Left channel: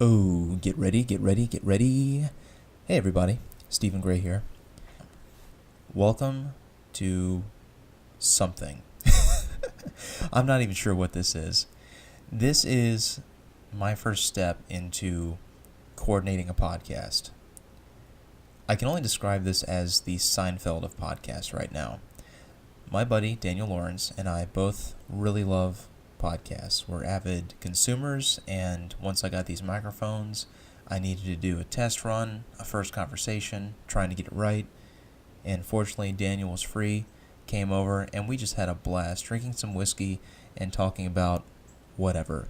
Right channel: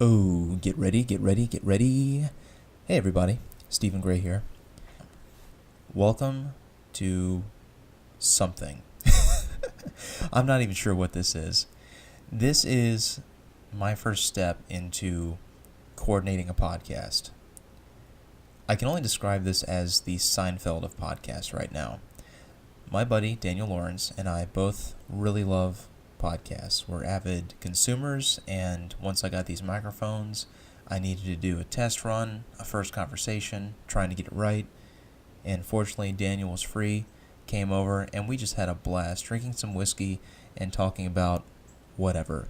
Oh, get ready, get ready, get ready. Hey everybody, Stephen Gray here. Welcome to something. I'm not even sure what this is. This is my first step into coordinating a podcast. I can only describe this as the Seinfeld of podcasts right now. My buddy, Daniel Lawrence, and I both really love podcasts. We're avid consumers, and once I got these microphones, I needed to do a test run, a first conversation, trying to get it right. And fortunately, Daniel was free, came over, and we just had a blast drinking some whiskey and talking about whatever.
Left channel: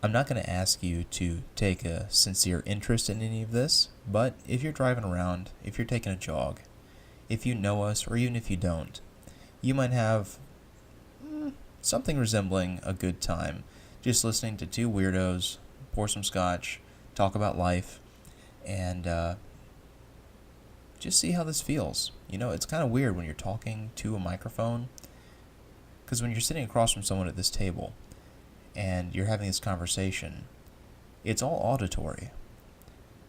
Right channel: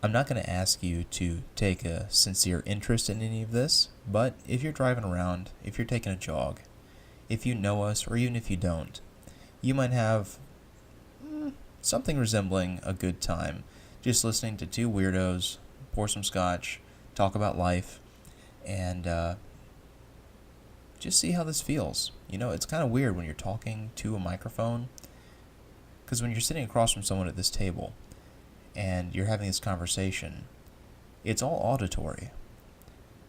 I'm not going to ask you to take a sincere interest in any of this, but if you're driving around, if you're taking a jog, if you know us, or even if you don't, you might have something resembling a good time just listening to two weirdos pour some scotch, talk about life, and just see how this feels. You know, it's kind of weird when you're talking to a microphone, because when you're sitting across from someone at this table and you're having this conversation, it's all auditory.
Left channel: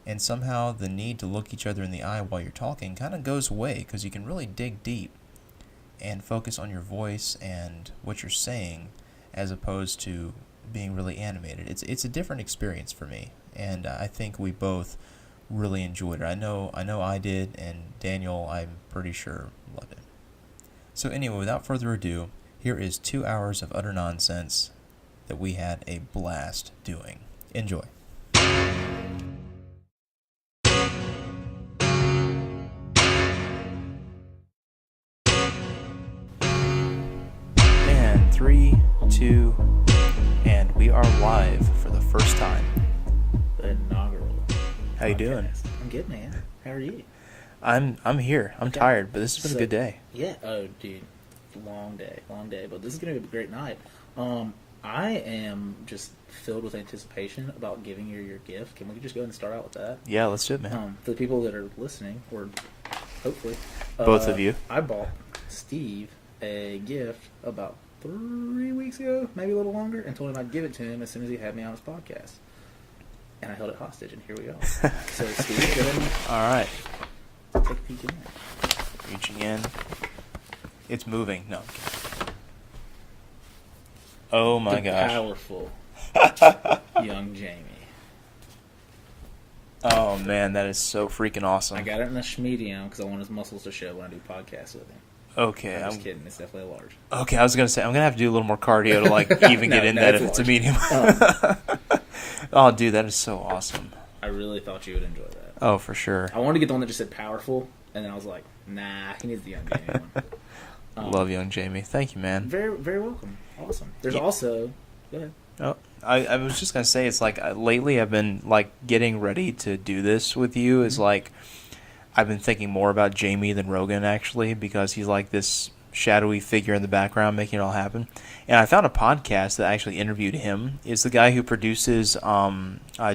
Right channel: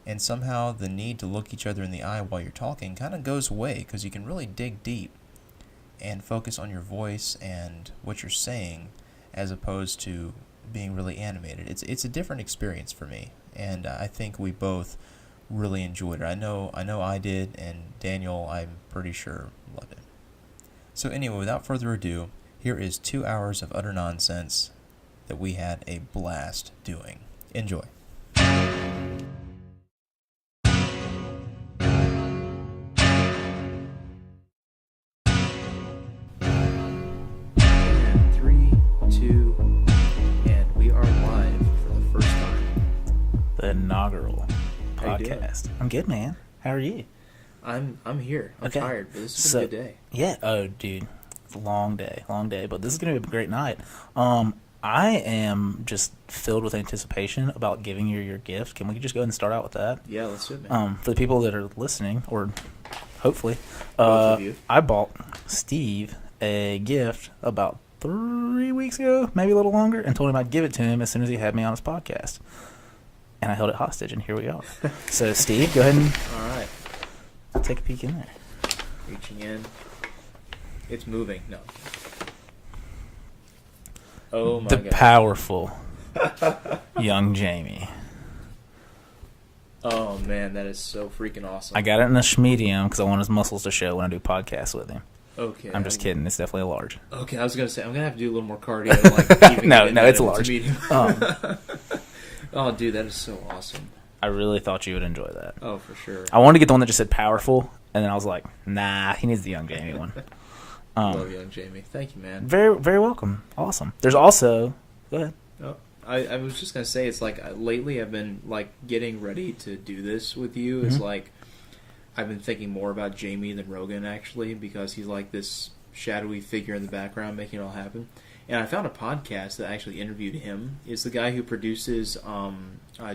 And somehow the need to look each other in the eye while you're talking kind of goes away, because you can really dig deep and focus on your voice and what you're saying, as opposed to being really animated. It's a different experience for me, and I think we both really enjoyed it. I know I did, and Daniel, I'm pretty sure, loved it. So anyway, without further ado, here is 2 hours of utter nonsense that we had a blast doing. Enjoy. And 3, 2, and we are live for the first time. The inaugural How you doing? podcast. I'm good, man. How are you? I'm here. I'm Okay. tired, but this has been a good day. Yeah. Oh, dude. It's a long day. But this is going to be a great night. I am just filled with anticipation about giving you your gift. Can we just go ahead and start out with that? Yeah, let's do it, man. For the people that are listening, or hopefully. Both of you. I bought Steve a gift about 3 weeks ago, maybe a little longer, and told him I'd give it to him as soon as he had me on his podcast. And I held it hostage, and here we are. So, Steve, go ahead and All right. take a peek in there. Reaching in. It's moving. No. Oh my The god. powerful young Jamie. Oh man, that is so freaking awesome. I got it in a medium because I want his muscles to show when I do podcasts with him. Okay. I'm just kidding. It's definitely a large. Okay, I was gonna say I'm gonna have to do a little more cardio to like even No, get in no, that it's if it's a large. medium. Oh, dude, that is so awesome. I really thought you would enjoy that. Oh, for sure. I wanted to get the one that just said powerful, and then I was like, nah, he needs the young Jamie one. Love young Jamie. Thank you, man. Very, very welcome. Awesome. There's also... Go ahead. Oh, I was just gonna say, it's like lately I've been like getting ready to do this with you. Is like I've been thinking more about Jamie than Rogan, actually, because he's like this shadowy figure in the background making it all happen. And I found a podcast that actually interviewed him. It's the guy who produces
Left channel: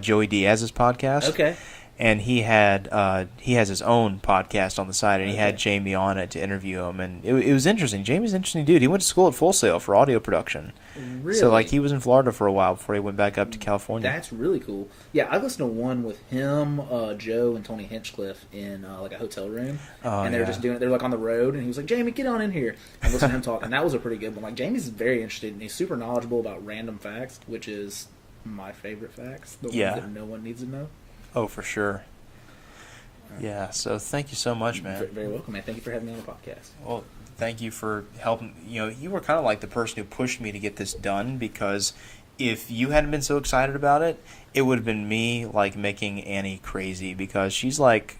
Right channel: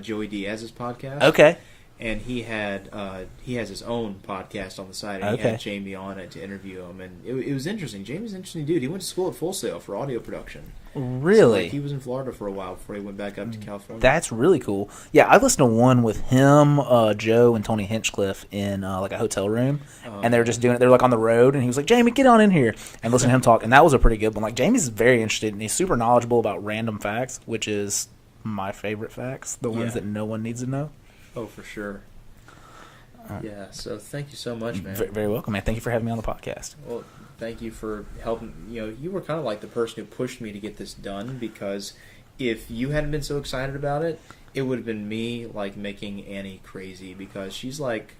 Joey Diaz's podcast. Okay. And he has his own podcast on the side, and he Okay. had Jamie on it to interview him, and it was interesting. Jamie's an interesting dude. He went to school at Full Sail for audio production. Really? So, like, he was in Florida for a while before he went back up to California. That's really cool. Yeah, I listened to one with him, Joe, and Tony Hinchcliffe in like a hotel room, and they were just doing it. They were like on the road, and he was like, "Jamie, get on in here," and listen to him talk. And that was a pretty good one. Like, Jamie's very interested, and he's super knowledgeable about random facts, which is my favorite facts, the ones that no one needs to know. Oh, for sure. Yeah, so thank you so much, man. Very welcome, man. Thank you for having me on the podcast. Well, thank you for helping. You know, you were kind of like the person who pushed me to get this done, because if you hadn't been so excited about it, it would have been me like making Annie crazy, because she's like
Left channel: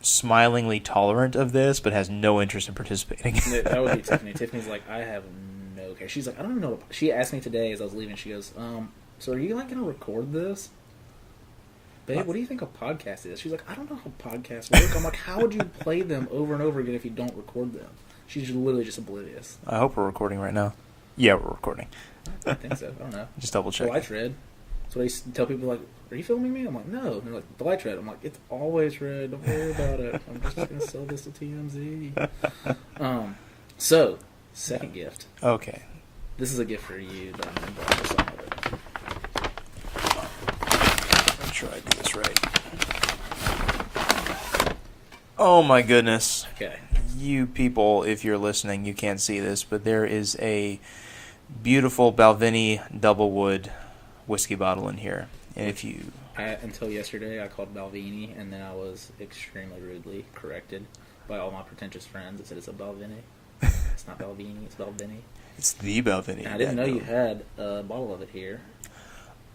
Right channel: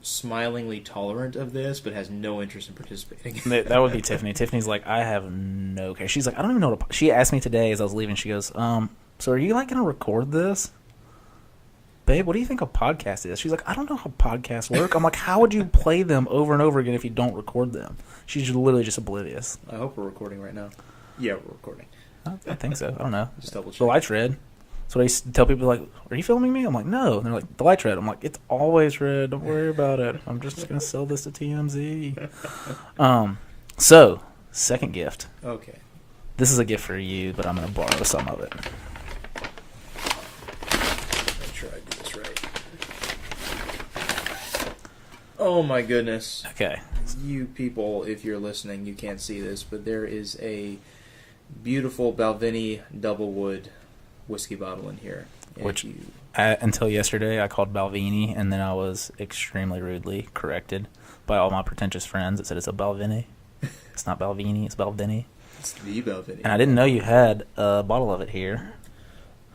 smilingly tolerant of this but has no interest in participating. That would be Tiffany. Tiffany's like, I have no care. She's like, I don't even know what she asked me today as I was leaving. She goes, so are you like going to record this? Babe, what do you think a podcast is? She's like, I don't know how podcasts work. I'm like, how would you play them over and over again if you don't record them? She's literally just oblivious. I hope we're recording right now. Yeah, we're recording. I think so. I don't know. Just double The check. light's red. So I used to tell people, like, are you filming me? I'm like, no. And they're like, the light's red. I'm like, it's always red. Don't worry about it. I'm just going to sell this to TMZ. So, second gift. Okay. This is a gift for you, but I'm going to borrow some of it. Oh my goodness. Okay. You people, if you're listening, you can't see this, but there is a beautiful Balvenie double wood whiskey bottle in here. Which until yesterday I called Balvenie, and then I was extremely rudely corrected by all my pretentious friends that said it's a Balvenie. It's not Balvenie, it's Balvenie. It's the Balvenie. And I didn't know you had a bottle of it here.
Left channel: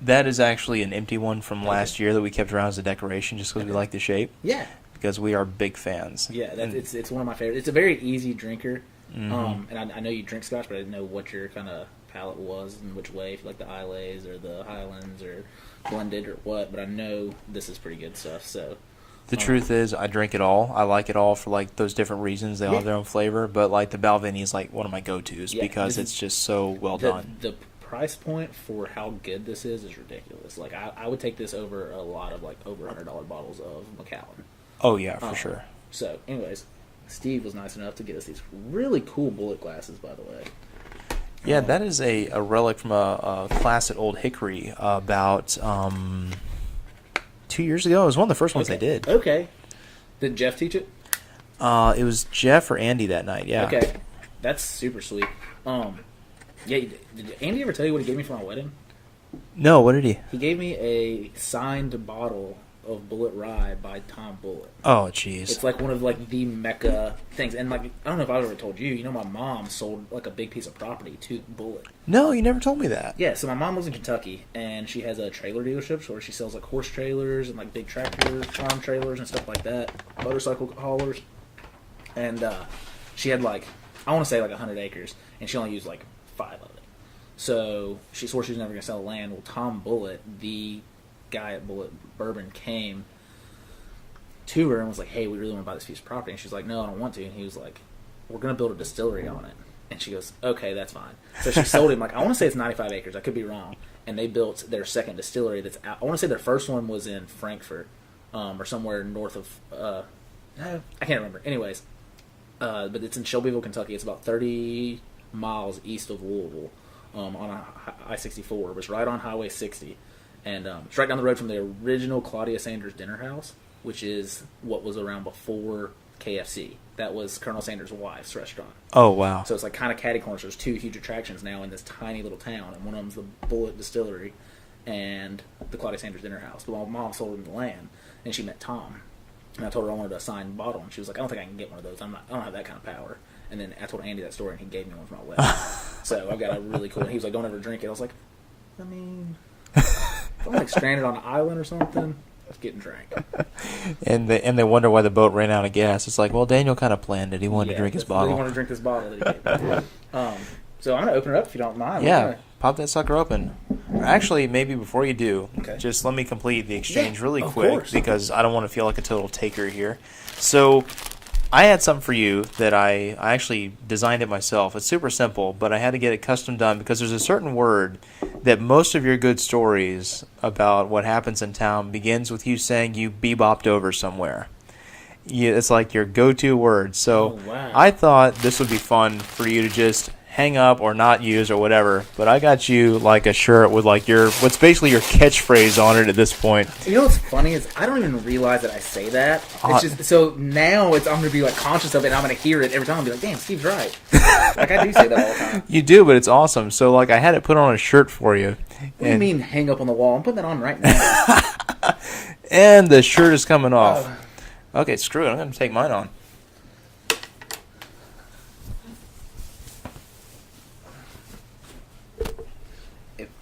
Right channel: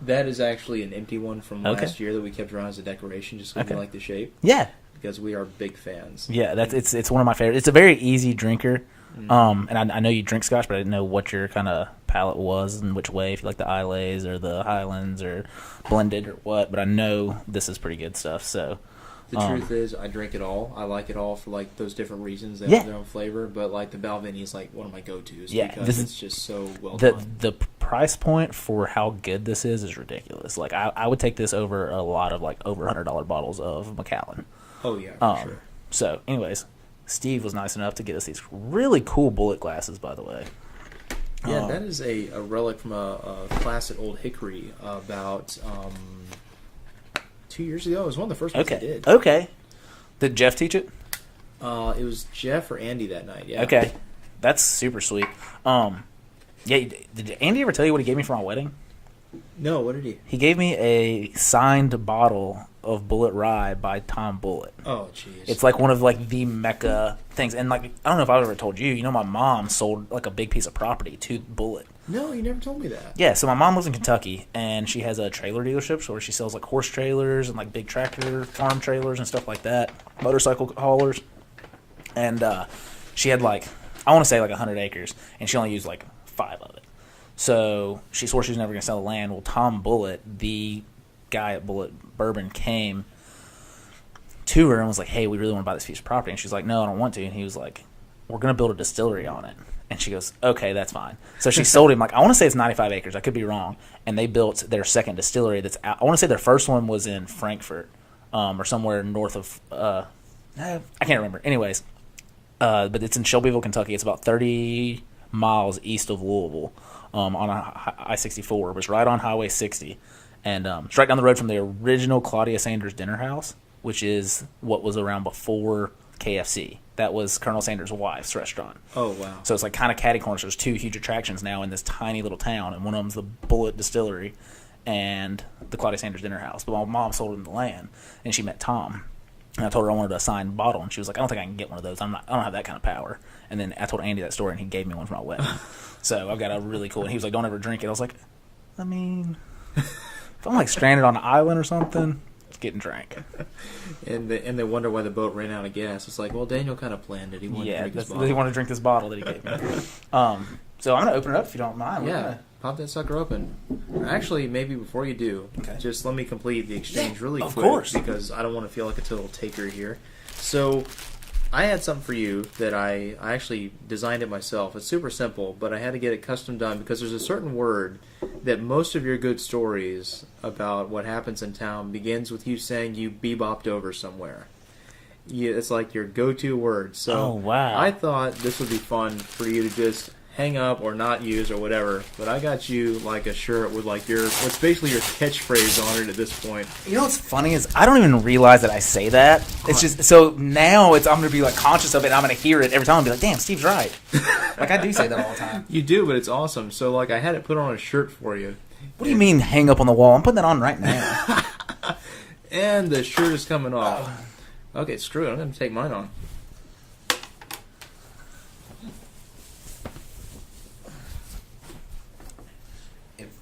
That is actually an empty one from last year that we kept around as a decoration just because we like the shape. Yeah. Because we are big fans. Yeah, it's one of my favorites. It's a very easy drinker. And I know you drink scotch, but I didn't know what your kind of palate was and which way, if you like the Isleys or the Highlands or blended or what. But I know this is pretty good stuff. So the truth is, I drink it all. I like it all for like those different reasons. They all have their own flavor. But like the Balvenie is like one of my go-tos because it's just so well done. The price point for how good this is ridiculous. Like I would take this over a lot of like over $100 bottles of Macallan. Oh yeah, for sure. So, anyways, Steve was nice enough to get us these really cool bullet glasses, by the way. Yeah, that is a relic from a class at Old Hickory about 2 years ago. It was one of the first ones they did. Okay. Did Jeff teach it? It was Jeff or Andy that night, yeah. Okay. That's super sweet. Yeah, did Andy ever tell you what he gave me for my wedding? No, what did he? He gave me a signed bottle of Bullet Rye by Tom Bullitt. Oh, jeez. It's like one of like the mecca things, and like I don't know if I've ever told you. You know, my mom sold like a big piece of property to Bullitt. No, you never told me that. Yeah, so my mom lives in Kentucky, and she has a trailer dealership where she sells like horse trailers and like big tractor farm trailers and stuff like that, motorcycle haulers. And she had like, I want to say like 100 acres, and she only used like 5 of it. So she swore she was never going to sell the land. Well, Tom Bullitt, the guy at Bullitt Bourbon, came to her and was like, hey, we really want to buy this piece of property. And she's like, no, I don't want to. And he was like, we're going to build a distillery on it. And she goes, okay, that's fine. So she sold him, like, I want to say it's 95 acres. I could be wrong. And they built their second distillery that's out. I want to say their first one was in Frankfurt or somewhere north of, I can't remember. Anyways, but it's in Shelbyville, Kentucky. It's about 30 miles east of Louisville on I-64. It was right on Highway 60. And it's right down the road from the original Claudia Sanders Dinner House, which is what was around before KFC. That was Colonel Sanders' wife's restaurant. Oh, wow. So it's like kind of catty corners. There's 2 huge attractions now in this tiny little town, and one of them's the Bullitt Distillery and the Claudia Sanders Dinner House. But my mom sold him the land, and she met Tom. And I told her I wanted a signed bottle, and she was like, I don't think I can get one of those. I don't have that kind of power. And then I told Andy that story, and he gave me one for my wedding. So I've got a really cool one. He was like, don't ever drink it. I was like, I mean, if I'm like stranded on an island or something, it's getting drank. And they wonder why the boat ran out of gas. It's like, well, Daniel kind of planned it. He wanted to drink his bottle. He wanted to drink this bottle that he gave me. So I'm going to open it up if you don't mind. Yeah, pop that sucker open. Actually, maybe before you do, Okay. just let me complete the exchange really of quick course. because I don't want to feel like a total taker here. So I had something for you that I actually designed it myself. It's super simple, but I had to get it custom done because there's a certain word that most of your good stories about what happens in town begins with you saying you bebopped over somewhere. It's like your go-to word. So wow. I thought this would be fun for you to just hang up or not use or whatever. But I got you like a shirt with like what's basically your catchphrase on it at this point. You know what's funny is I don't even realize that I say that. It's just so now I'm going to be like conscious of it. And I'm going to hear it every time and be like, damn, Steve's right. Like I do say that all the time. You do, but it's awesome. So like I had it put on a shirt for you. What do you mean hang up on the wall? I'm putting that on right now. And the shirt is coming off. Okay, screw it. I'm going to take mine on.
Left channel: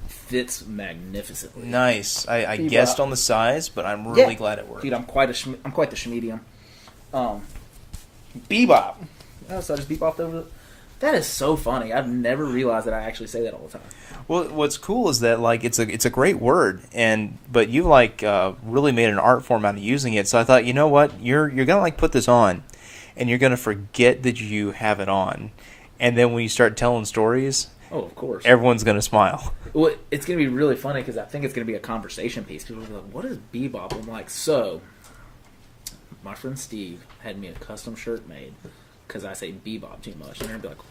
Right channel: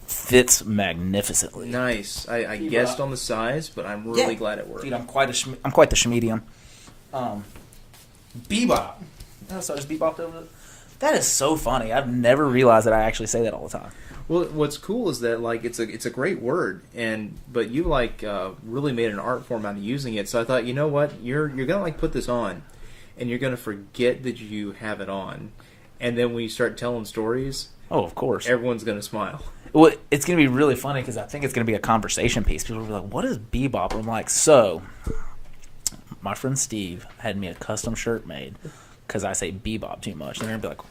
Fits magnificently. Nice. I guessed on the size, but I'm really glad it worked. Dude, I'm quite the schmedium. Bebop. Oh, so I just bebopped over it. That is so funny. I've never realized that I actually say that all the time. Well, what's cool is that like it's a great word, but you like really made an art form out of using it. So I thought, you know what, you're gonna like put this on, and you're gonna forget that you have it on, and then when you start telling stories, oh, of course, everyone's gonna smile. Well, it's going to be really funny because I think it's going to be a conversation piece. People will be like, what is bebop? I'm like, so, my friend Steve had me a custom shirt made because I say bebop too much. And they're going to be like,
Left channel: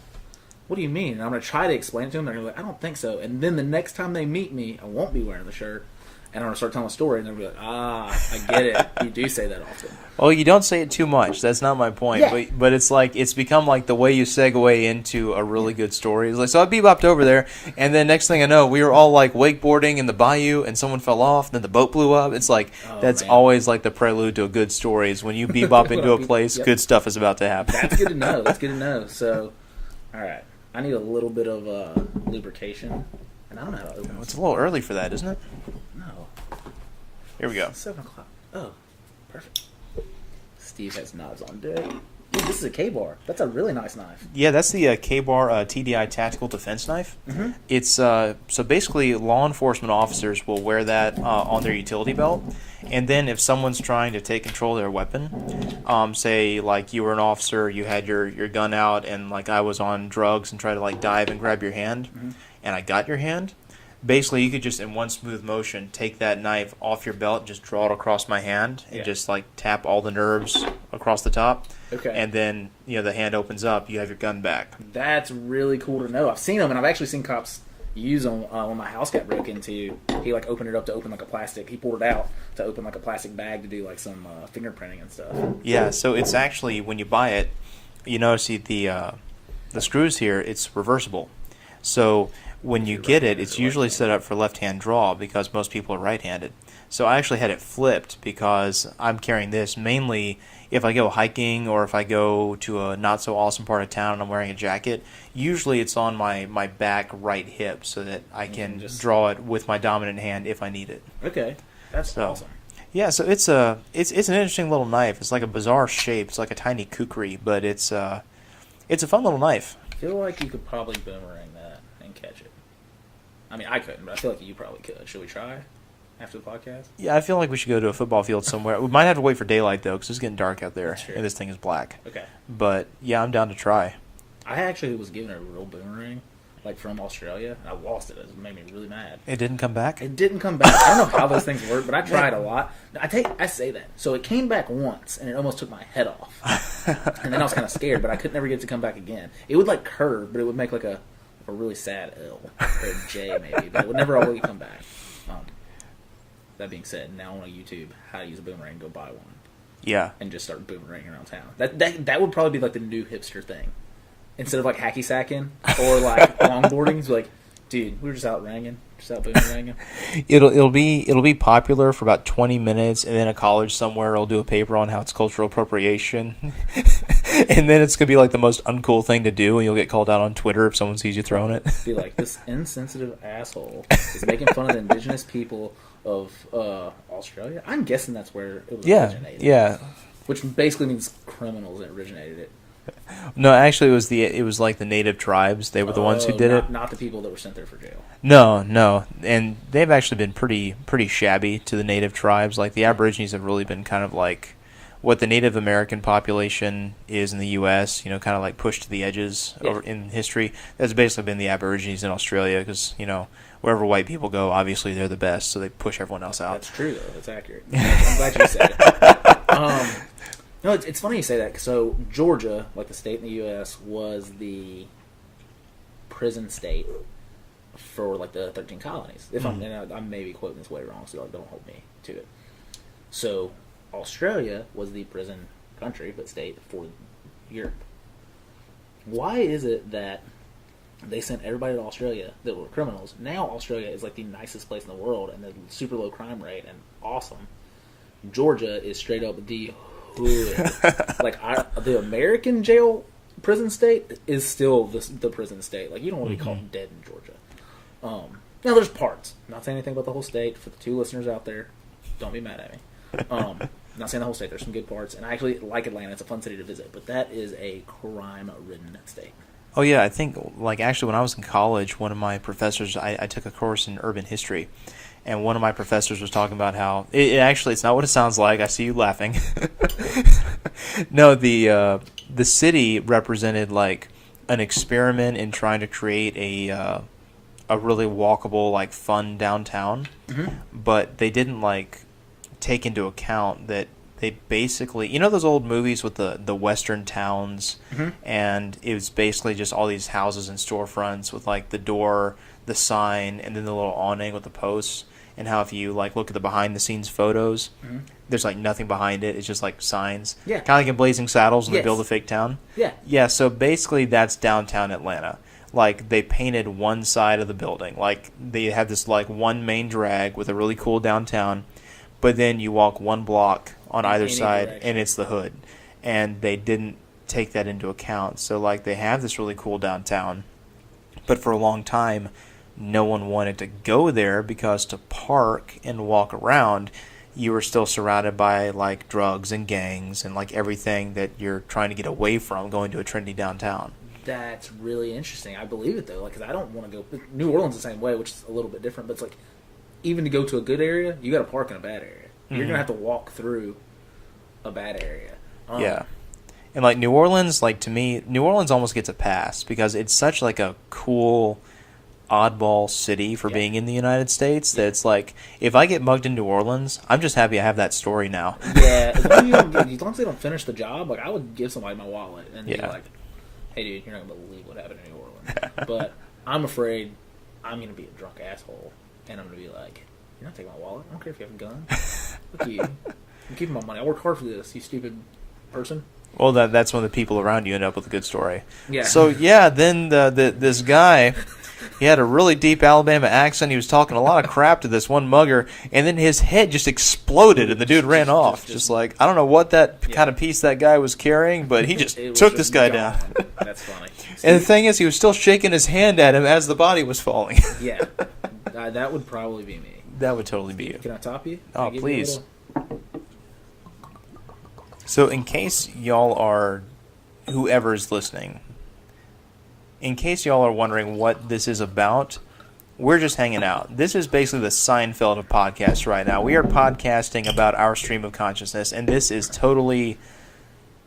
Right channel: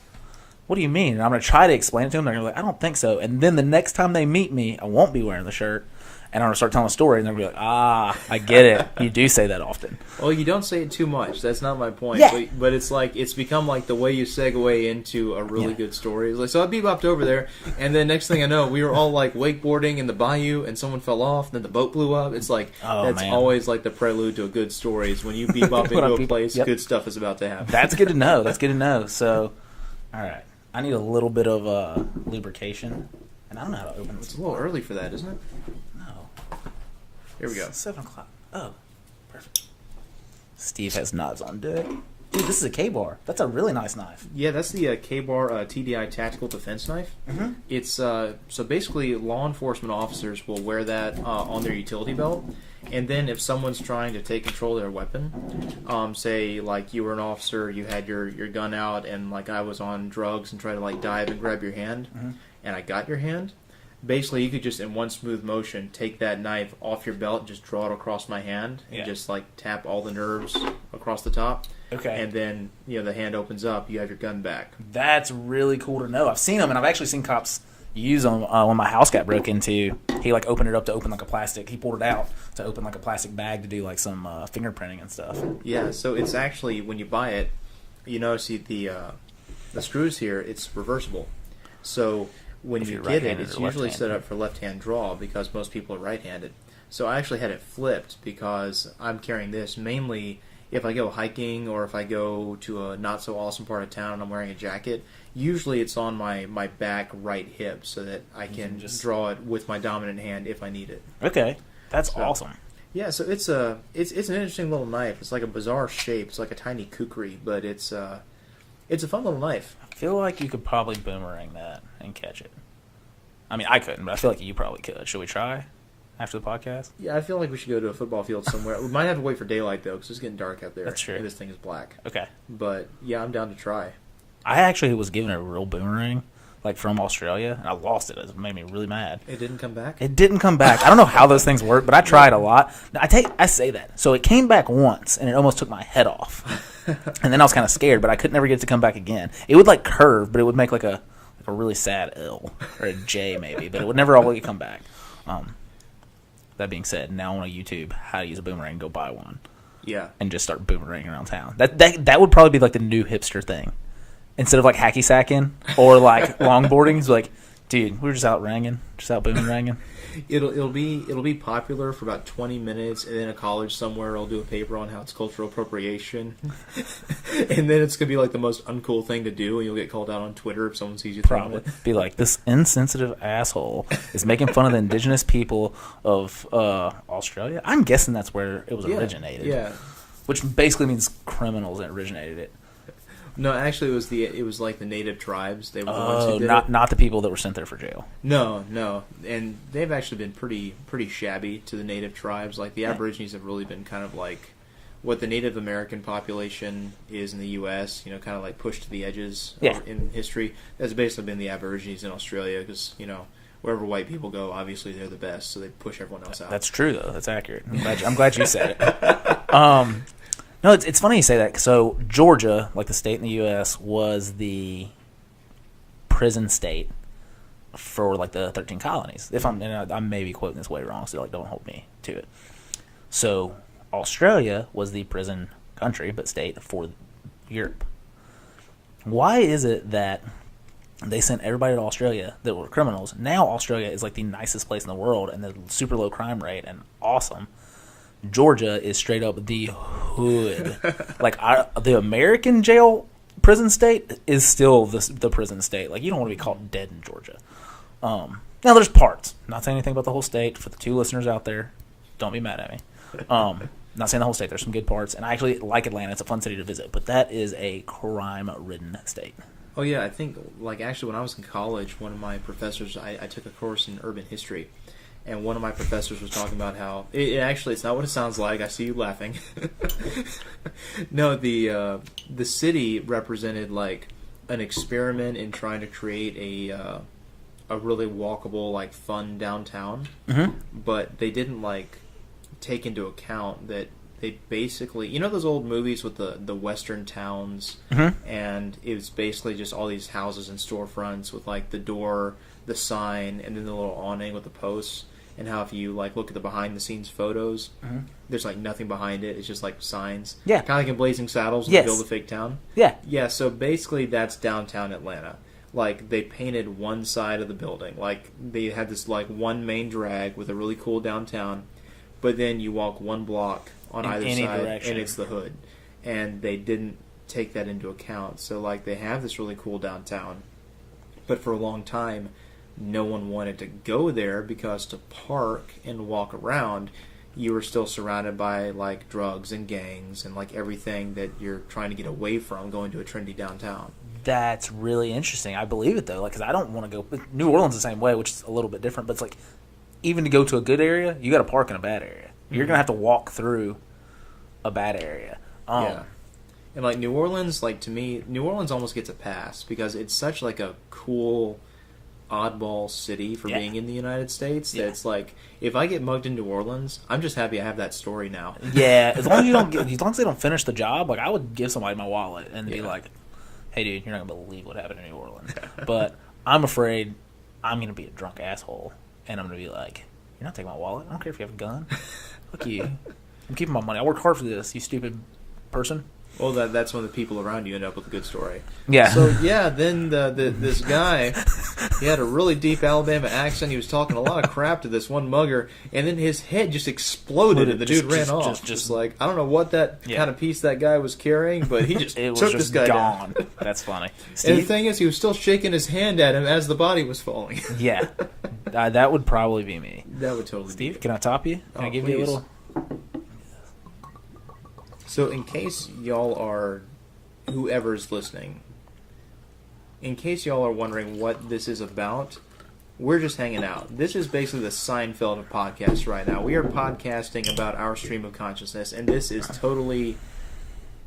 what do you mean? And I'm going to try to explain it to them. They're like, I don't think so. And then the next time they meet me, I won't be wearing the shirt. And I'm going to start telling a story, and they're going to be like, I get it. You do say that often. Well, you don't say it too much. That's not my point. Yeah. But it's like, it's become like the way you segue into a really good story. It's like, so I bebopped over there, and then next thing I know, we were all like wakeboarding in the bayou, and someone fell off, and then the boat blew up. It's like, that's always like the prelude to a good story, is when you bebop into a place, good stuff is about to happen. That's good to know. That's good to know. So, all right. I need a little bit of lubrication, and I don't know how to open it. It's a little early for that, isn't it? Here we go. 7 o'clock. Oh, perfect. Steve has knives on deck. Dude, this is a K-bar. That's a really nice knife. Yeah, that's the K-bar TDI Tactical Defense Knife. Mm-hmm. It's so basically law enforcement officers will wear that on their utility belt, and then if someone's trying to take control of their weapon, say like you were an officer, you had your gun out, and like I was on drugs and tried to like dive and grab your hand, and I got your hand. Basically, you could just, in one smooth motion, take that knife off your belt and just draw it across my hand and just, like, tap all the nerves across the top. Okay. And then, the hand opens up. You have your gun back. That's really cool to know. I've seen them, and I've actually seen cops use them when my house got broke into. He, like, opened it up to open, like, a plastic. He pulled it out to open, like, a plastic bag to do, like, some fingerprinting and stuff. Yeah, so it's actually, when you buy it, see the screws here, it's reversible. So when you get it, it's usually set up for left-hand draw because most people are right-handed. So I actually had it flipped because I'm carrying this mainly if I go hiking or if I go to a not-so-awesome part of town and I'm wearing a jacket. Usually it's on my back right hip so that I can just draw it with my dominant hand if I need it. Okay, that's awesome. Yeah, so it's an interesting little knife. It's like a bizarre shape. It's like a tiny kukri, but it's a fun little knife. I feel like you could probably boomerang that and catch it. I mean, I couldn't, but I feel like you probably could. Should we try after the podcast? Yeah, I feel like we should go to a football field somewhere. We might have to wait for daylight, though, because it's getting dark out there. That's true. And this thing is black. Okay. But, yeah, I'm down to try. I actually was given a real boomerang, like from Australia, and I lost it. It made me really mad. It didn't come back? It didn't come back. I don't know how those things work, but I tried a lot. I say that. So it came back once, and it almost took my head off. And then I was kind of scared, but I could never get it to come back again. It would, like, curve, but it would make, like, a really sad L or a J maybe, but it would never all come back. That being said, now on YouTube how to use a boomerang, go buy one. Yeah. And just start boomeranging around town. That would probably be like the new hipster thing. Instead of like hacky sacking or like longboarding, it's like, dude, we're just out boomeranging. It'll be popular for about 20 minutes, and then a college somewhere will do a paper on how it's cultural appropriation, and then it's gonna be like the most uncool thing to do, and you'll get called out on Twitter if someone sees you throwing it. Be like, this insensitive asshole is making fun of the indigenous people of Australia. I'm guessing that's where it was originated. Yeah, which basically means criminals that originated it. No, actually, it was like the native tribes. They were the ones who did it. Not the people that were sent there for jail. No, and they've actually been pretty shabby to the native tribes. Like the Aborigines have really been kind of like what the Native American population is in the U.S. Kind of like pushed to the edges in history. That's basically been the Aborigines in Australia because wherever white people go, obviously they're the best, so they push everyone else out. That's true though. That's accurate. I'm glad you said it. No, it's funny you say that. So Georgia, like the state in the U.S., was the prison state for like the 13 colonies. If I may be quoting this way wrong, so like don't hold me to it. So Australia was the prison country, but state for Europe. Why is it that they sent everybody to Australia that were criminals? Now Australia is like the nicest place in the world and the super low crime rate and awesome. Georgia is straight up the hood. Like the American jail prison state is still the prison state. Like you don't want to be called dead in Georgia. Now there's parts. I'm not saying anything about the whole state. For the 2 listeners out there, don't be mad at me. Not saying the whole state. There's some good parts, and I actually like Atlanta. It's a fun city to visit, but that is a crime-ridden state. Oh yeah, I think like actually when I was in college, one of my professors, I took a course in urban history. And one of my professors was talking about how it's not what it sounds like. I see you laughing. No, the city represented like an experiment in trying to create a really walkable, like fun downtown. Mm-hmm. But they didn't like take into account that they basically, you know those old movies with the western towns, and it was basically just all these houses and storefronts with like the door, the sign, and then the little awning with the posts. And how if you like look at the behind the scenes photos, there's like nothing behind it. It's just like signs. Yeah. Kind of like in Blazing Saddles when they build a fake town. Yeah. Yeah. So basically, that's downtown Atlanta. Like they painted one side of the building. Like they had this like one main drag with a really cool downtown, but then you walk one block on either side and it's the hood, and they didn't take that into account. So like they have this really cool downtown, but for a long time, no one wanted to go there because to park and walk around, you were still surrounded by like drugs and gangs and like everything that you're trying to get away from going to a trendy downtown. That's really interesting. I believe it though, like, because I don't want to go. New Orleans the same way, which is a little bit different. But it's like, even to go to a good area, you got to park in a bad area. You're gonna have to walk through a bad area. Yeah, and like New Orleans, like to me, New Orleans almost gets a pass because it's such like a cool, oddball city for being in the United States that it's like, if I get mugged in New Orleans, I'm just happy I have that story now. Yeah, as long as they don't finish the job, like I would give somebody my wallet and be like, "Hey, dude, you're not gonna believe what happened in New Orleans." But I'm afraid I'm gonna be a drunk asshole, and I'm gonna be like, "You're not taking my wallet. I don't care if you have a gun. Fuck you. I'm keeping my money. I worked hard for this. You stupid person." Well, that's when the people around you end up with a good story. Yeah. So yeah, then this guy, he had a really deep Alabama accent. He was talking a lot of crap to this one mugger, and then his head just exploded, and the dude ran off. Just like, I don't know what that kind of piece that guy was carrying, but he just took this guy down. That's funny. And the thing is, he was still shaking his hand at him as the body was falling. Yeah, that would probably be me. That would totally be you. Can I top you? Can I give please. you a little? So in case y'all are, whoever's listening, in case y'all are wondering what this is about, we're just hanging out. This is basically the Seinfeld of podcasts right now. We are podcasting about our stream of consciousness, and this is totally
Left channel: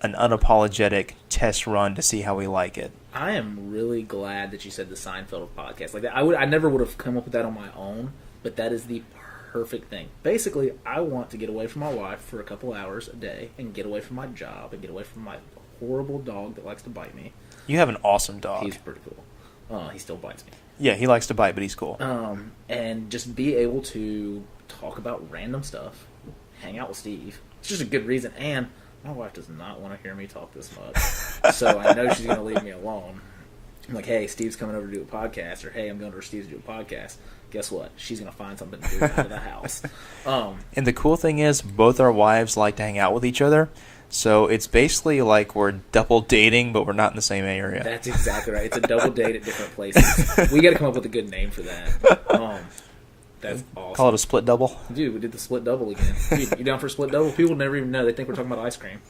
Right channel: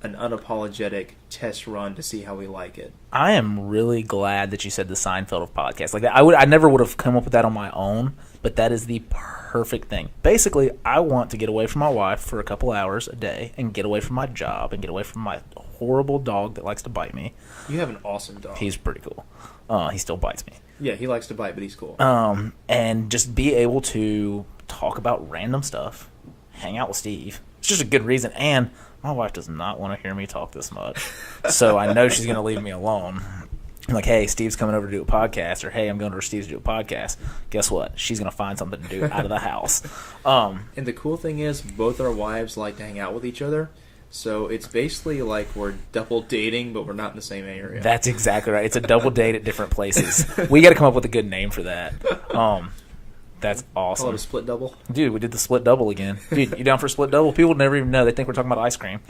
an unapologetic test run to see how we like it. I am really glad that you said the Seinfeld of podcasts. Like that, I never would have come up with that on my own, but that is the perfect thing. Basically, I want to get away from my wife for a couple hours a day and get away from my job and get away from my horrible dog that likes to bite me. You have an awesome dog. He's pretty cool. He still bites me. Yeah, he likes to bite, but he's cool. And just be able to talk about random stuff, hang out with Steve. It's just a good reason. And my wife does not want to hear me talk this much. So I know she's going to leave me alone. I'm like, hey, Steve's coming over to do a podcast, or hey, I'm going over to Steve's to do a podcast. Guess what? She's going to find something to do out of the house. And the cool thing is, both our wives like to hang out with each other. So it's basically like we're double dating, but we're not in the same area. That's exactly right. It's a double date at different places. We got to come up with a good name for that. That's awesome. Call it a split double. Dude, we did the split double again. Dude, you down for a split double? People never even know. They think we're talking about ice cream.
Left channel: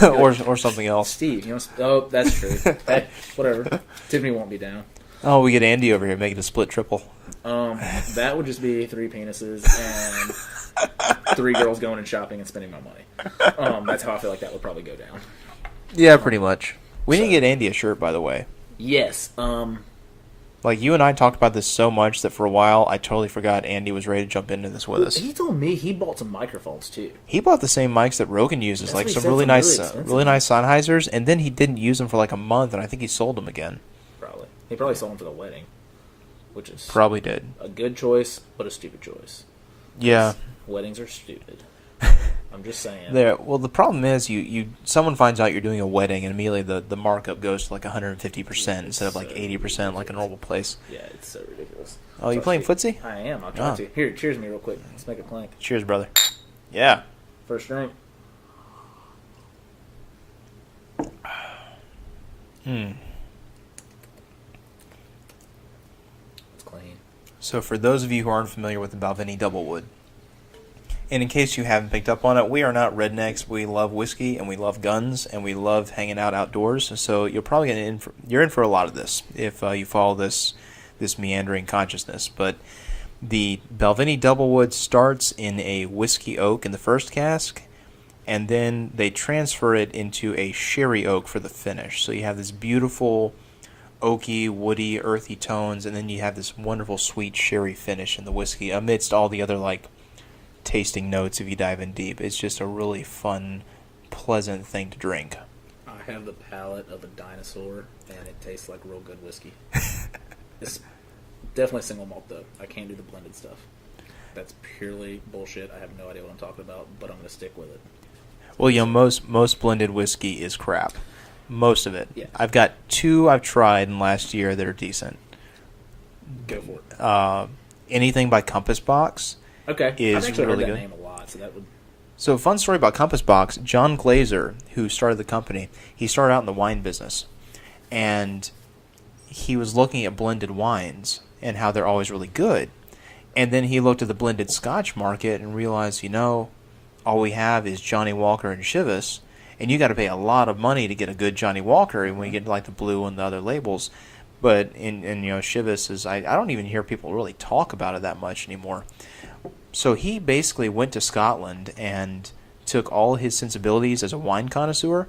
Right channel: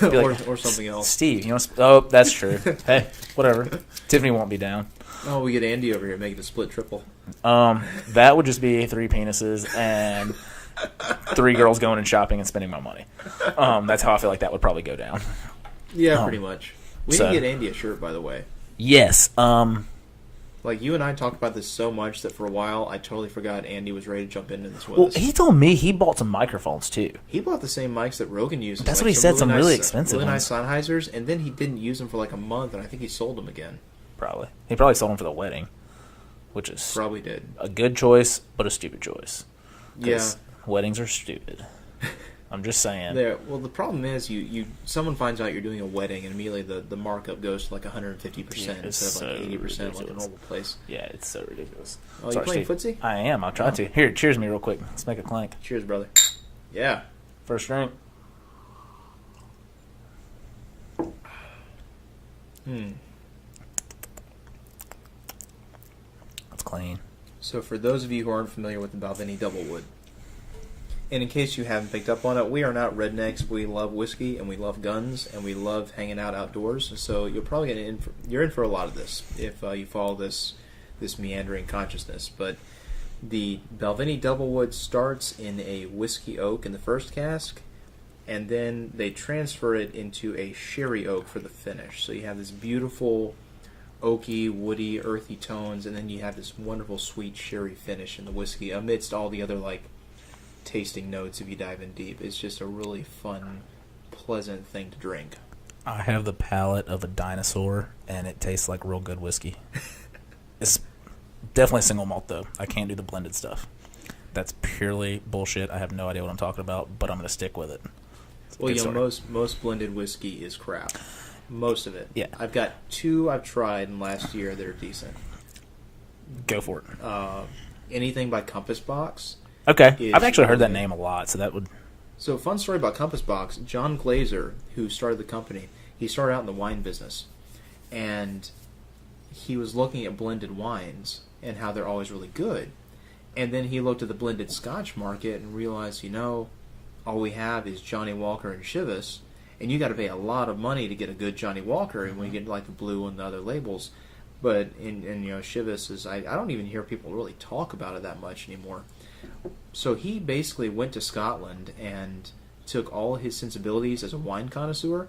or something else. Steve, you know? Oh, that's true. Hey, whatever. Tiffany won't be down. Oh, we get Andy over here making a split triple. That would just be 3 penises and 3 girls going and shopping and spending my money. That's how I feel like that would probably go down. Yeah, pretty much. We need to get Andy a shirt, by the way. Yes. Like, you and I talked about this so much that for a while I totally forgot Andy was ready to jump into this with us. He told me he bought some microphones, too. He bought the same mics that Rogan uses. That's like what he some said, really some nice, really expensive really nice Sennheisers, and then he didn't use them for like a month, and I think he sold them again. Probably. He probably sold them for the wedding, which is probably did. A good choice, but a stupid choice. Yeah. Weddings are stupid. I'm just saying. Well, the problem is someone finds out you're doing a wedding, and immediately the markup goes to like 150% instead of like 80% ridiculous. Like a normal place. Yeah, it's so ridiculous. Oh, you playing footsie? I am. I'm trying to. Here, cheers me real quick. Let's make a clank. Cheers, brother. Yeah. First drink. That's clean. So for those of you who aren't familiar with the Balvenie Doublewood, and in case you haven't picked up on it, we are not rednecks. We love whiskey, and we love guns, and we love hanging out outdoors. So you're probably you're in for a lot of this if you follow this meandering consciousness. But the Balvenie Doublewood starts in a whiskey oak in the first cask, and then they transfer it into a sherry oak for the finish. So you have this beautiful oaky, woody, earthy tones, and then you have this wonderful sweet sherry finish in the whiskey amidst all the other like tasting notes if you dive in deep. It's just a really fun, pleasant thing to drink. I have the palate of a dinosaur, and it tastes like real good whiskey. It's definitely single malt, though. I can't do the blended stuff. That's purely bullshit. I have no idea what I'm talking about, but I'm going to stick with it. Well, you know, most blended whiskey is crap. Most of it. Yeah. I've got 2 I've tried in last year that are decent. Go for it. Anything by Compass Box. Okay. I've actually heard really that good. name a lot, so that would... So, fun story about Compass Box. John Glazer, who started the company, he started out in the wine business. And he was looking at blended wines and how they're always really good. And then he looked at the blended Scotch market and realized, you know, all we have is Johnny Walker and Chivas. And you got to pay a lot of money to get a good Johnny Walker. And when you get like the blue and the other labels. But, you know, Chivas is, I don't even hear people really talk about it that much anymore. So he basically went to Scotland and took all his sensibilities as a wine connoisseur,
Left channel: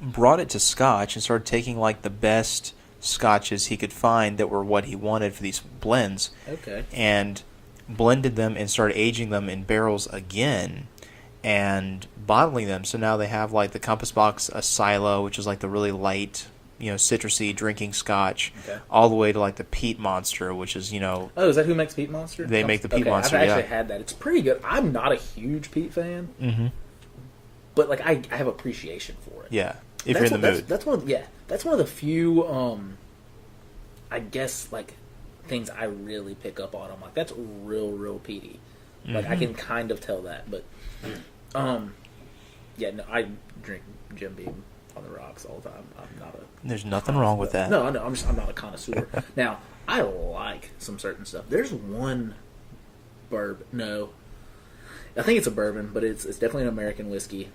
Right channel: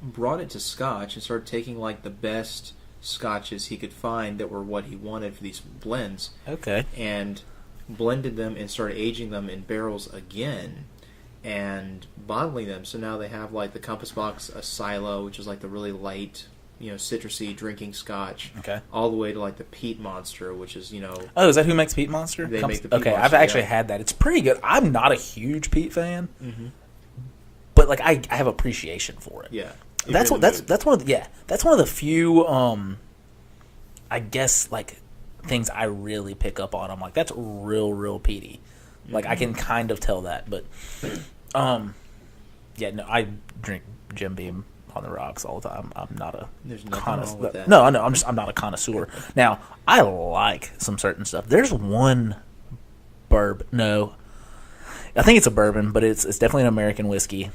brought it to Scotch, and started taking like the best Scotches he could find that were what he wanted for these blends. Okay. And blended them and started aging them in barrels again and bottling them. So now they have like the Compass Box Silo, which is like the really light, you know, citrusy drinking Scotch, Okay. all the way to like the Peat Monster, which is, you know... Oh, is that who makes Peat Monster? They make the Peat Monster, I've actually yeah. had that. It's pretty good. I'm not a huge Peat fan, Mm-hmm. but like I have appreciation for it. Yeah. That's one of the few I guess like things I really pick up on. I'm like, that's real peaty. Like I can kind of tell that, but yeah, no, I drink Jim Beam on the rocks all the time. I'm not a... There's nothing wrong with that. No, I know. I'm not a connoisseur. Now, I like some certain stuff. There's one bourbon. No, I think it's a bourbon, but it's definitely an American whiskey.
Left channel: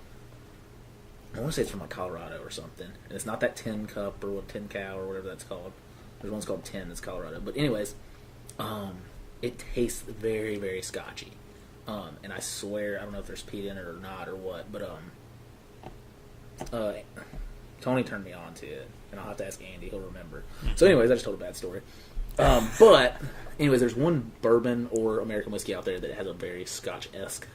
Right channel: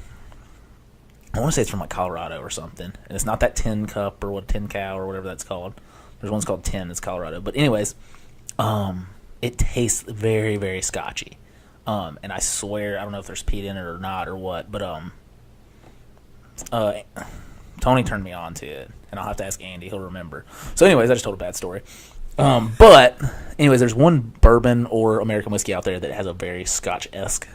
I want to say it's from like Colorado or something, and it's not that Tin Cup or what Tin Cow or whatever that's called. There's one's called Tin. It's Colorado, but anyways, it tastes very, very scotchy. And I swear, I don't know if there's peat in it or not or what, but Tony turned me on to it, and I'll have to ask Andy. He'll remember. So anyways, I just told a bad story. But anyways, there's one bourbon or American whiskey out there that has a very Scotch-esque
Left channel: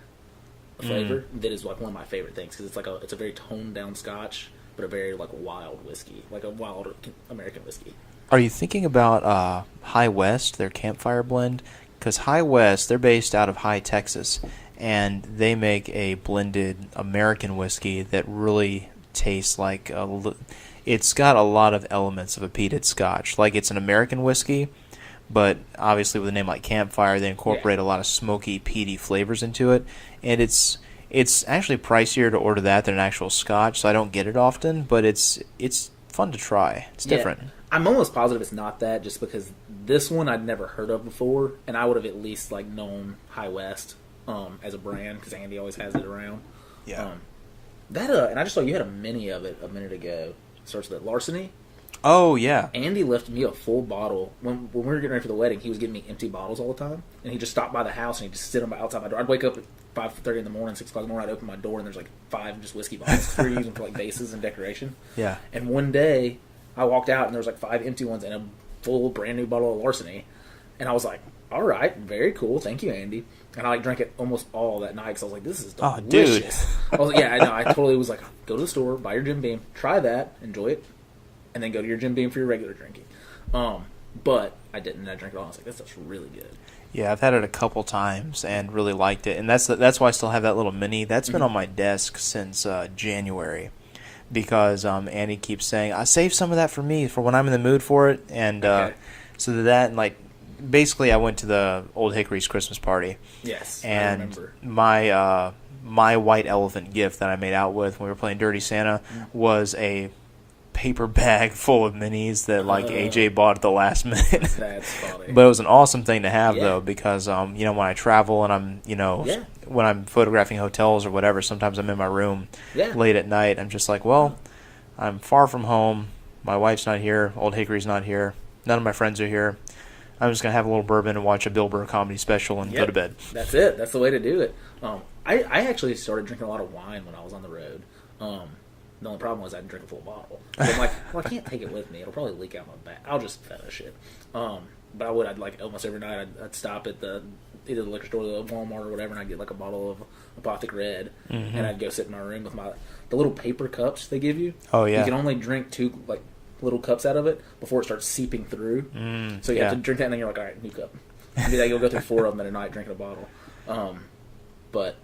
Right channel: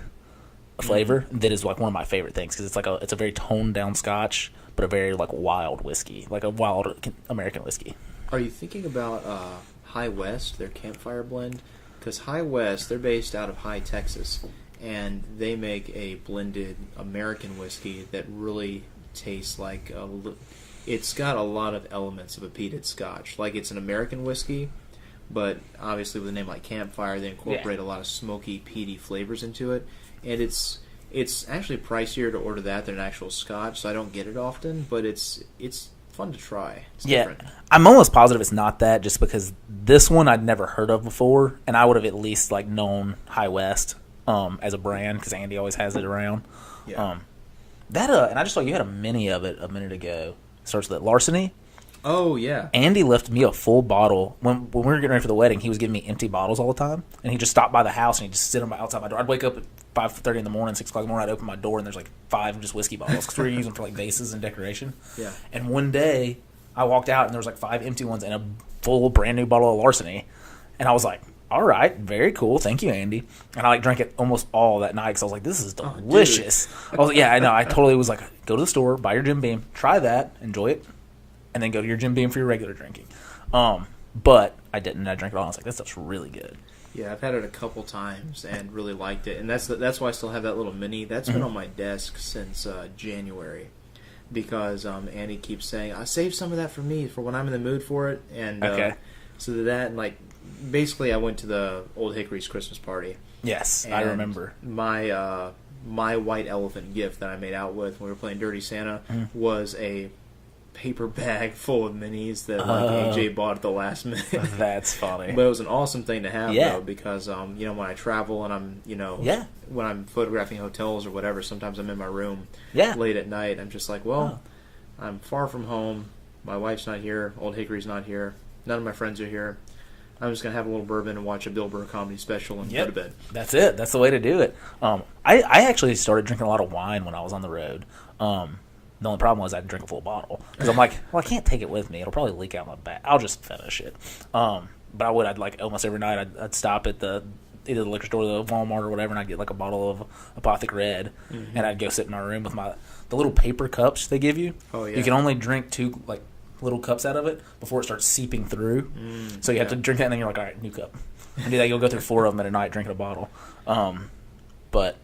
flavor that is like one of my favorite things because it's a very toned down Scotch, but a very like wild whiskey, like a wild American whiskey. Are you thinking about High West, their campfire blend? Because High West, they're based out of High, Texas, and they make a blended American whiskey that really tastes like it's got a lot of elements of a peated Scotch. Like it's an American whiskey, but obviously with a name like Campfire, they incorporate a lot of smoky, peaty flavors into it, and it's actually pricier to order that than an actual Scotch, so I don't get it often, but it's fun to try. It's different. I'm almost positive it's not that, just because this one I'd never heard of before, and I would have at least like known High West as a brand because Andy always has it around. Yeah. And I just saw you had a mini of it a minute ago. It starts with Larceny. Oh yeah. Andy left me a full bottle when we were getting ready for the wedding. He was giving me empty bottles all the time, and he just stopped by the house and he'd just sit them outside my door. I'd wake up at 5:30 in the morning, 6 o'clock in the morning. I'd open my door and there's like 5 just whiskey bottles because we were using for like vases and decoration. Yeah. And one day I walked out and there was like 5 empty ones and a full brand new bottle of Larceny, and I was like, all right, very cool, thank you, Andy. And I like drank it almost all that night because I was like, this is delicious. I was like, yeah, I know. I totally was like, go to the store, buy your Jim Beam, try that, enjoy it, and then go to your Jim Beam for your regular drinking. But I didn't. I drank it all. And I was like, this stuff's really good. Yeah, I've had it a couple times and really liked it, and that's why I still have that little mini. That's been on my desk since January, because Andy keeps saying, I save some of that for me for when I'm in the mood for it, and so that and like basically I went to the Old Hickory's Christmas party. Yes, and I remember. My white elephant gift that I made out with when we were playing Dirty Santa was a paper bag full of minis that like AJ bought at the last minute. That's funny. But it was an awesome thing to have though, because you know, when I travel and I'm, you know, when I'm photographing hotels or whatever, sometimes I'm in my room late at night. I'm just like, well, I'm far from home. My wife's not here. Old Hickory's not here. None of my friends are here. I'm just going to have a little bourbon and watch a Bill Burr comedy special and go to bed. That's it. That's the way to do it. I actually started drinking a lot of wine when I was on the road. The only problem was I had to drink a full bottle. Because I'm like, well, I can't take it with me. It'll probably leak out my back. I'll just finish it. But I'd like almost every night I'd stop at either the liquor store or the Walmart or whatever, and I'd get like a bottle of Apothic Red, and I'd go sit in my room with the little paper cups they give you. Oh, yeah. You can only drink 2 like little cups out of it before it starts seeping through. So you have to drink that, and then you're like, all right, new cup. And you'll go through 4 of them at a night drinking a bottle. But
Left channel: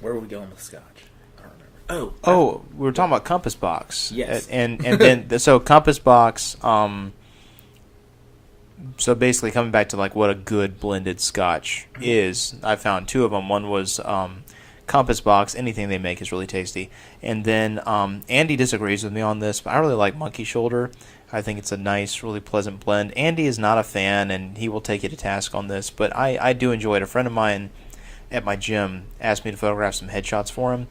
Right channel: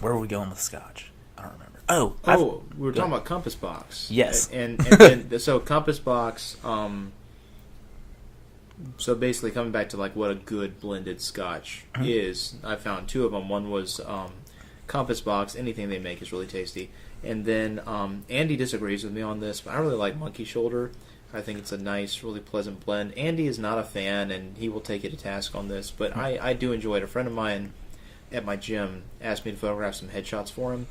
where were we going with scotch? I don't remember. We were talking about Compass Box. Yes. And then so Compass Box. So basically, coming back to like what a good blended scotch is, I found 2 of them. One was Compass Box. Anything they make is really tasty. And then Andy disagrees with me on this, but I really like Monkey Shoulder. I think it's a nice, really pleasant blend. Andy is not a fan, and he will take you to task on this, but I do enjoy it. A friend of mine at my gym asked me to photograph some headshots for him,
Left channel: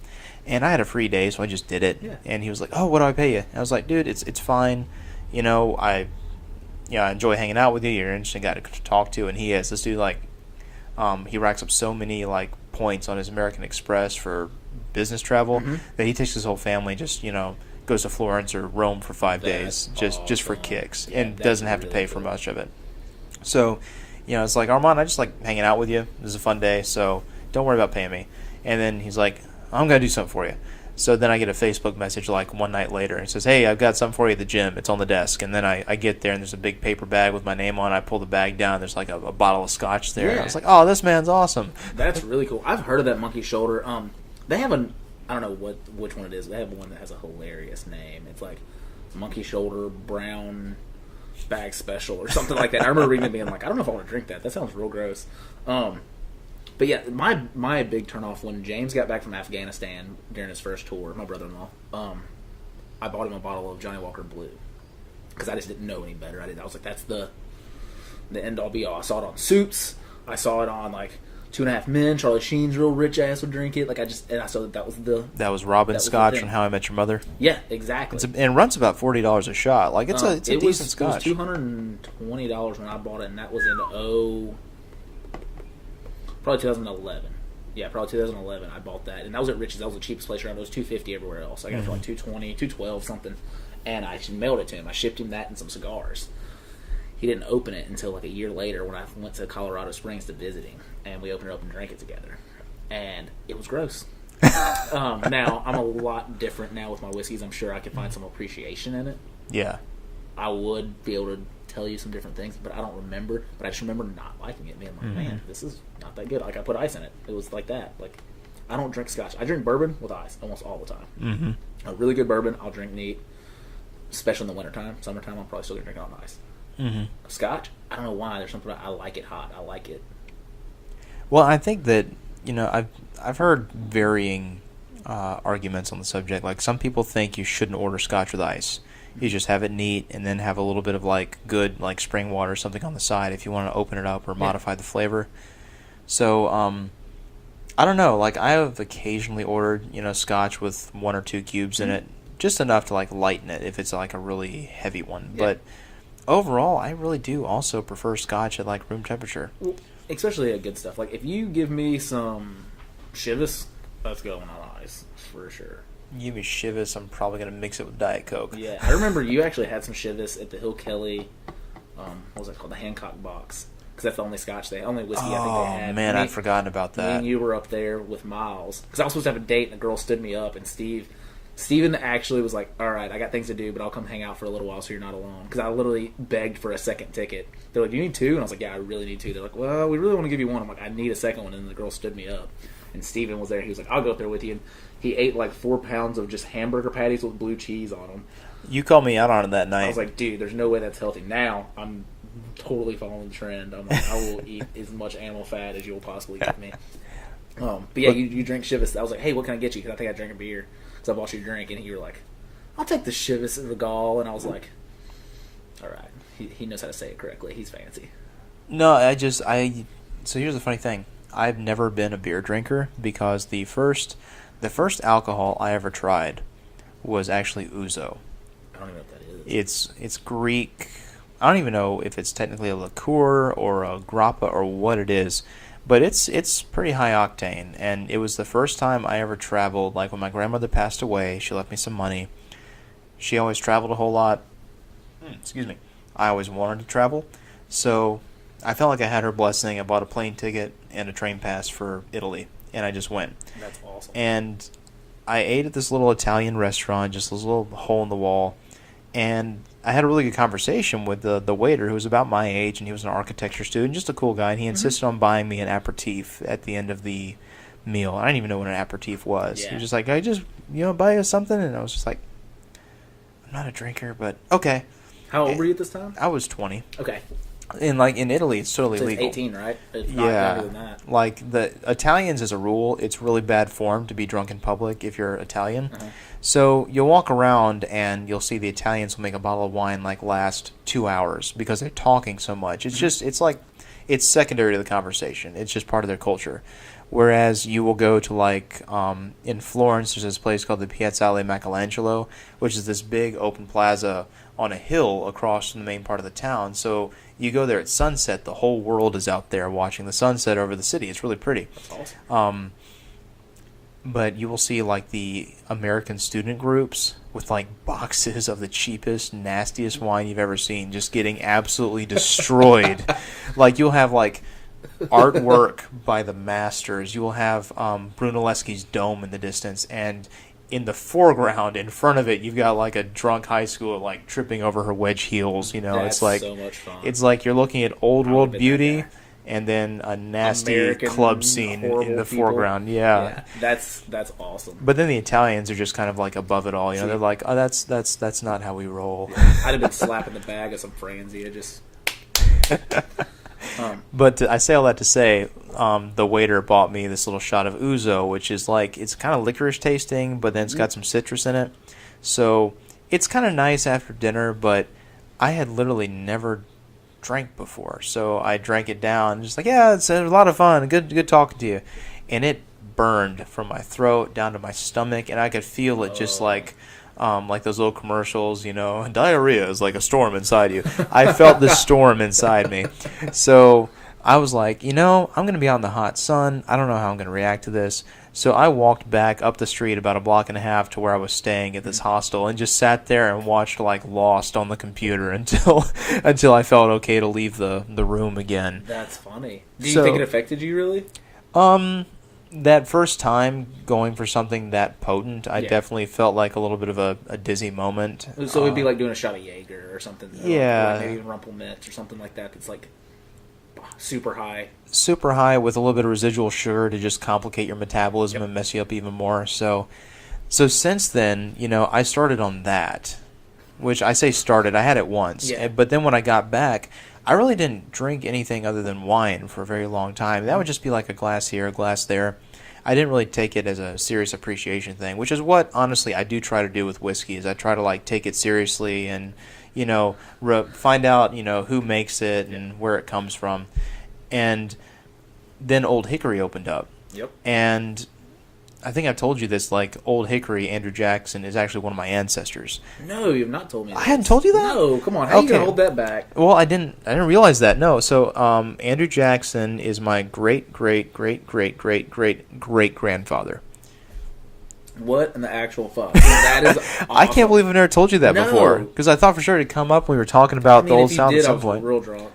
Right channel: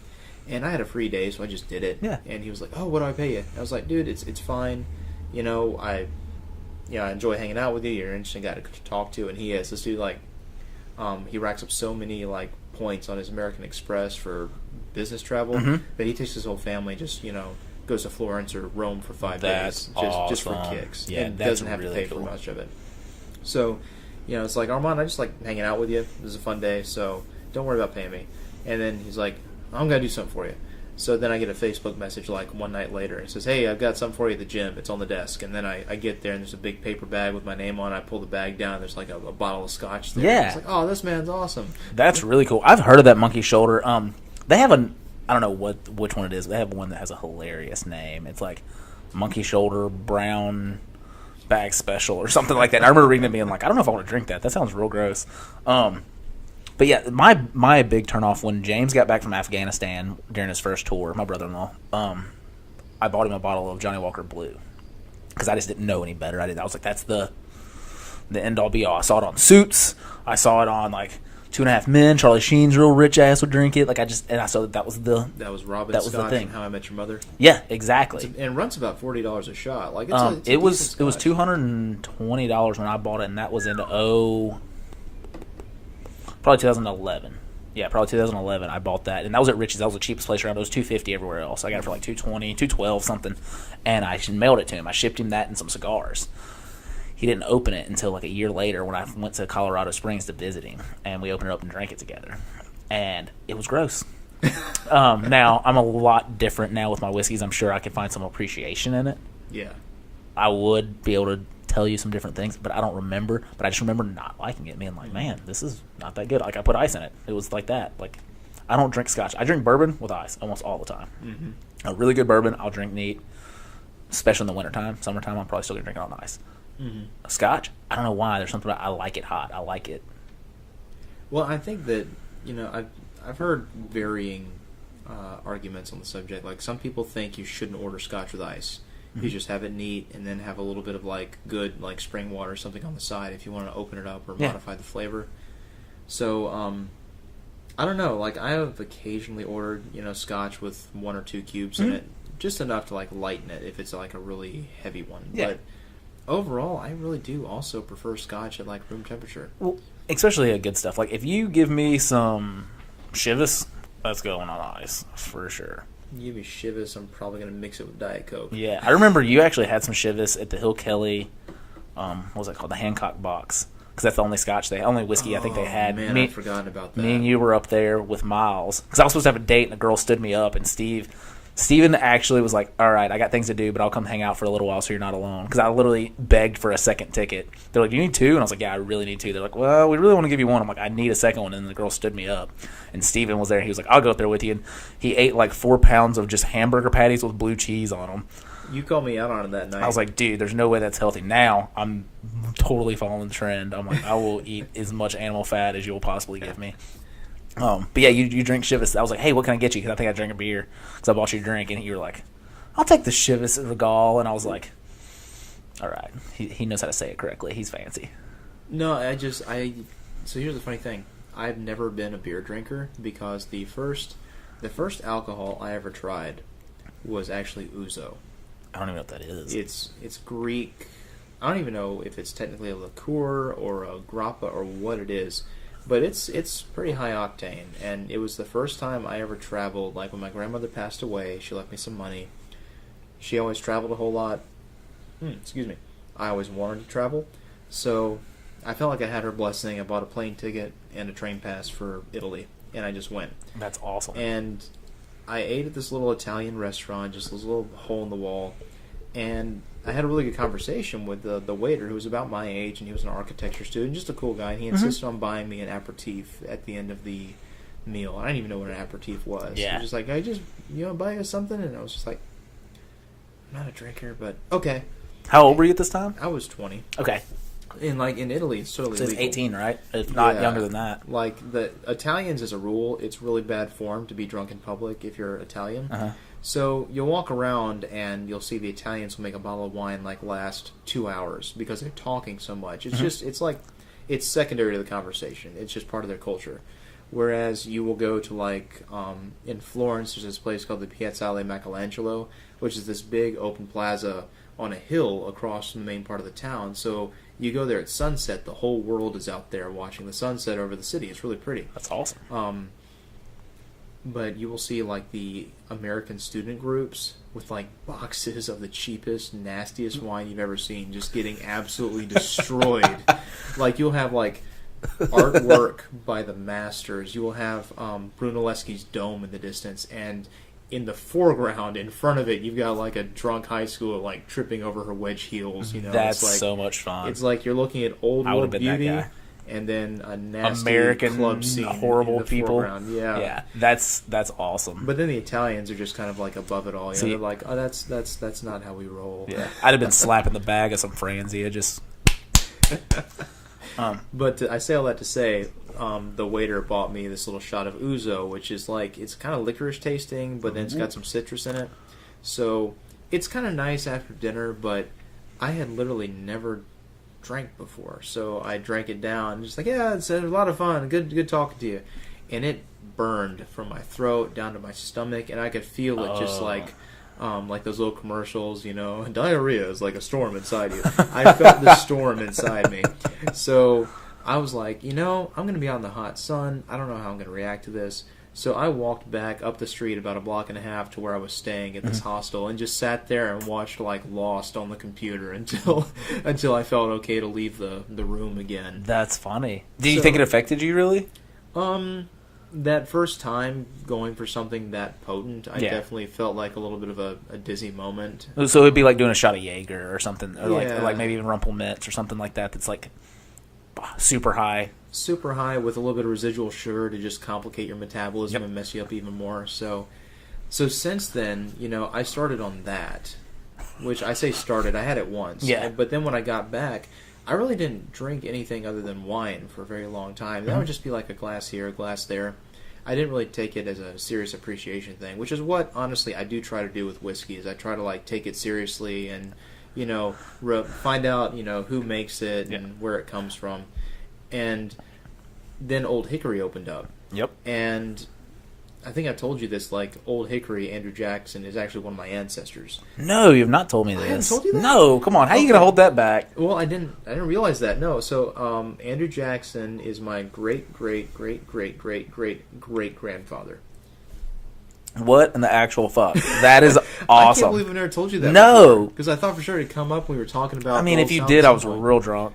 and I had a free day, so I just did it. Yeah. And he was like, "Oh, what do I pay you?" And I was like, "Dude, it's fine. You know, I enjoy hanging out with you. You're an interesting guy to talk to." And he is. This dude, like, he racks up so many, like, points on his American Express for business travel that he takes his whole family, just, goes to Florence or Rome for 5 days just for kicks, and doesn't have to pay for much of it. So, it's like, Armand, I just like hanging out with you. This is a fun day, so don't worry about paying me. And then he's like, I'm going to do something for you. So then I get a Facebook message like one night later. It says, hey, I've got something for you at the gym. It's on the desk. And then I get there, and there's a big paper bag with my name on it. I pull the bag down. There's like a bottle of scotch there. Yeah. I was like, oh, this man's awesome. That's really cool. I've heard of that Monkey Shoulder. They have I don't know which one it is. But they have one that has a hilarious name. It's like Monkey Shoulder Brown Bag Special or something like that. I remember reading it being like, I don't know if I want to drink that. That sounds real gross. But yeah, my big turnoff when James got back from Afghanistan during his first tour, my brother-in-law, I bought him a bottle of Johnny Walker Blue because I just didn't know any better. I was like, that's the end-all be-all. I saw it on Suits. I saw it on like 2.5 Men. Charlie Sheen's real rich ass would drink it. I saw that was Robin Scotch and How I Met Your Mother. Yeah, exactly. And it runs about $40 a shot. Like it's a it was decent scotch. It was $220 when I bought it, and that was in probably 2011. Yeah, probably 2011. I bought that, and that was at Rich's. That was the cheapest place around. It was $250 everywhere else. I got it for like $220, $212 something, and I mailed it to him. I shipped him that and some cigars. He didn't open it until like a year later when I went to Colorado Springs to visit him, and we opened it up and drank it together, and it was gross. Now I'm a lot different now with my whiskeys. I'm sure I could find some appreciation in it. Yeah, I would be able to tell you some different things, but I don't remember. But I just remember not liking it, being like, man, this is not that good. Like, I put ice in it. It was like that. Like, I don't drink scotch. I drink bourbon with ice almost all the time. A really good bourbon, I'll drink neat, especially in the wintertime. Summertime, I'm probably still going to drink it on ice. Scotch, I don't know why. There's something about I like it hot. I like it. Well, I think that, I've heard varying arguments on the subject. Like, some people think you shouldn't order scotch with ice. You just have it neat, and then have a little bit of like good like spring water or something on the side if you want to open it up or modify the flavor. So I don't know. Like, I have occasionally ordered scotch with 1 or 2 cubes in it, just enough to like lighten it if it's like a really heavy one. Yeah. But overall, I really do also prefer scotch at like room temperature. Well, especially good stuff. Like, if you give me some Chivas, that's going on ice for sure. You give me Chivas, I'm probably going to mix it with Diet Coke. Yeah, I remember you actually had some Chivas at the Hill Kelly, what was it called, the Hancock box, because that's the only only whiskey I think they had. Man, I'd forgotten about that. Me and you were up there with Miles, because I was supposed to have a date, and a girl stood me up, and Steven actually was like, all right, I got things to do, but I'll come hang out for a little while so you're not alone, because I literally begged for a second ticket. They're like, do you need 2? And I was like, yeah, I really need 2. They're like, well, we really want to give you 1. I'm like, I need a second one, and the girl stood me up. And Steven was there. He was like, I'll go up there with you. And he ate like 4 pounds of just hamburger patties with blue cheese on them. You called me out on it that night. I was like, dude, there's no way that's healthy. Now I'm totally following the trend. I'm like, I will eat as much animal fat as you'll possibly give me. But yeah, you drink Chivas. I was like, hey, what can I get you? Because I think I drank a beer because I bought you a drink. And you were like, I'll take the Chivas Regal. And I was like, all right. He knows how to say it correctly. He's fancy. No, so here's the funny thing. I've never been a beer drinker because the first alcohol I ever tried was actually ouzo. I don't even know what that is. It's Greek. I don't even know if it's technically a liqueur or a grappa or what it is, but it's pretty high octane. And it was the first time I ever traveled. Like, when my grandmother passed away, she left me some money. She always traveled a whole lot. Excuse me. I always wanted to travel, so I felt like I had her blessing. I bought a plane ticket and a train pass for Italy, and I just went. That's awesome. And I ate at this little Italian restaurant, just this little hole in the wall, and I had a really good conversation with the waiter, who was about my age, and he was an architecture student, just a cool guy, and he insisted on buying me an aperitif at the end of the meal. I didn't even know what an aperitif was. Yeah. He was just like, "Can I just, buy you something?" And I was just like, "I'm not a drinker, but okay." How old were you at this time? I was 20. Okay. And, like, in Italy, it's totally So it's legal. 18, right? If not younger than that. Like, the Italians, as a rule, it's really bad form to be drunk in public if you're Italian. Uh-huh. So you'll walk around and you'll see the Italians will make a bottle of wine, like, last 2 hours because they're talking so much. It's just, it's like, it's secondary to the conversation. It's just part of their culture. Whereas you will go to, like, in Florence, there's this place called the Piazzale Michelangelo, which is this big open plaza on a hill across from the main part of the town. So you go there at sunset, the whole world is out there watching the sunset over the city. It's really pretty. That's awesome. But you will see, like, the American student groups with, like, boxes of the cheapest, nastiest wine you've ever seen, just getting absolutely destroyed. Like, you'll have, like, artwork by the masters. You will have Brunelleschi's Dome in the distance, and in the foreground, in front of it, you've got, like, a drunk high schooler, like, tripping over her wedge heels. That's it's like so much fun. It's like you're looking at old I world would've been that beauty, guy. and then a nasty American club scene horrible in the people. foreground. Yeah, that's awesome. But then the Italians are just kind of like above it all. See- They're like, oh, that's not how we roll. Yeah. I'd have been slapping the bag of some Franzia. Just. But I say all that to say, the waiter bought me this little shot of ouzo, which is like, it's kind of licorice tasting, but then it's got some citrus in it. So it's kind of nice after dinner, but I had literally never drank before. So I drank it down, just like, yeah, it's a lot of fun. Good talking to you. And it burned from my throat down to my stomach, and I could feel it just like those little commercials, diarrhea is like a storm inside you. I felt the storm inside me. So I was like, I'm going to be out in the hot sun. I don't know how I'm going to react to this. So I walked back up the street about a block and a half to where I was staying at this hostel and just sat there and watched, like, Lost on the computer until I felt okay to leave the room again. That's funny. Do you think it affected you, really? That first time going for something that potent, I definitely felt like a little bit of a dizzy moment. So it'd be like doing a shot of Jaeger or something. Or Yeah. or like maybe even Rumpelmitz or something like that that's like super high. Super high with a little bit of residual sugar to just complicate your metabolism and mess you up even more. So since then, I started on that, which I say started. I had it once. Yeah. But then when I got back, I really didn't drink anything other than wine for a very long time. That would just be like a glass here, a glass there. I didn't really take it as a serious appreciation thing, which is what, honestly, I do try to do with whiskey, is I try to, like, take it seriously and, find out, who makes it and where it comes from. And then Old Hickory opened up. Yep. And I think I've told you this, like, Old Hickory, Andrew Jackson, is actually one of my ancestors. No, you've not told me this. I hadn't told you that? No, come on. How are you going to hold that back? Well, I didn't realize that. No. So, Andrew Jackson is my great-great-great-great-great-great-great-grandfather. What in the actual fuck? That is awesome. I can't believe I've never told you that No. before. Because I thought for sure it'd come up when we were talking about the I mean, old if you South did, at I some was point. real drunk,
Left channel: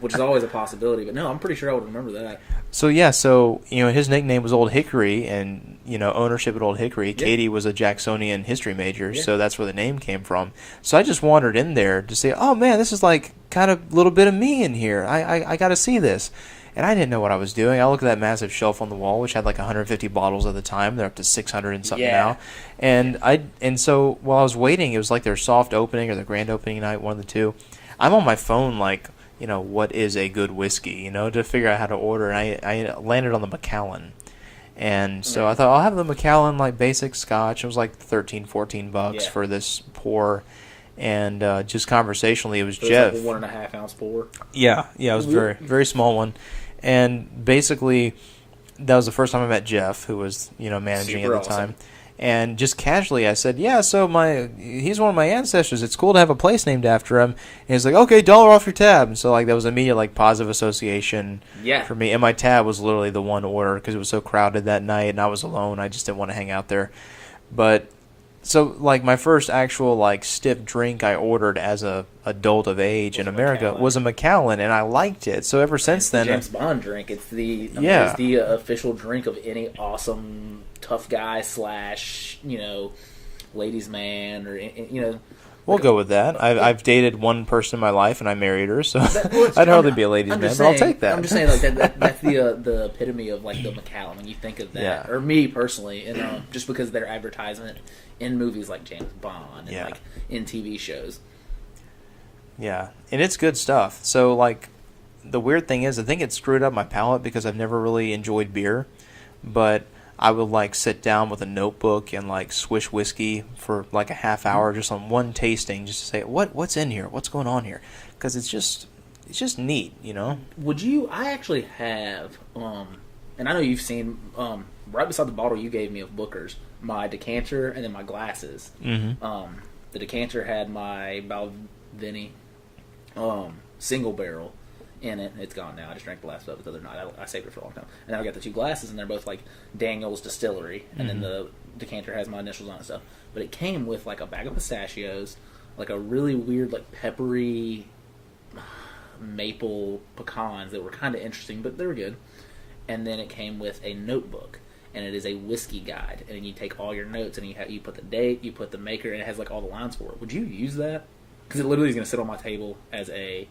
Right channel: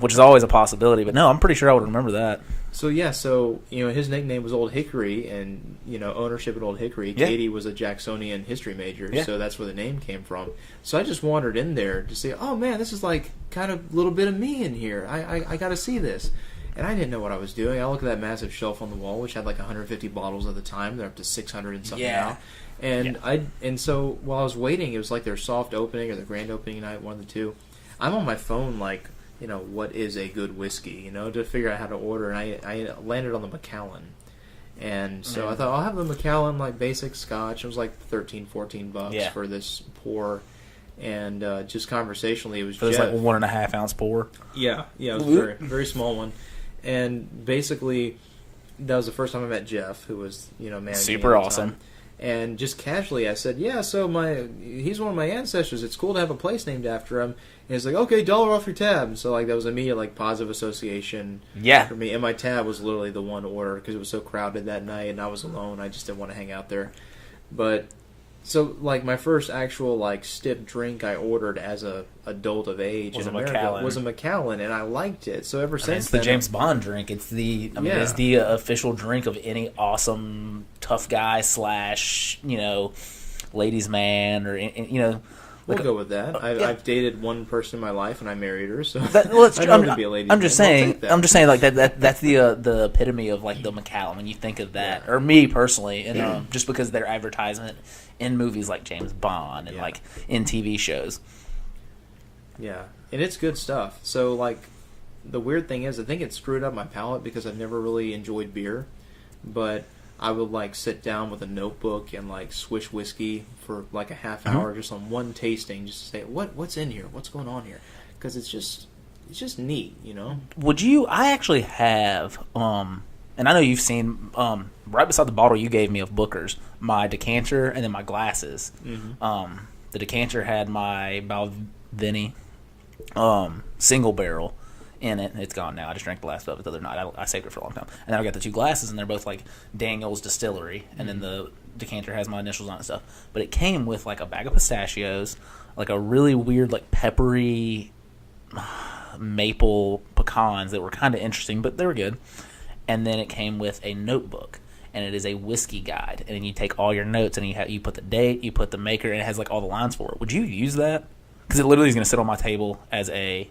which is always a possibility. But no, I'm pretty sure I would remember that. So, yeah, his nickname was Old Hickory, and, ownership at Old Hickory. Yeah. Katie was a Jacksonian history major, Yeah. so that's where the name came from. So I just wandered in there to say, oh, man, this is like kind of a little bit of me in here. I got to see this. And I didn't know what I was doing. I looked at that massive shelf on the wall, which had like 150 bottles at the time. They're up to 600 and something now. And so while I was waiting, it was like their soft opening or their grand opening night, one of the two. I'm on my phone like, what is a good whiskey, to figure out how to order. And I landed on the Macallan. And so I thought, I'll have the Macallan, like, basic scotch. It was like $13-14 for this pour. And just conversationally, it was Jeff. Like 1.5 ounce pour. Yeah, it was a very, very small one. And basically, that was the first time I met Jeff, who was, managing Super at the awesome. time. And just casually, I said, yeah, so he's one of my ancestors. It's cool to have a place named after him. And he's like, okay, $1 off your tab. And so, like, that was immediate, like, positive association for me. And my tab was literally the one order because it was so crowded that night and I was alone. I just didn't want to hang out there. But So, like, my first actual, like, stiff drink I ordered as a adult of age in America was a Macallan, and I liked it. So ever since then... It's the James Bond drink. It's it's the official drink of any awesome tough guy / ladies' man, or, We'll go with that. I've dated one person in my life, and I married her, so I'd rather be a ladies' man. Saying, I'll take that. I'm just saying, like that's the epitome of like the Macallan when you think of that, or me personally, and just because of their advertisement in movies like James Bond and like in TV shows. Yeah, and it's good stuff. So like, the weird thing is, I think it screwed up my palate because I've never really enjoyed beer, but I would like sit down with a notebook and like swish whiskey for like a half hour just on one tasting, just to say what's in here, what's going on here, because it's just neat, Would you? I actually have, and I know you've seen right beside the bottle you gave me of Booker's, my decanter and then my glasses. Mm-hmm. The decanter had my Balvenie single barrel in it. It's gone now. I just drank the last of it the other night. I saved it for a long time. And then I got the two glasses, and they're both like Daniel's Distillery. And then the decanter has my initials on it and stuff. But it came with like a bag of pistachios, like a really weird, like peppery maple pecans that were kind of interesting, but they were good. And then it came with a notebook, and it is a whiskey guide. And you take all your notes, and you put the date, you put the maker, and it has like all the lines for it. Would you use that? Because it literally is going to sit on my table as a...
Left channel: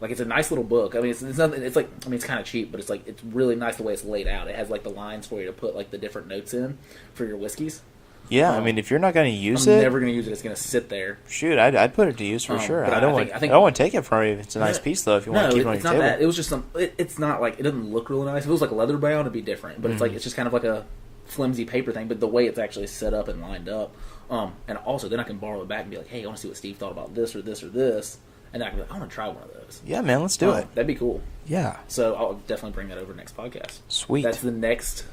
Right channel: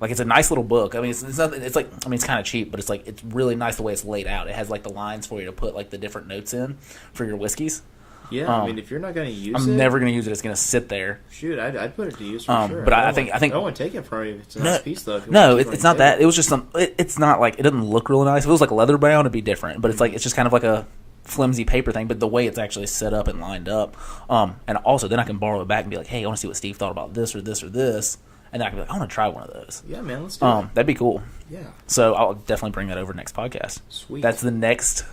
Like, it's a nice little book. I mean, it's like, I mean, it's kind of cheap, but it's like, it's really nice the way it's laid out. It has like the lines for you to put like the different notes in for your whiskeys. Yeah, I mean, if you're not going to use I'm never going to use it. It's going to sit there. Shoot, I'd put it to use for sure. But I think I don't want to take it from you. It's a nice piece though. If you want to keep it's not table. that. It was just it's not like, it doesn't look really nice. If it was like leather bound, it'd be different. But it's like, it's just kind of like a flimsy paper thing. But the way it's actually set up and lined up, and also then I can borrow it back and be like, hey, I want to see what Steve thought about this or this or this. And then I can be like, I want to try one of those. Yeah, man, let's do it. That'd be cool. Yeah. So I'll definitely bring that over next podcast. Sweet. That's the next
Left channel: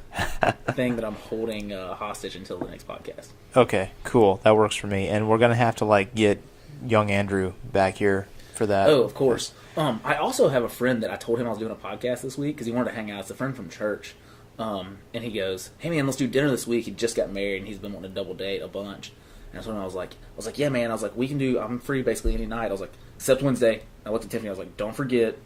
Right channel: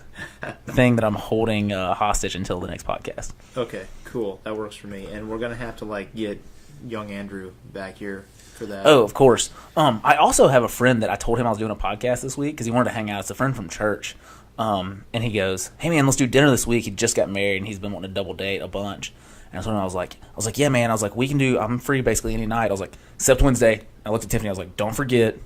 thing that I'm holding hostage until the next podcast. Okay, cool. That works for me. And we're going to have to, like, get young Andrew back here for that. Oh, of course. I also have a friend that I told him I was doing a podcast this week because he wanted to hang out. It's a friend from church. And he goes, hey, man, let's do dinner this week. He just got married, and he's been wanting to double date a bunch. And that's when I was like, yeah, man. I was like, I'm free basically any night. I was like, except Wednesday. I looked at Tiffany. I was like, don't forget,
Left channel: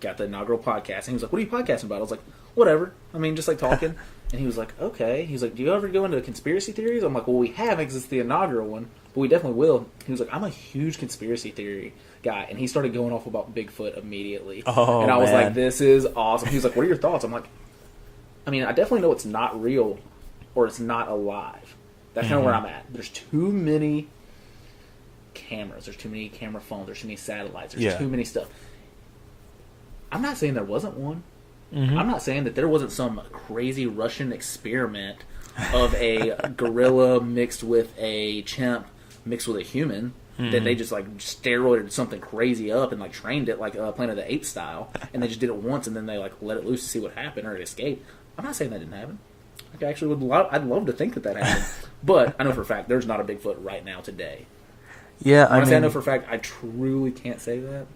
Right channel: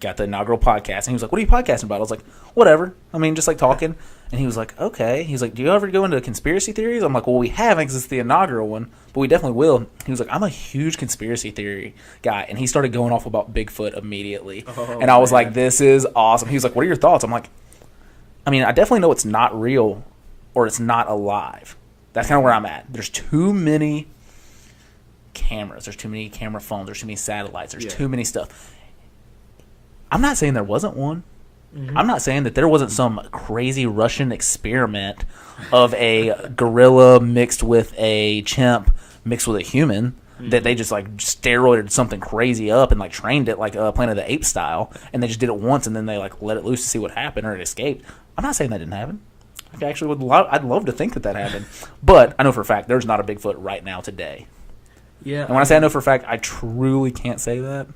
got the inaugural podcast. And he was like, what are you podcasting about? I was like, whatever. I mean, just like talking. And he was like, okay. He's like, do you ever go into conspiracy theories? I'm like, well, we haven't because it's the inaugural one, but we definitely will. He was like, I'm a huge conspiracy theory guy. And he started going off about Bigfoot immediately. And I was like, this is awesome. He was like, what are your thoughts? I'm like, I mean, I definitely know it's not real or it's not alive. That's kind of where I'm at. There's too many cameras. There's too many camera phones. There's too many satellites. There's too many stuff. I'm not saying there wasn't one. Mm-hmm. I'm not saying that there wasn't some crazy Russian experiment of a gorilla mixed with a chimp mixed with a human that they just like steroided something crazy up and like trained it like Planet of the Apes style, and they just did it once and then they like let it loose to see what happened or it escaped. I'm not saying that didn't happen. Actually, I'd love to think that happened, but I know for a fact there's not a Bigfoot right now today. Yeah, when I say I know for a fact, I truly can't say that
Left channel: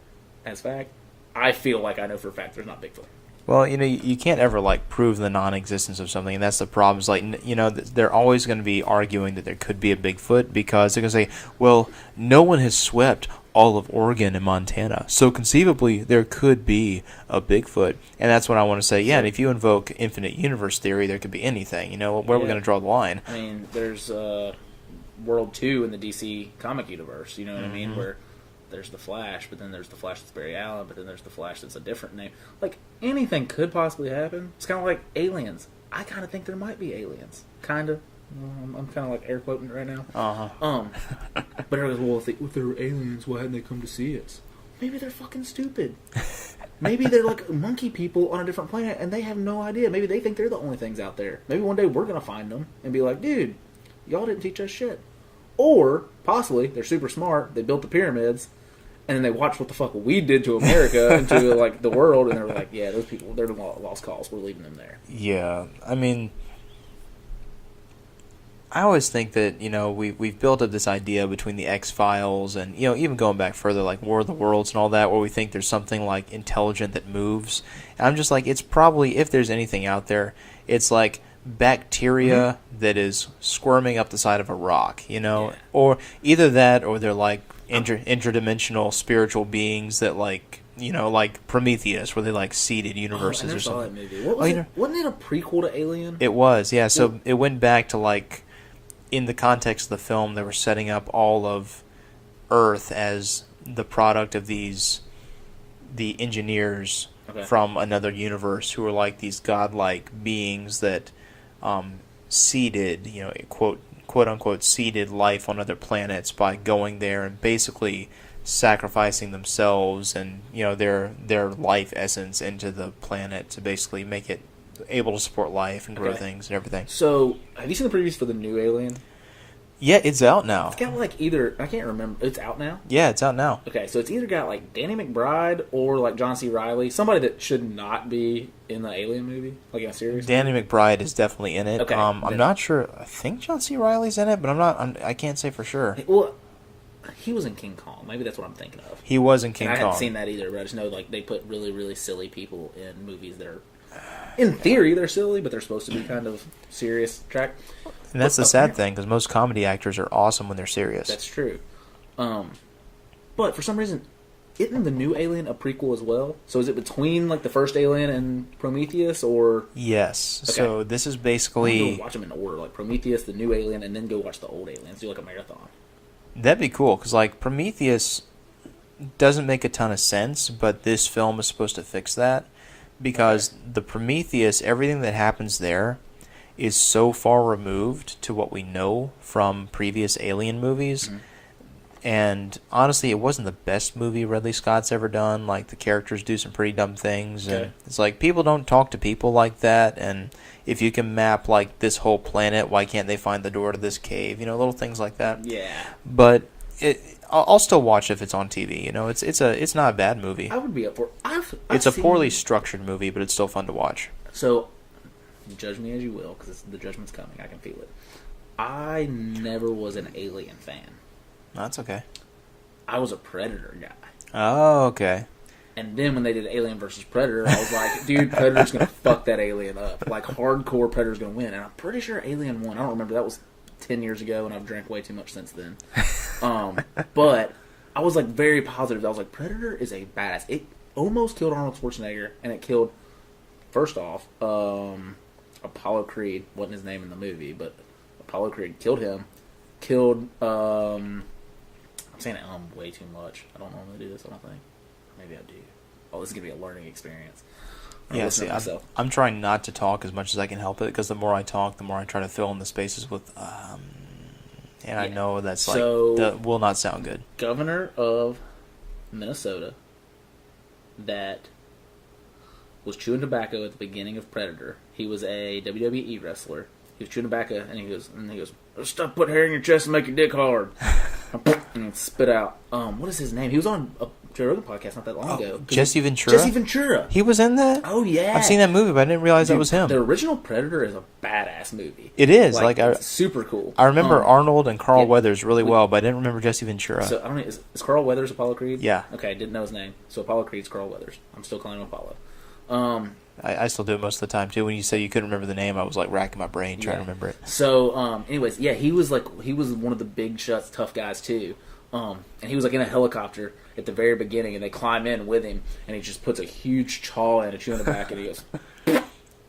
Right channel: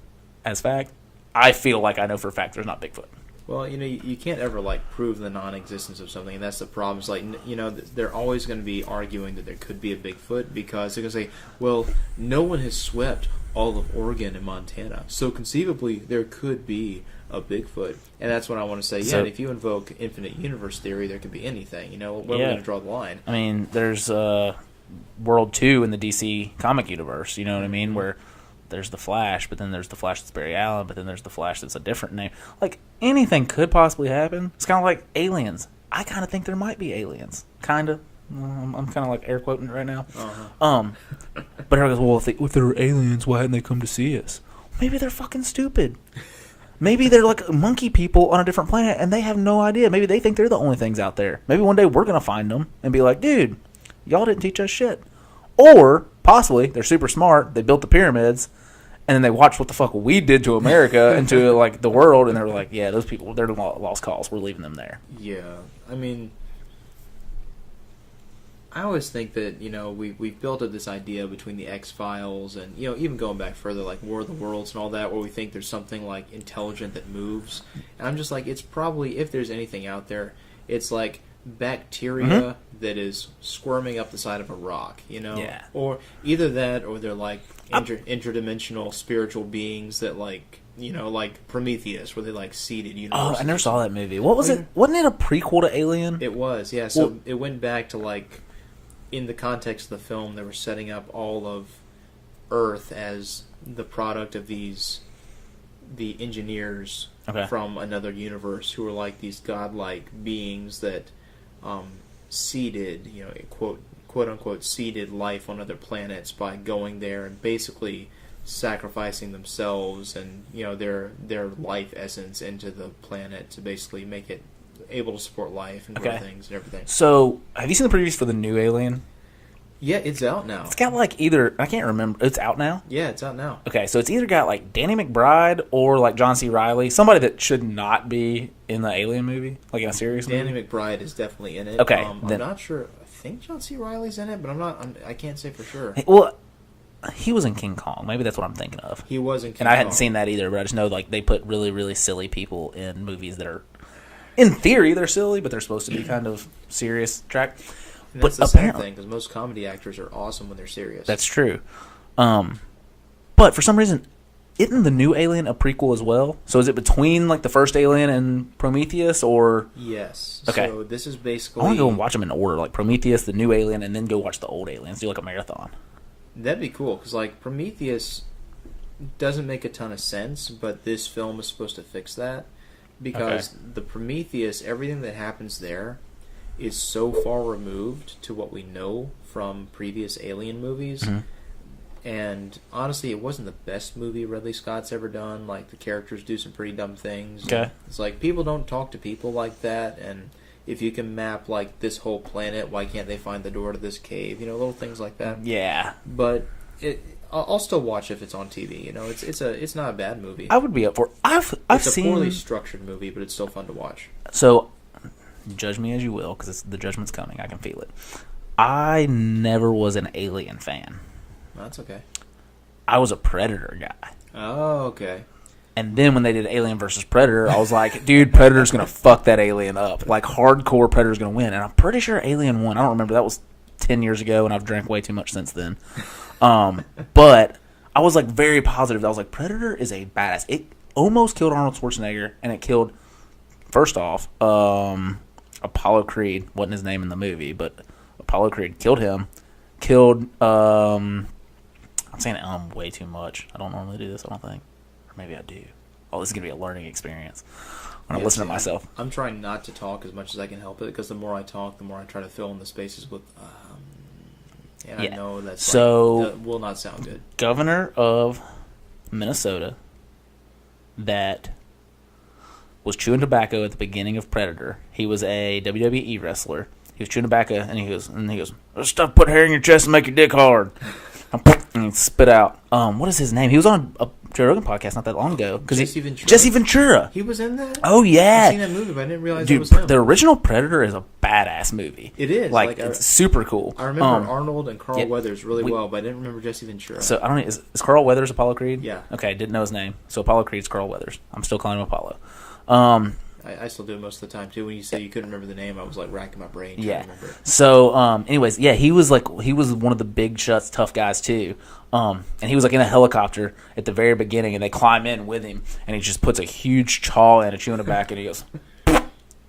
as fact. I feel like I know for a fact there's not Bigfoot. Well, you can't ever like prove the non-existence of something, and that's the problem. Is like they're always going to be arguing that there could be a Bigfoot because they're going to say, well, no one has swept all of Oregon and Montana, so conceivably there could be a Bigfoot, and that's what I want to say. Yeah, and if you invoke infinite universe theory, there could be anything. Where are we going to draw the line? I mean, there's World 2 in the DC comic universe. You know what I mean? Where there's the Flash, but then there's the Flash that's Barry Allen, but then there's the Flash that's a different name. Like, anything could possibly happen. It's kind of like aliens. I kind of think there might be aliens. Kind of. I'm kind of like air quoting it right now. But everyone goes, well, if they're aliens, why hadn't they come to see us? Maybe they're fucking stupid. Maybe they're like monkey people on a different planet, and they have no idea. Maybe they think they're the only things out there. Maybe one day we're going to find them and be like, dude, y'all didn't teach us shit. Or, possibly, they're super smart. They built the pyramids, and then they watched what the fuck we did to America and to, like, the world, and they were like, yeah, those people, they're lost cause. We're leaving them there. Yeah. I mean, I always think that, we've built up this idea between the X-Files and, even going back further, like War of the Worlds and all that, where we think there's something, like, intelligent that moves. And I'm just like, it's probably, if there's anything out there, it's like bacteria that is squirming up the side of a rock, Yeah. or either that, or they're like interdimensional spiritual beings that like Prometheus, where they like seeded universes. I never or saw something. that movie. What was it? Wasn't it a prequel to Alien? It was, yeah. So it went back to like, in the context of the film, they were setting up all of Earth as the product of the engineers from another universe who were like these godlike beings that seeded, quote unquote, seeded life on other planets by going there and basically sacrificing themselves and their life essence into the planet to basically make it able to support life and grow things and everything. So, have you seen the previews for the new Alien? Yeah, it's out now. It's got like either, I can't remember. It's out now? Yeah, it's out now. Okay, so it's either got like Danny McBride or like John C. Reilly, somebody that should not be in the Alien movie, like in a series. Danny McBride is definitely in it. Okay, I'm not sure. I think John C. Reilly's in it, but I can't say for sure. Well, he was in King Kong. Maybe that's what I'm thinking of. He was in King Kong. And I hadn't seen that either, but I just know like they put really, really silly people in movies that are, in theory, they're silly, but they're supposed to be kind of serious track. And that's the sad thing, because most comedy actors are awesome when they're serious. That's true. But for some reason, isn't the new Alien a prequel as well? So is it between like the first Alien and Prometheus, or? Yes. Okay. So this is I basically... want to go and watch them in order, like Prometheus, the new Alien, and then go watch the old Aliens. Do like a marathon. That'd be cool, because like Prometheus doesn't make a ton of sense, but this film is supposed to fix that, because the Prometheus, everything that happens there is so far removed to what we know from previous Alien movies. Mm-hmm. And honestly, it wasn't the best movie Ridley Scott's ever done. Like, the characters do some pretty dumb things. Okay. It's like, people don't talk to people like that, and if you can map like this whole planet, why can't they find the door to this cave? Little things like that. Yeah. But I'll still watch if it's on TV. It's not a bad movie. I would be up for it. It's a poorly structured movie, but it's still fun to watch. So, judge me as you will, because the judgment's coming. I can feel it. I never was an Alien fan. That's okay. I was a Predator guy. Oh, okay. And then when they did Alien versus Predator, I was like, dude, Predator's going to fuck that alien up. Like, hardcore Predator's going to win. And I'm pretty sure Alien won. I don't remember. That was 10 years ago, and I've drank way too much since then. But I was, like, very positive. I was like, Predator is a badass. It almost killed Arnold Schwarzenegger, and it killed, first off, Apollo Creed. Wasn't his name in the movie, but Apollo Creed killed him. Killed, I'm saying way too much. I don't normally do this, I don't think. Or maybe I do. Oh, this is going to be a learning experience. I'm going to listen to myself. I'm trying not to talk as much as I can help it, because the more I talk, the more I try to fill in the spaces with, I know that's that will not sound good. Governor of Minnesota that was chewing tobacco at the beginning of Predator. He was a WWE wrestler. He was chewing tobacco, and he goes, "Stuff put hair in your chest and make your dick hard." And he spit out. What is his name? He was on a Joe Rogan podcast not that long ago. Jesse Ventura? Jesse Ventura. He was in that? Oh, yeah. I've seen that movie, but I didn't realize it was him. The original Predator is a badass movie. It is. It's super cool. I remember Arnold and Carl Weathers really well, but I didn't remember Jesse Ventura. So, I don't know. Is Carl Weathers Apollo Creed? Yeah. Okay, didn't know his name. So, Apollo Creed's Carl Weathers. I'm still calling him Apollo. I still do it most of the time, too. When you say you couldn't remember the name, I was, like, racking my brain trying to remember it. So, anyways, yeah, he was one of the big shots, tough guys, too. And he was, like, in a helicopter at the very beginning, and they climb in with him, and he just puts a huge chaw in a chew in the back, and he goes,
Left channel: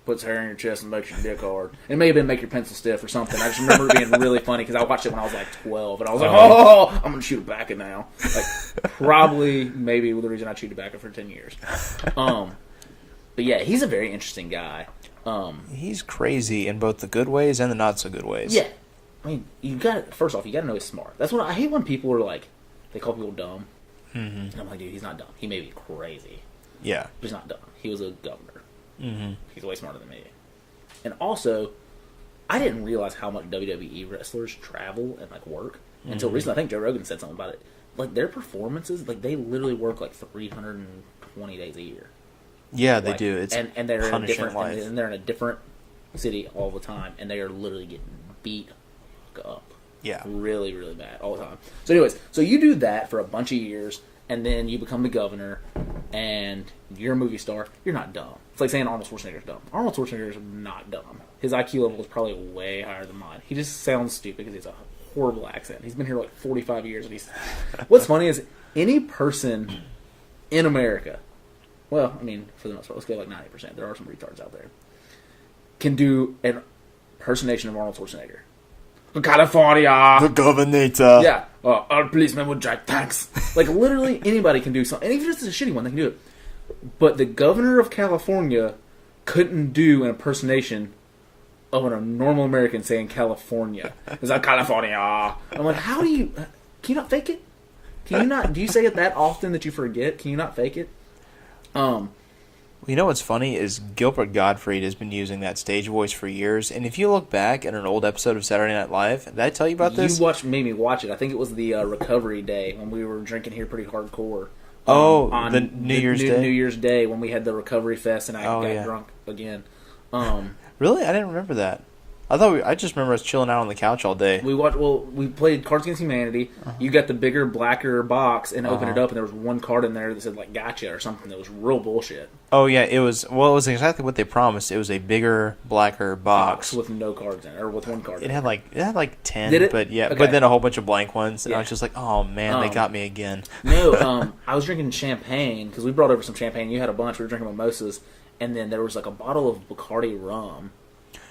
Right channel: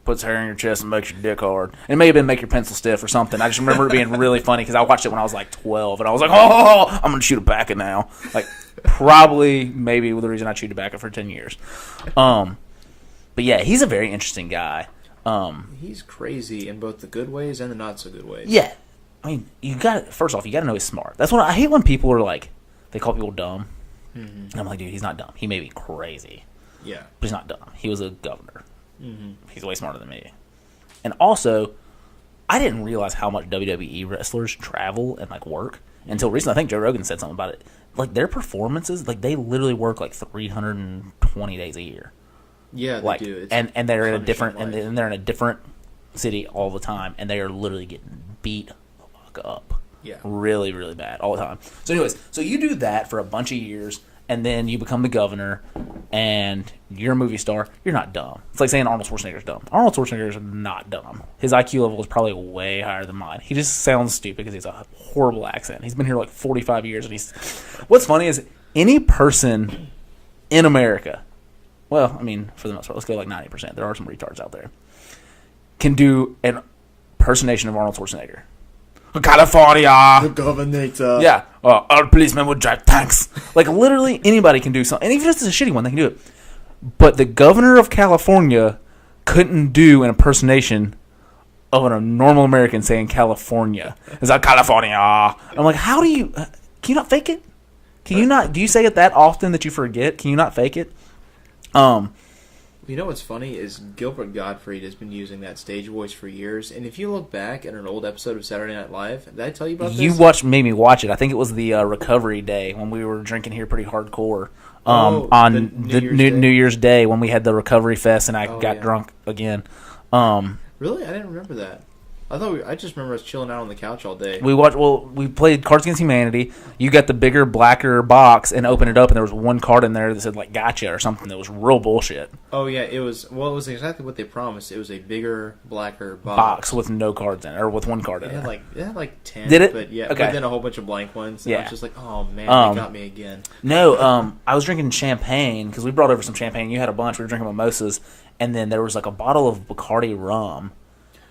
puts hair in your chest and makes your dick hard. It may have been make your pencil stiff or something. I just remember it being really funny, because I watched it when I was, like, 12, and I was like, oh, I'm going to chew tobacco now. Like, probably, maybe the reason I chewed tobacco for 10 years. But yeah, he's a very interesting guy. He's crazy in both the good ways and the not so good ways. Yeah. I mean, first off, you got to know he's smart. That's what I hate when people are like, they call people dumb. Mm-hmm. And I'm like, dude, he's not dumb. He may be crazy. Yeah. But he's not dumb. He was a governor. Mm-hmm. He's way smarter than me. And also, I didn't realize how much WWE wrestlers travel and like work until recently. I think Joe Rogan said something about it. Like, their performances, like, they literally work like 320 days a year. Yeah, they do. It's and they're in a different and they're in a different city all the time, and they are literally getting beat the fuck up. Yeah, really, really bad all the time. So, anyways, so you do that for a bunch of years, and then you become the governor, and you're a movie star, you're not dumb. It's like saying Arnold Schwarzenegger's dumb. Arnold Schwarzenegger is not dumb. His IQ level is probably way higher than mine. He just sounds stupid because he's a horrible accent. He's been here like 45 years, and he's... What's funny is any person in America, well, I mean, for the most part, let's go like 90%. There are some retards out there. Can do an impersonation of Arnold Schwarzenegger. California! The governor. Yeah. Our policemen would drive tanks. Like, literally anybody can do something. And even if it's a shitty one, they can do it. But the governor of California couldn't do an impersonation of a normal American saying California. It's like, California. I'm like, how do you... Can you not fake it? Can you not... Do you say it that often that you forget? Can you not fake it? You know what's funny is Gilbert Gottfried has been using that stage voice for years, and if you look back at an old episode of Saturday Night Live, did I tell you about this? You made me watch it. I think it was the recovery day when we were drinking here pretty hardcore. On the New Year's Day when we had the recovery fest and I got drunk again. Really? I didn't remember that. I just remember us chilling out on the couch all day. We played Cards Against Humanity. You got the bigger, blacker box and opened it up, and there was one card in there that said, like, gotcha or something that was real bullshit. Oh, yeah. It was exactly what they promised. It was a bigger, blacker box. With no cards in it, or with one card in it. It had like 10. Did it? But, yeah, Okay. But then a whole bunch of blank ones. And I was just like, oh, man, they got me again. No, I was drinking champagne, because we brought over some champagne. You had a bunch. We were drinking mimosas. And then there was, like, a bottle of Bacardi rum.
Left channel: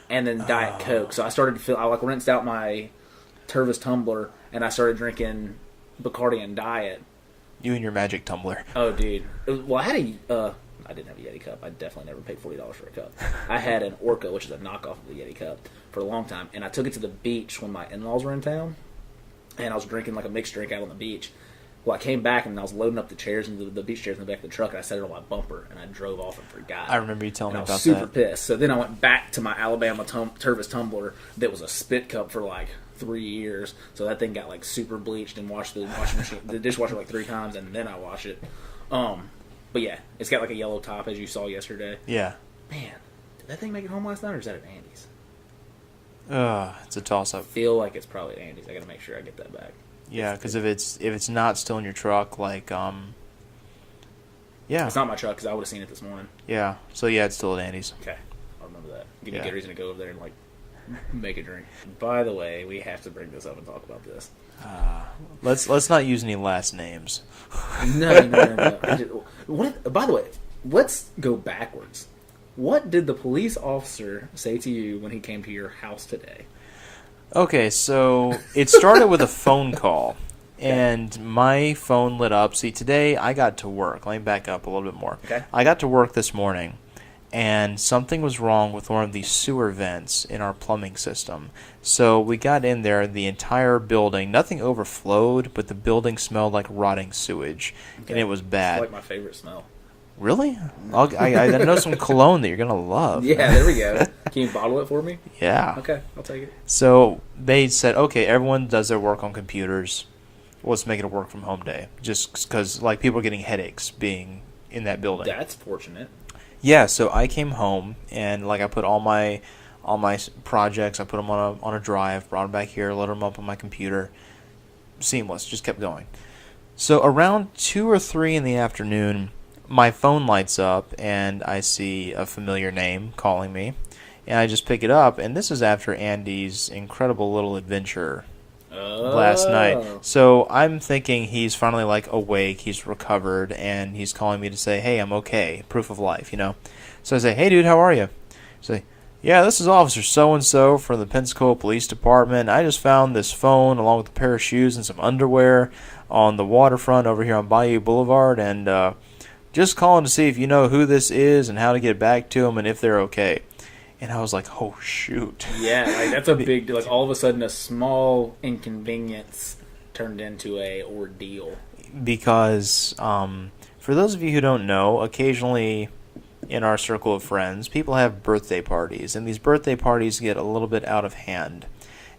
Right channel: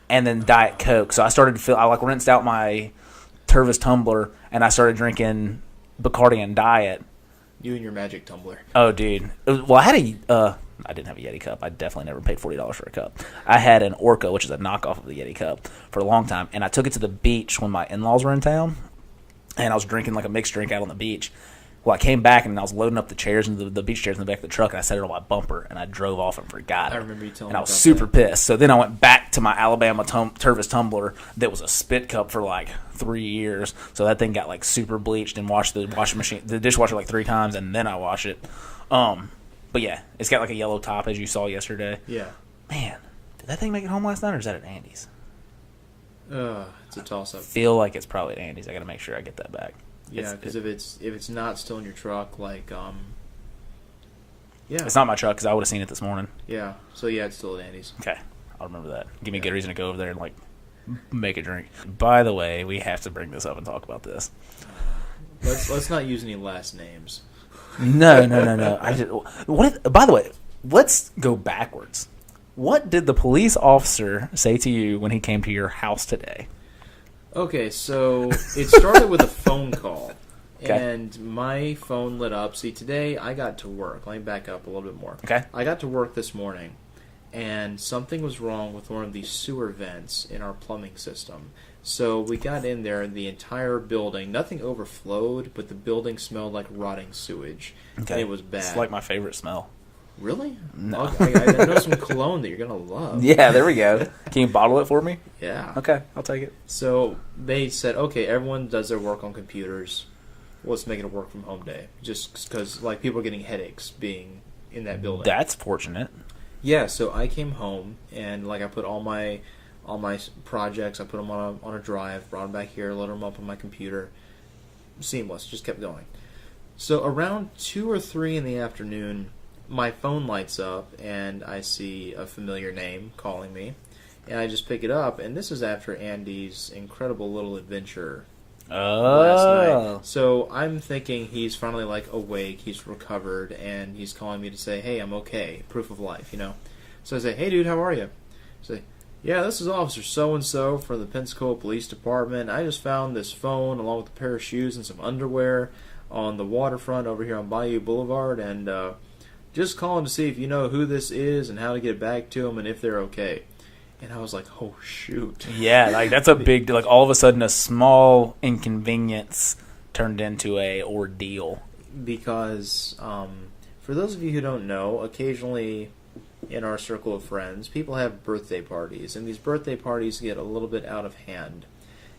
And then Diet Coke. So I started to feel... I, like, rinsed out my Tervis tumbler, and I started drinking Bacardi and Diet. You and your magic tumbler. Oh, dude. Well, I had a... I didn't have a Yeti cup. I definitely never paid $40 for a cup. I had an Orca, which is a knockoff of the Yeti cup, for a long time. And I took it to the beach when my in-laws were in town. And I was drinking, like, a mixed drink out on the beach. Well, I came back, and I was loading up the chairs, and the beach chairs in the back of the truck, and I set it on my bumper, and I drove off and forgot it. I remember you telling me about that. And I was super pissed. So then I went back to my Alabama Tervis tumbler that was a spit cup for, like, 3 years. So that thing got, like, super bleached and washed the washing machine, the dishwasher, like, 3 times, and then I wash it. But, yeah, it's got, like, a yellow top, as you saw yesterday. Yeah. Man, did that thing make it home last night, or is that at Andy's? It's a toss-up. I feel like it's probably at Andy's. I got to make sure I get that back. Yeah, because if it's not still in your truck, like, yeah. It's not my truck, because I would have seen it this morning. Yeah. So, yeah, it's still at Andy's. Okay. I'll remember that. Give me a good reason to go over there and, like, make a drink. By the way, we have to bring this up and talk about this. Let's not use any last names. No. By the way, let's go backwards. What did the police officer say to you when he came to your house today? Okay, so it started with a phone call, okay. And my phone lit up. See, today I got to work. Let me back up a little bit more. Okay. I got to work this morning, and something was wrong with one of these sewer vents in our plumbing system. So we got in there, the entire building, nothing overflowed, but the building smelled like rotting sewage, and it was bad. It's like my favorite smell. Really? No. I know some cologne that you're going to love. Yeah, there we go. Can you bottle it for me? Yeah. Okay, I'll take it. So they said, okay, everyone does their work on computers. Let's make it a work from home day. Just because, like, people are getting headaches being in that building. That's fortunate. Yeah, so I came home, and, like, I put all my projects, I put them on a drive, brought them back here, loaded them up on my computer. Seamless, just kept going. So around 2 or 3 in the afternoon, my phone lights up, and I see a familiar name calling me, and I just pick it up, and this is after Andy's incredible little adventure last night. So I'm thinking he's finally, like, awake, he's recovered, and he's calling me to say, hey, I'm okay, proof of life, you know. So I say, hey, dude, how are you? Say, yeah, this is Officer so-and-so from the Pensacola Police Department. I just found this phone along with a pair of shoes and some underwear on the waterfront over here on Bayou Boulevard, and just calling to see if you know who this is and how to get back to them and if they're okay. And I was like, oh, shoot. Yeah, like, that's a big deal. Like, all of a sudden, a small inconvenience turned into a ordeal. Because for those of you who don't know, occasionally in our circle of friends, people have birthday parties. And these birthday parties get a little bit out of hand.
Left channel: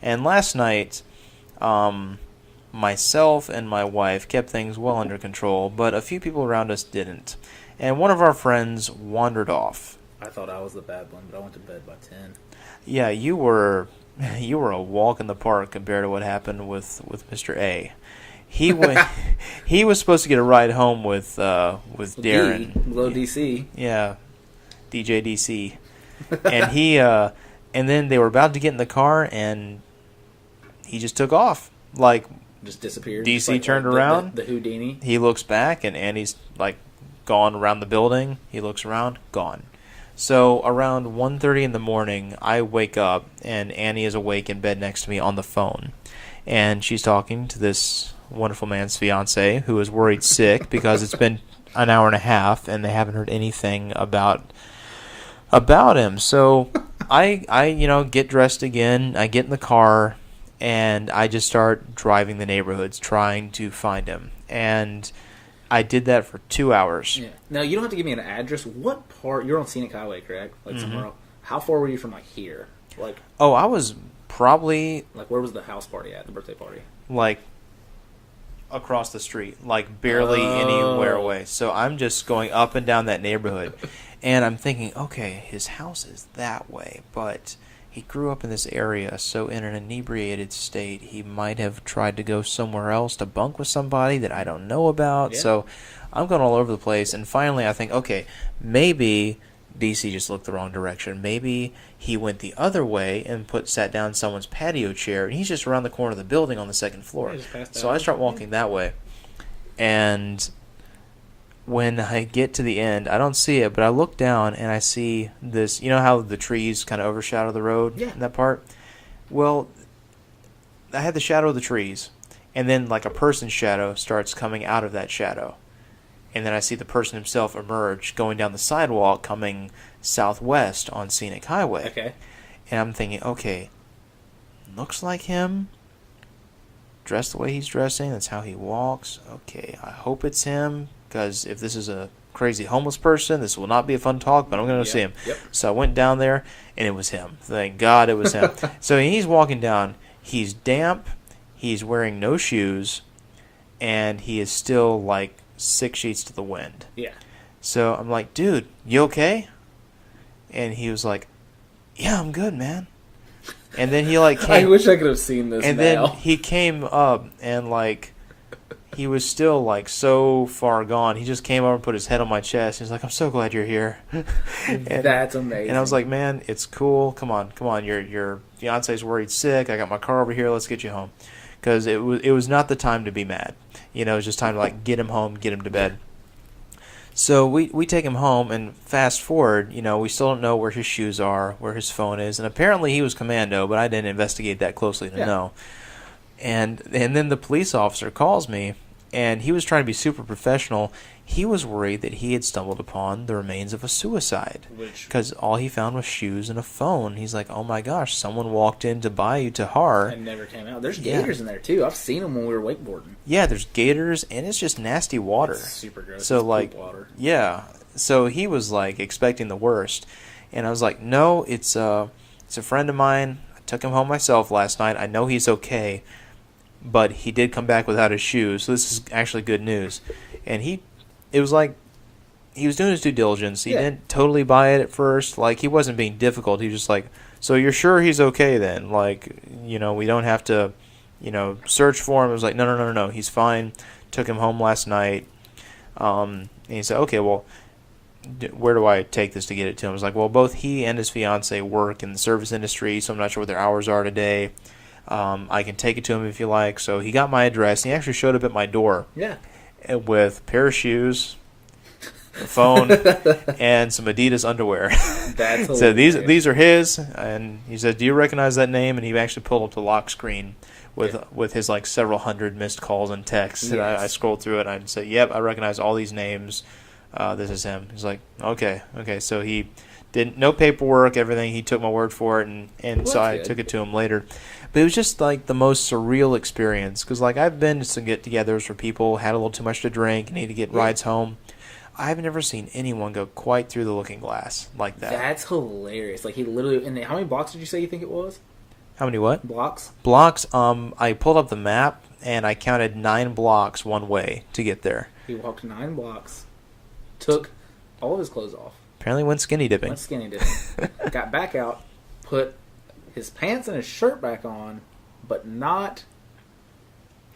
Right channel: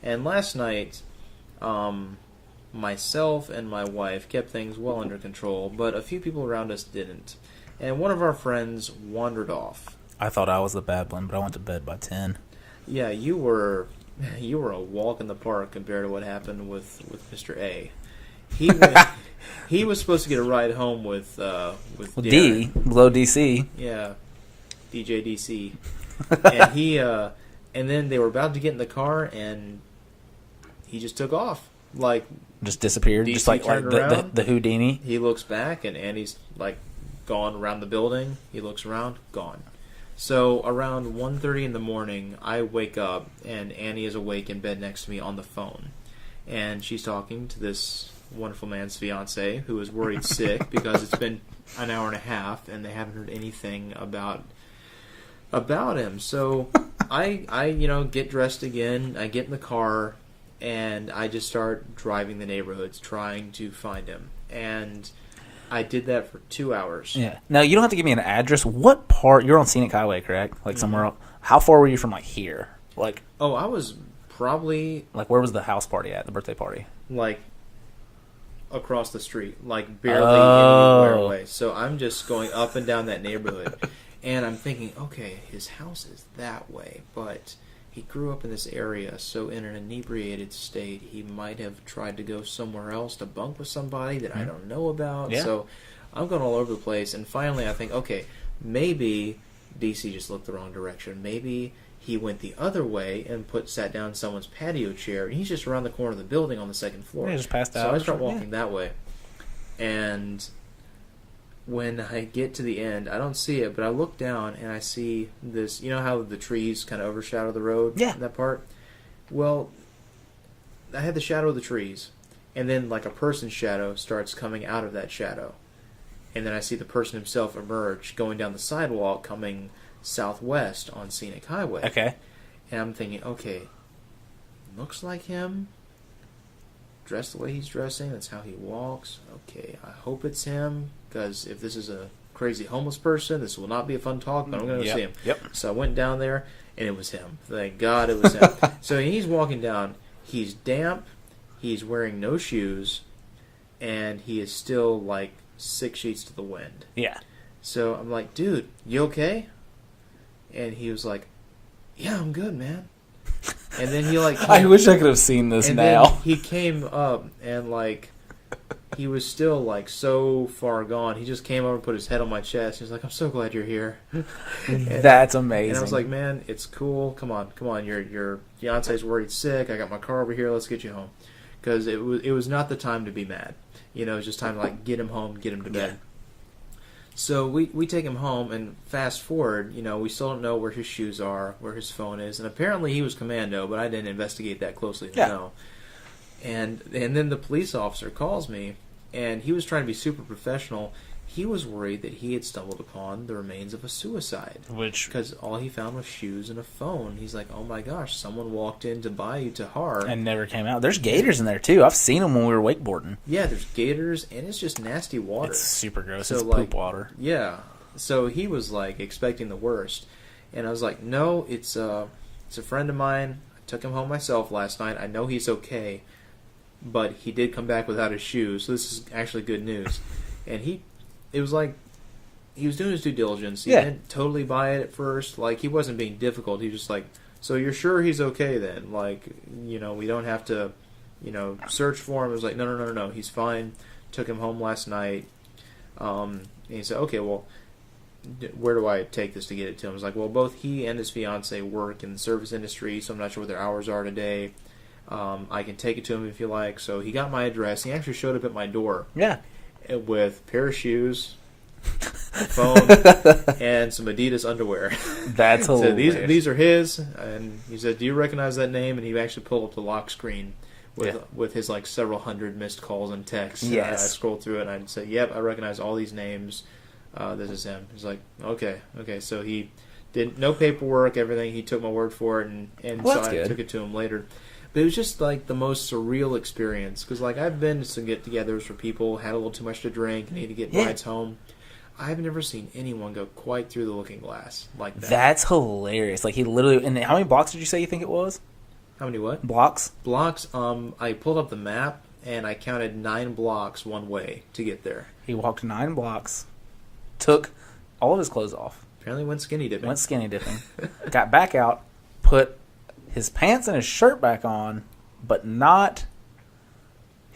And last night, myself and my wife kept things well under control, but a few people around us didn't. And one of our friends wandered off. I thought I was the bad one, but I went to bed by 10. Yeah, you were a walk in the park compared to what happened with Mr. A. He went he was supposed to get a ride home with Darren. Low DC. Yeah, DJ DC. And he and then they were about to get in the car, and he just took off. Like, just disappeared. DC just like, turned like around. The Houdini. He looks back, and Annie's like gone around the building. He looks around, gone. So around 1:30 in the morning, I wake up, and Annie is awake in bed next to me on the phone. And she's talking to this wonderful man's fiance, who is worried sick because it's been an hour and a half, and they haven't heard anything about him. So I get dressed again. I get in the car, and I just start driving the neighborhoods trying to find him. And I did that for 2 hours. Yeah. Now, you don't have to give me an address. What part? You're on Scenic Highway, correct? Like somewhere else. How far were you from like here? Like, oh, I was probably like, where was the house party at? The birthday party? like across the street, like barely anywhere away. So I'm just going up and down that neighborhood, and I'm thinking, okay, his house is that way, but he grew up in this area, so in an inebriated state, he might have tried to go somewhere else to bunk with somebody that I don't know about. Yeah. So I'm going all over the place, and finally I think, okay, maybe DC just looked the wrong direction. Maybe he went the other way and sat down in someone's patio chair, and he's just around the corner of the building on the second floor. Yeah, just passed So out. I start walking that way, and when I get to the end, I don't see it, but I look down and I see this. You know how the trees kind of overshadow the road? Yeah. In that part? Well, I had the shadow of the trees, and then like a person's shadow starts coming out of that shadow. And then I see the person himself emerge going down the sidewalk coming southwest on Scenic Highway. Okay. And I'm thinking, okay, looks like him. Dressed the way he's dressing, that's how he walks. Okay, I hope it's him, because if this is a crazy homeless person, this will not be a fun talk, but I'm going to see him. Yep. So I went down there, and it was him. Thank God it was him. So he's walking down. He's damp. He's wearing no shoes, and he is still like 6 sheets to the wind. Yeah. So I'm like, dude, you okay? And he was like, yeah, I'm good, man. And then he like I wish I could have seen this and now. then he came up, and like he was still like so far gone. He just came over and put his head on my chest. He's like, I'm so glad you're here. That's amazing. And I was like, man, it's cool. Come on. Your fiance's worried sick. I got my car over here. Let's get you home. Because it was not the time to be mad. You know, it was just time to like get him home, get him to bed. So we take him home, and fast forward, you know, we still don't know where his shoes are, where his phone is, and apparently he was commando, but I didn't investigate that closely to know. And then the police officer calls me, and he was trying to be super professional. He was worried that he had stumbled upon the remains of a suicide, because all he found was shoes and a phone. He's like, oh my gosh, someone walked in to buy you to Carr and never came out. There's gators in there too. I've seen them when we were wakeboarding. Yeah, there's gators, and it's just nasty water. It's super gross. So it's like poop water. Yeah. So he was like expecting the worst, and I was like, no, it's a friend of mine. I took him home myself last night. I know he's okay, but he did come back without his shoes. So this is actually good news. And it was like he was doing his due diligence. He didn't totally buy it at first. Like, he wasn't being difficult. He was just like, so you're sure he's okay then? Like, you know, we don't have to, you know, search for him. It was like, no, he's fine. Took him home last night. And he said, okay, well, where do I take this to get it to him? I was like, well, both he and his fiance work in the service industry, so I'm not sure what their hours are today. I can take it to him if you like. So he got my address. And he actually showed up at my door. Yeah. With a pair of shoes, a phone, and some Adidas underwear. That's so hilarious. these are his, and he said, "Do you recognize that name?" And he actually pulled up the lock screen with his like several hundred missed calls and texts. Yes. And I scrolled through it, and I'd say, "Yep, I recognize all these names. This is him." He's like, "Okay." So he did no paperwork, everything. He took my word for it, and so I took it to him later. But it was just like the most surreal experience, because like I've been to some get-togethers where people had a little too much to drink and need to get rides home. I've never seen anyone go quite through the looking glass like that. That's hilarious. Like, he literally... And how many blocks did you say you think it was? How many what? Blocks? Blocks. I pulled up the map, and I counted 9 blocks one way to get there. He walked 9 blocks, took all of his clothes off. Apparently went skinny dipping. Got back out, put his pants and his shirt back on, but not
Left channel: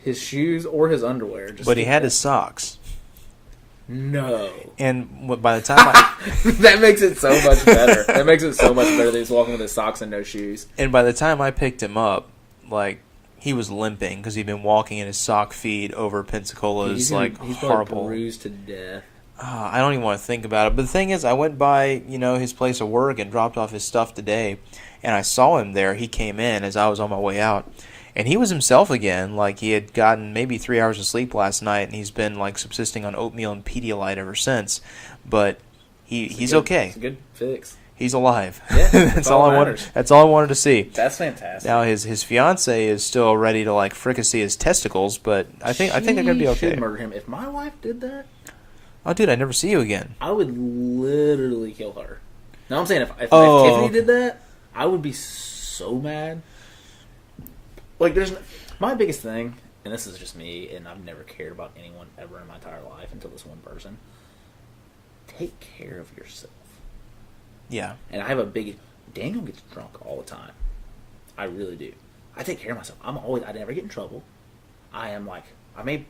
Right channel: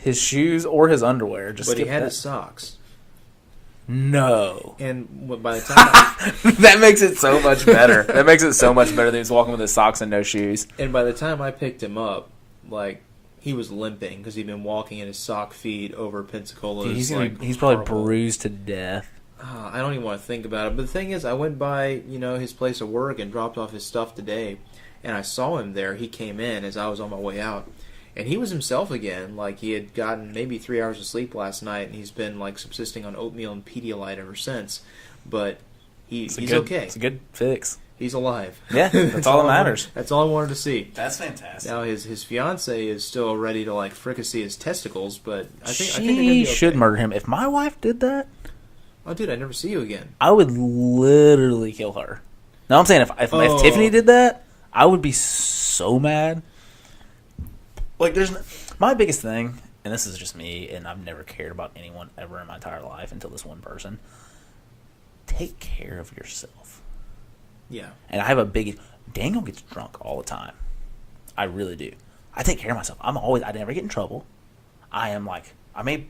his shoes or his underwear. But he had his socks. No. And by the time that makes it so much better. That makes it so much better that he's walking with his socks and no shoes. And by the time I picked him up, like, he was limping because he'd been walking in his sock feet over Pensacola's. He's probably bruised to death. I don't even want to think about it. But the thing is, I went by, his place of work and dropped off his stuff today, and I saw him there. He came in as I was on my way out, and he was himself again. Like, he had gotten maybe 3 hours of sleep last night, and he's been, like, subsisting on oatmeal and Pedialyte ever since. But he's okay. It's a good fix. He's alive. Yeah, that's all that matters. That's all I wanted to see. That's fantastic. Now his fiance is still ready to like fricassee his testicles, but I think they're gonna be okay. She should murder him. If my wife did that, oh dude, I'd never see you again. I would literally kill her. No, I'm saying if Tiffany did that, I would be so mad. Like my biggest thing, and this is just me, and I've never cared about anyone ever in my entire life until this one person. Take care of yourself. Yeah. And I have a big... Daniel gets drunk all the time. I really do. I take care of myself. I never get in trouble. I am like... I be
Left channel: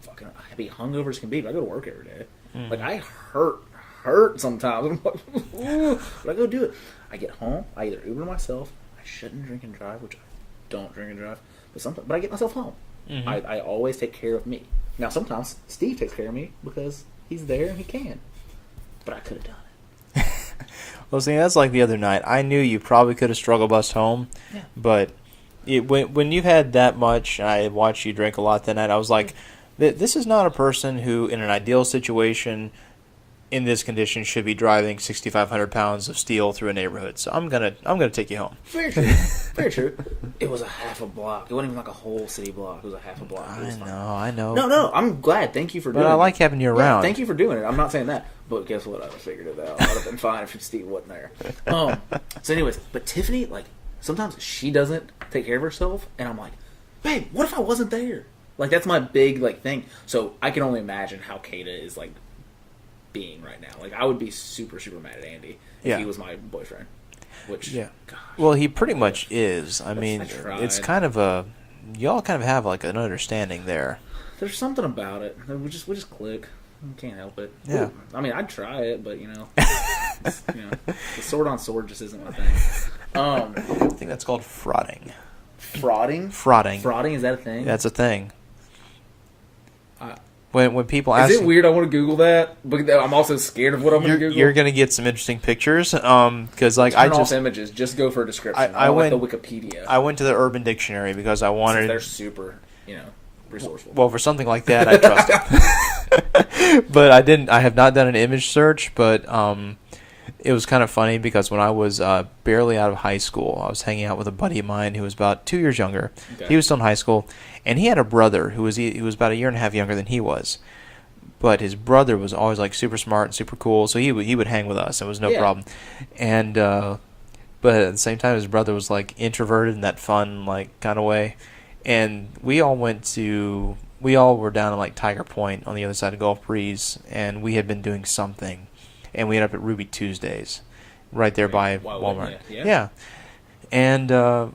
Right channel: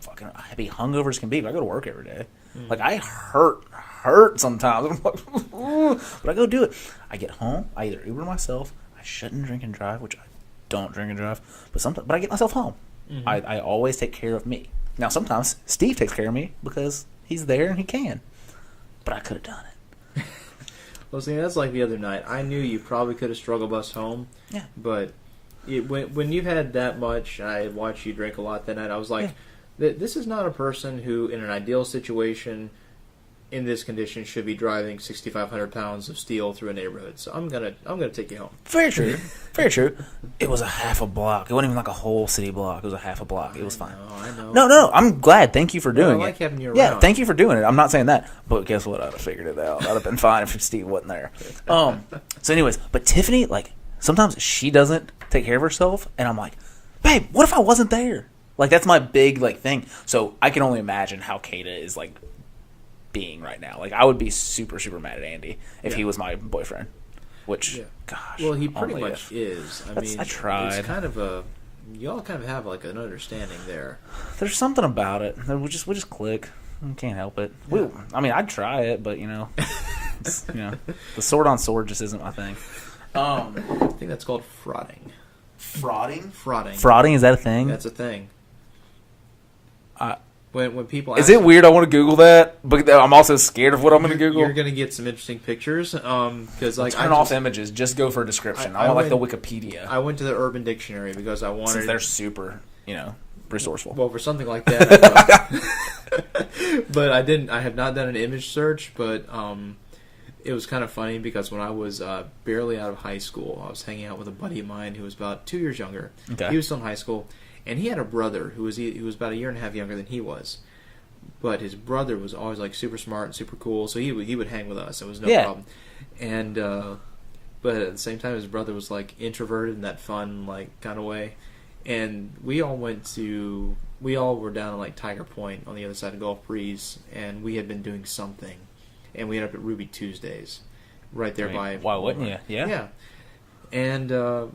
hungover as can be, but I go to work every day. Mm. Like, I hurt sometimes. I'm like, but I go do it. I get home. I either Uber myself. I shouldn't drink and drive, which I don't drink and drive. But I get myself home. Mm-hmm. I always take care of me. Now, sometimes Steve takes care of me because he's there and he can. But I could have done it. Well, see, that's like the other night. I knew you probably could have struggle bus home, yeah. But when you've had that much, I watched you drink a lot that night, I was like, this is not a person who, in an ideal situation, in this condition, should be driving 6,500 pounds of steel through a neighborhood. So I'm gonna take you home. Very true. Very true. It was a half a block. It wasn't even like a whole city block. It was a half a block. It was fine. I know. No. I'm glad. Thank you for doing it. I like having you around. Yeah, thank you for doing it. I'm not saying that. But guess what? I'd have figured it out. I'd have been fine if Steve wasn't there. So anyways, but Tiffany, like, sometimes she doesn't take care of herself. And I'm like, babe, what if I wasn't there? Like, that's my big, like, thing. So I can only imagine how Kata is, like, being right now. Like, I would be super, super mad at Andy if he was my boyfriend. Which, gosh. Well, he pretty much is. I mean, I tried. It's kind of a... Y'all kind of have, like, an understanding there. There's something about it. We just click. We can't help it. Yeah. I'd try it, but, the sword-on-sword just isn't my thing. I think that's called frauding. Frauding? Frauding, is that a thing? That's a thing. When people ask... Is it weird I want to Google that? But I'm also scared of what I'm going to Google. You're going to get some interesting pictures. Because, like, Turn off images. Just go for a description. I like the Wikipedia. I went to the Urban Dictionary because I wanted... Since they're super, resourceful. Well, for something like that, I trust it. But I have not done an image search, but it was kind of funny because when I was barely out of high school, I was hanging out with a buddy of mine who was about 2 years younger. Okay. He was still in high school. And he had a brother who was about a year and a half younger than he was. But his brother was always like super smart and super cool, so he would hang with us. It was no problem. And but at the same time, his brother was like introverted in that fun like kind of way. And we all were down at like Tiger Point on the other side of Gulf Breeze, and we had been doing something, and we ended up at Ruby Tuesdays, right there by Walmart. Yeah. And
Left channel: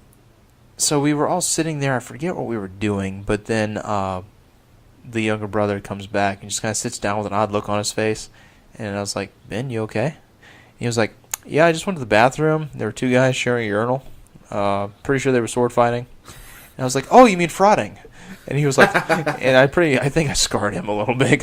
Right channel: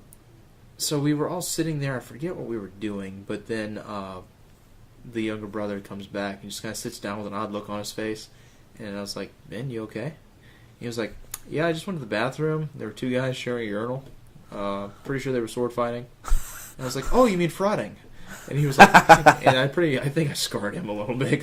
so we were all sitting there. I forget what we were doing, but then the younger brother comes back and just kind of sits down with an odd look on his face. And I was like, Ben, you okay? And he was like, yeah, I just went to the bathroom. There were two guys sharing a urinal. Pretty sure they were sword fighting. And I was like, oh, you mean frauding? And he was like, and I think I scarred him a little bit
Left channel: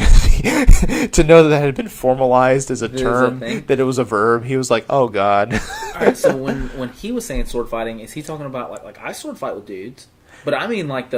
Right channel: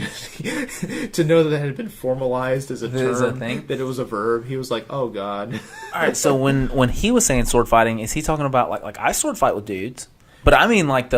to know that had been formalized as a term, that it was a verb. He was like, oh God. All right, so when he was saying sword fighting, is he talking about like I sword fight with dudes? But I mean like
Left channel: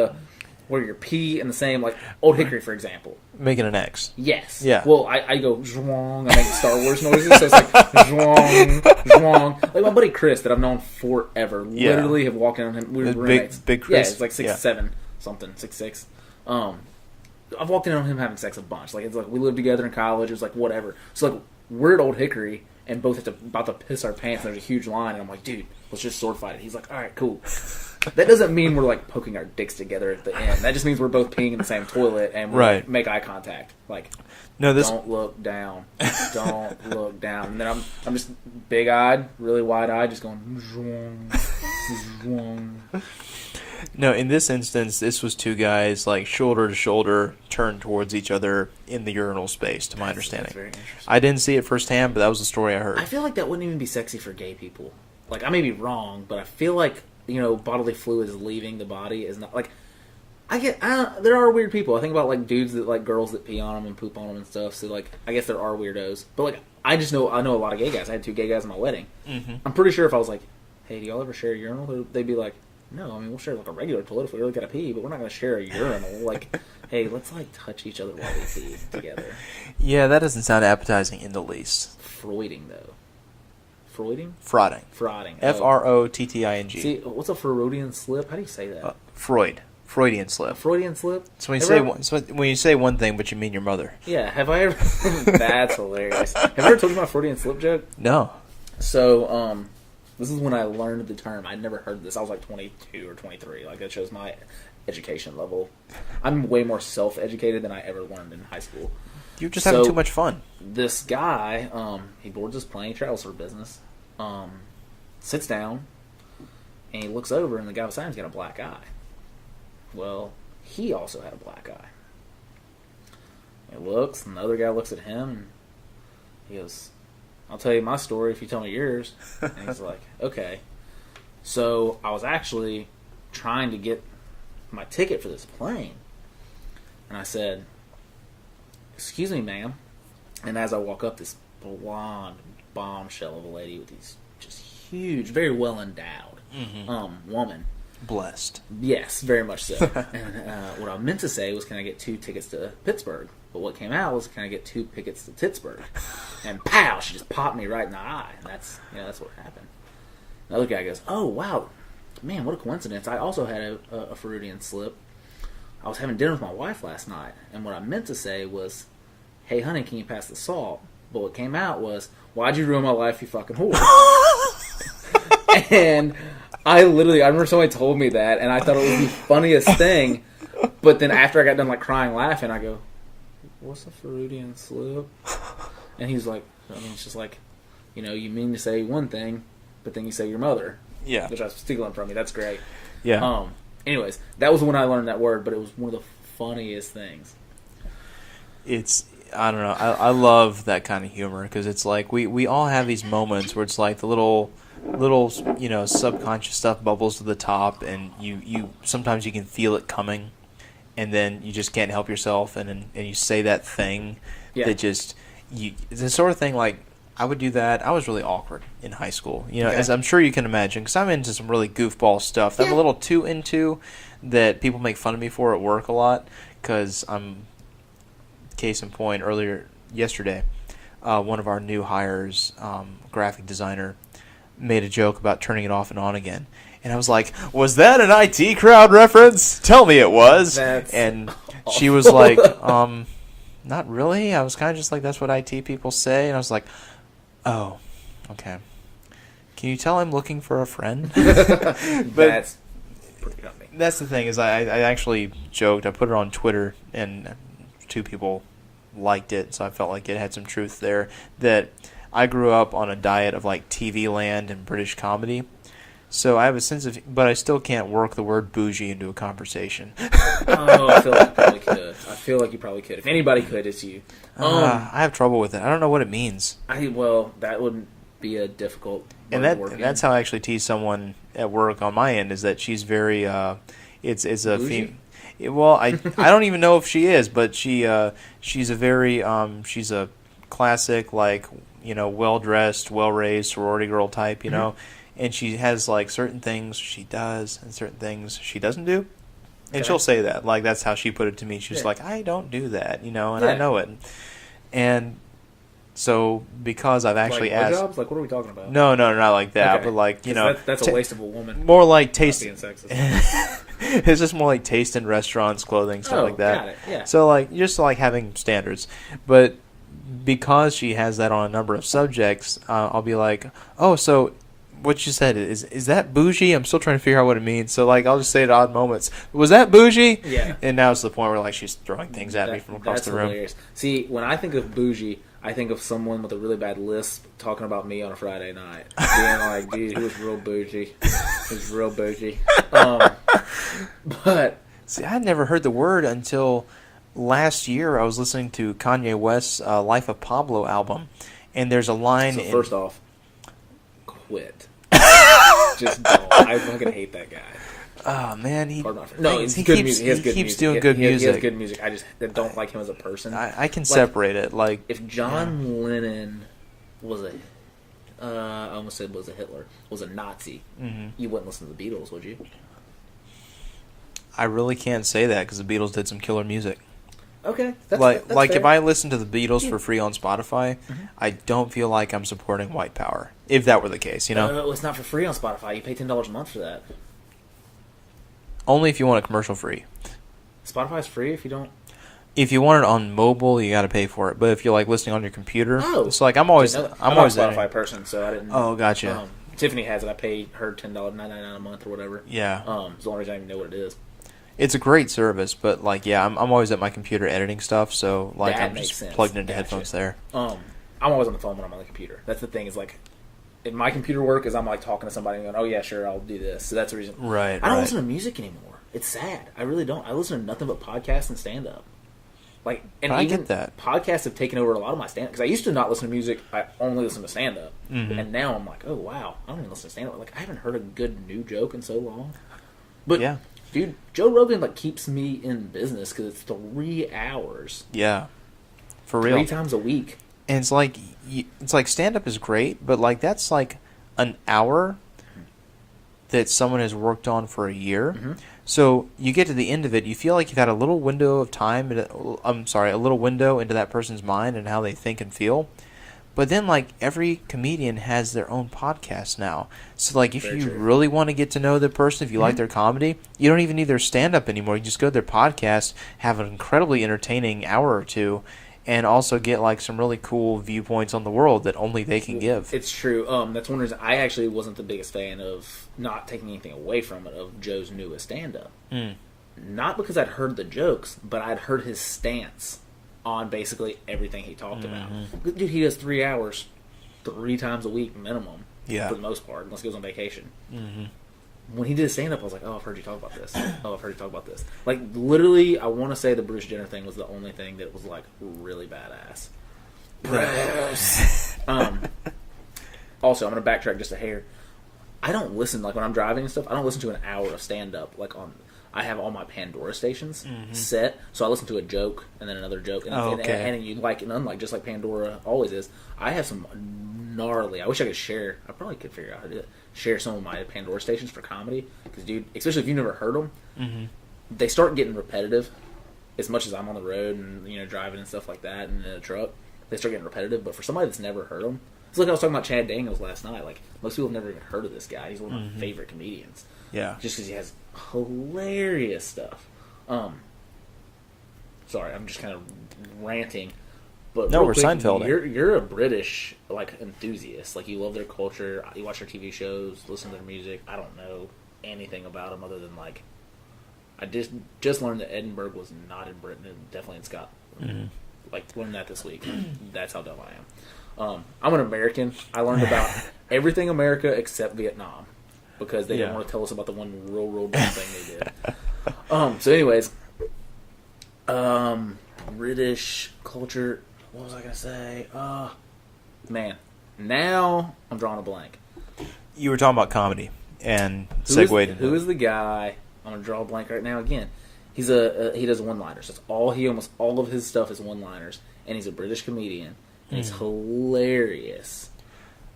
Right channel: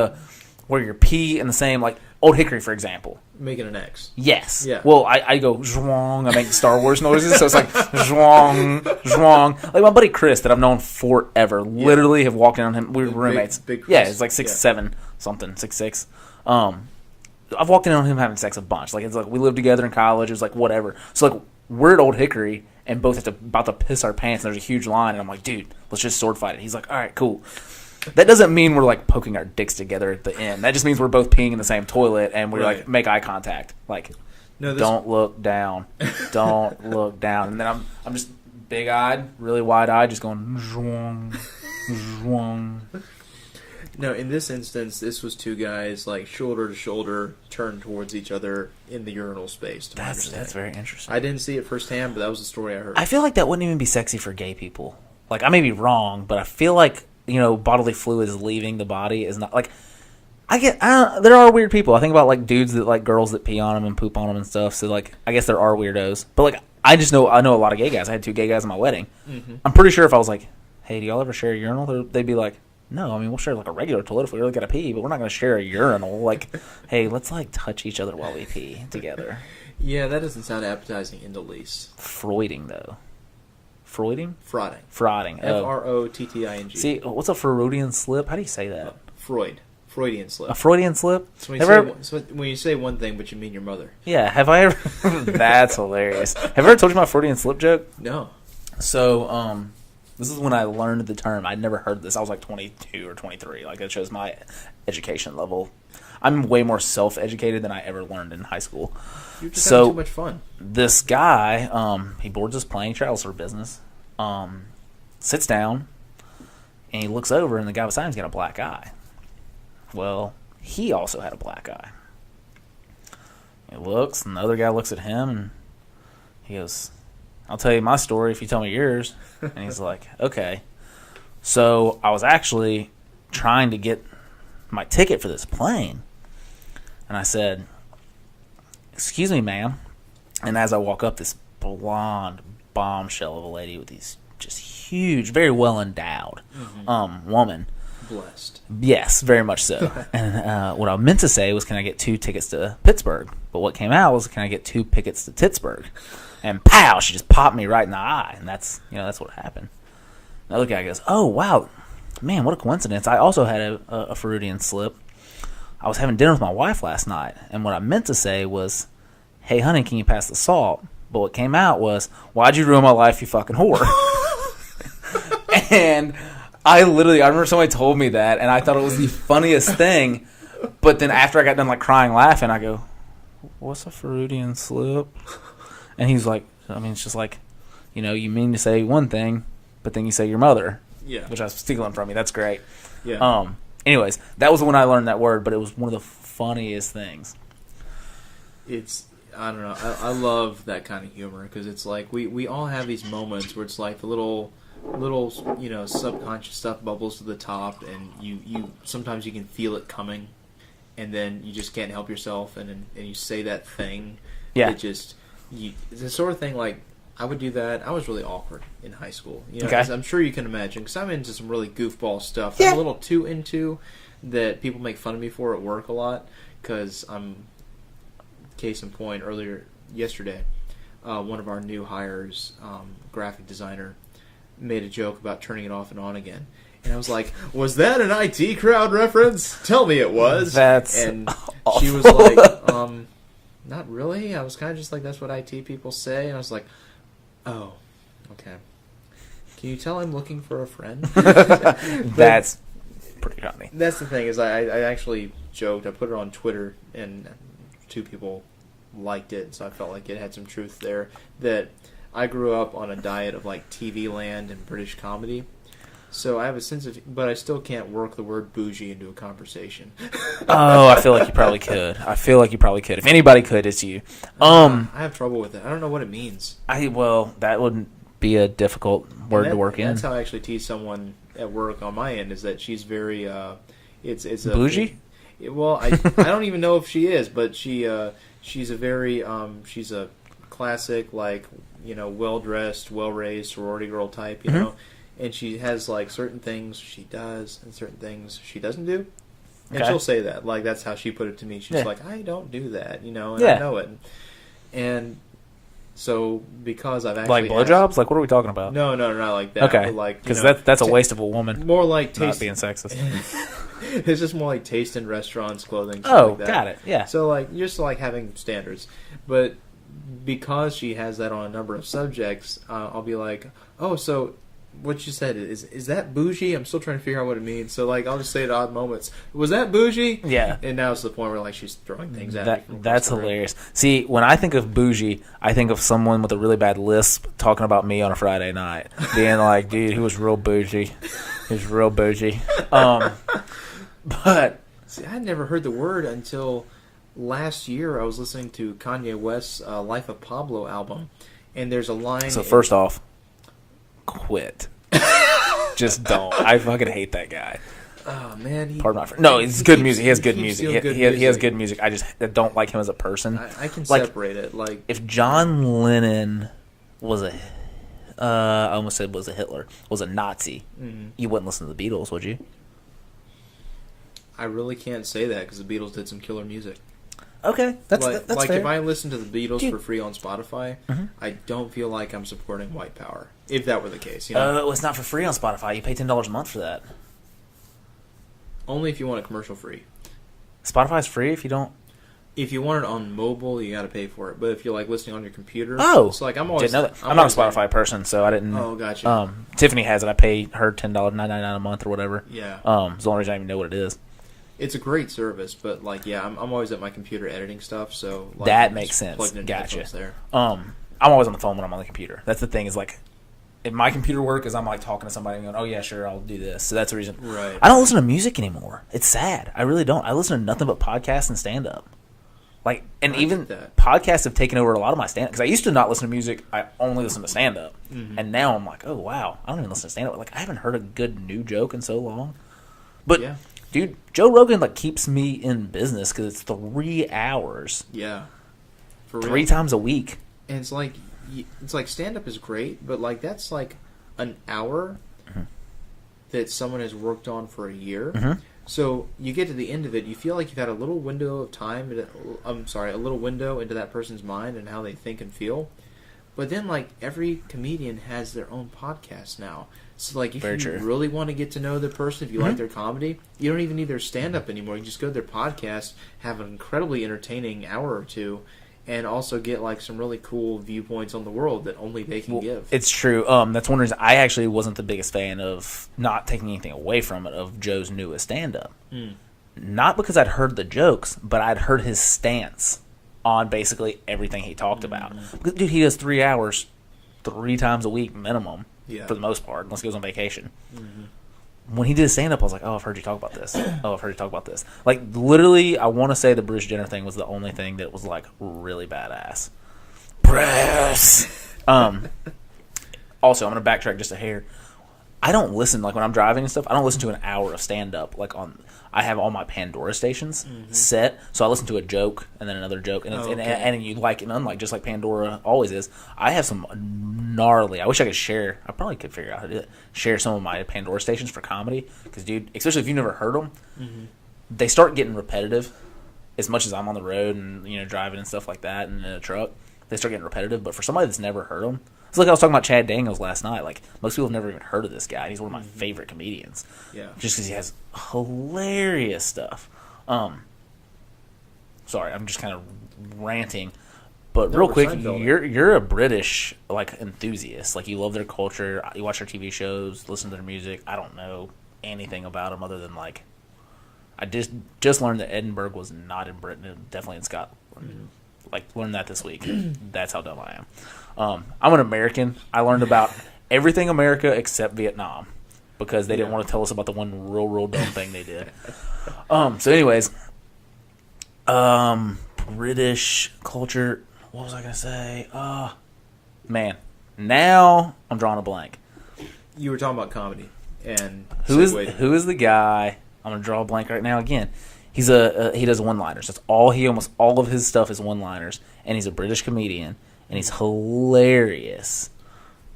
where your P in the same, like Old Hickory, for example. Making an X. Yes. Yeah. Well, I go zhwong. I make Star Wars noises, so it's like zhwong, zhwong. Like my buddy Chris that I've known forever, literally have walked in on him. We were roommates. Big Chris. Yeah, it's like 6'7", something, 6'6". I've walked in on him having sex a bunch. Like it's like we lived together in college. It was like whatever. So like we're at Old Hickory and both about to piss our pants. And there's a huge line, and I'm like, dude, let's just sword fight it. He's like, all right, cool. That doesn't mean we're like poking our dicks together at the end. That just means we're both peeing in the same toilet and we like, make eye contact. Like, don't look down, don't look down. And then I'm just big eyed, really wide eyed, just going zhwong, zhwong. No, in this instance, this was two guys like shoulder to shoulder, turned towards each other in the urinal space. To my understanding, that's very interesting. I didn't see it firsthand, but that was the story I heard. I feel like that wouldn't even be sexy for gay people. Like, I may be wrong, but I feel like, you know, bodily fluids leaving the body is not like. There are weird people. I think about like dudes that like girls that pee on them and poop on them and stuff. So like, I guess there are weirdos. But like, I know a lot of gay guys. I had 2 gay guys at my wedding. Mm-hmm. I'm pretty sure if I was like, "Hey, do y'all ever share a urinal?" They'd be like, "No, I mean we'll share like a regular toilet if we really gotta pee, but we're not gonna share a urinal." Like, hey, let's like touch each other while we pee together. Yeah, that doesn't sound appetizing in the least. Freuding though. Freuding? Frauding. Frotting. Frotting. See, what's a Freudian slip? How do you say that? Freudian slip. A Freudian slip? So when you say one thing, but you mean your mother. Yeah. Have I ever? That's hilarious. Have I ever told you my Freudian slip joke? No. So, this is when I learned the term. I'd never heard this. I was like 22 or 23. Like, it shows my education level. I'm way more self-educated than I ever learned in high school. You're just having too much fun. This guy, he boards his plane, travels for business, sits down, and he looks over, and the guy beside him's got a black eye. Well, he also had a black eye. He looks, and the other guy looks at him, and he goes, "I'll tell you my story if you tell me yours." And he's like, "Okay." So I was actually trying to get my ticket for this plane. And I said, "Excuse me, ma'am." And as I walk up, this blonde bombshell of a lady with these just huge, very well endowed woman. Blessed. Yes, very much so. And what I meant to say was, "Can I get 2 tickets to Pittsburgh?" But what came out was, "Can I get 2 tickets to Pittsburgh?" And pow, she just popped me right in the eye. And that's what happened. The other guy goes, "Oh, wow. Man, what a coincidence. I also had a Freudian slip. I was having dinner with my wife last night. And what I meant to say was, 'Hey, honey, can you pass the salt?' But what came out was, 'Why'd you ruin my life, you fucking whore?'" And I remember somebody told me that, and I thought it was the funniest thing. But then after I got done like crying, laughing, I go, "What's a Freudian slip?" And he's like, I mean, it's just like, you know, you mean to say one thing, but then you say your mother. Yeah. Which I was stealing from you. That's great. Yeah. Anyways, that was when I learned that word, but it was one of the funniest things. I don't know. I love that kind of humor because it's like we all have these moments where it's like the little you know subconscious stuff bubbles to the top, and you sometimes you can feel it coming, and then you just can't help yourself, and you say that thing that just it's the sort of thing like I would do that. I was really awkward in high school, you know, as I'm sure you can imagine, because I'm into some really goofball stuff that I'm a little too into that people make fun of me for at work a lot because I'm. Case in point, yesterday, one of our new hires, graphic designer, made a joke about turning it off and on again. And I was like, "Was that an IT crowd reference? Tell me it was." And awful. She was like, "Not really." I was kind of just like, "That's what IT people say." And I was like, "Oh, okay. Can you tell I'm looking for a friend?" That's pretty funny. That's the thing is I actually joked. I put it on Twitter, and 2 people liked it, so I felt like it had some truth there, that I grew up on a diet of like TV land and British comedy, so I have a sense of, but I still can't work the word bougie into a conversation. Oh, I feel like you probably could. If anybody could, it's you. I have trouble with it. I don't know what it means. That wouldn't be a difficult word to work in. That's how I actually tease someone at work on my end, is that she's very it's a bougie. Well, I don't even know if she is, but she's a very she's a classic, like, you know, well dressed, well raised sorority girl type, you know, and she has like certain things she does and certain things she doesn't do, and she'll say that, like, that's how she put it to me. She's like, "I don't do that, you know," and I know it, and so because I've actually like blowjobs, like what are we talking about? No, not like that. Okay, but like, you know, that's a waste of a woman. More like taste, being sexist. It's just more like taste in restaurants, clothing, stuff like that. Got it. Yeah. So like just like having standards, but because she has that on a number of subjects, I'll be like, "Oh, so what you said is that bougie?" I'm still trying to figure out what it means. So like I'll just say at odd moments, "Was that bougie?" Yeah. And now it's the point where like she's throwing things at me from across the room. That's hilarious. See, when I think of bougie, I think of someone with a really bad lisp talking about me on a Friday night, being like, "Dude, he was real bougie. He was real bougie." But see, I had never heard the word until last year. I was listening to Kanye West's Life of Pablo album, and there's a line. So first off, quit. Just don't. I fucking hate that guy. Oh man, Pardon my friend. No, it's good music. He has good music. He has good music. I just don't like him as a person. I can separate it. Like if John Lennon was a, I almost said was a Hitler, was a Nazi, you wouldn't listen to the Beatles, would you? I really can't say that because the Beatles did some killer music. Okay, that's like fair. if I listen to the Beatles for free on Spotify, I don't feel like I'm supporting white power. If that were the case, you know. It's not for free on Spotify. You pay $10 a month for that. Only if you want it commercial free. Spotify's free if you don't. If you want it on mobile, you got to pay for it. But if you're like listening on your computer, so like I'm not a Spotify person, so I didn't. Oh, gotcha. Tiffany has it. I pay her $10.99 a month or whatever. Yeah. As long as I even know what it is. It's a great service, but like, yeah, I'm always at my computer editing stuff, so like that I'm makes just sense. plugged into headphones there. I'm always on the phone when I'm on the computer. That's the thing is like, in my computer work is I'm like talking to somebody and going, oh yeah, sure, I'll do this. So that's the reason. Right. I don't listen to music anymore. It's sad. I really don't. I listen to nothing but podcasts and stand up. Like, and I even get that. podcasts have taken over a lot of my stand up because I used to not listen to music. I only listen to stand up, and now I'm like, oh wow, I don't even listen to stand up. Like I haven't heard a good new joke in so long. But yeah, dude, Joe Rogan like keeps me in business because it's 3 hours. Yeah, for real. 3 times a week, and it's like stand up is great, but like that's like an hour that someone has worked on for a year. So you get to the end of it, you feel like you've had a little window of time. A little window into that person's mind and how they think and feel. But then, like, every comedian has their own podcast now. So, like, if you really want to get to know the person, if you like their comedy, you don't even need their stand-up anymore. You just go to their podcast, have an incredibly entertaining hour or two, and also get, like, some really cool viewpoints on the world that only they can give. It's true. That's one reason I actually wasn't the biggest fan of, not taking anything away from it, of Joe's newest stand-up. Not because I'd heard the jokes, but I'd heard his stance on basically everything he talked about. Dude, he does 3 hours 3 times a week minimum, for the most part, unless he goes on vacation. When he did his stand-up, I was like, oh, I've heard you talk about this. Oh, I've heard you talk about this. Like, literally, I want to say the Bruce Jenner thing was the only thing that was, like, really badass. Bruce! Also, I'm going to backtrack just a hair. I don't listen, like, when I'm driving and stuff, I don't listen to an hour of stand-up, like, on... I have all my Pandora stations set, so I listen to a joke and then another joke, and, and you like and unlike, just like Pandora always is. I have some gnarly. I wish I could share. I probably could figure out how to do it. Share some of my Pandora stations for comedy, because dude, especially if you've never heard them, they start getting repetitive. As much as I'm on the road and driving and stuff like that, and in a truck, they start getting repetitive. But for somebody that's never heard them, it's like I was talking about Chad Daniels last night. Like, most people have never even heard of this guy. He's one of my favorite comedians. Yeah, just because he has hilarious stuff. Sorry, I'm just kind of ranting. But real quick, you're a British enthusiast. Like, you love their culture. You watch their TV shows, listen to their music. I don't know anything about them other than I just learned that Edinburgh was not in Britain and definitely in Scotland. Learned that this week. That's how dumb I am. I'm an American. I learned about everything America except Vietnam because they didn't want to tell us about the one real dumb thing they did. So anyways, British culture. What was I going to say? Man, now I'm drawing a blank. You were talking about comedy and who is the guy? I'm going to draw a blank right now again. He's he does one-liners. That's all almost all of his stuff is one-liners, and he's a British comedian. And he's hilarious.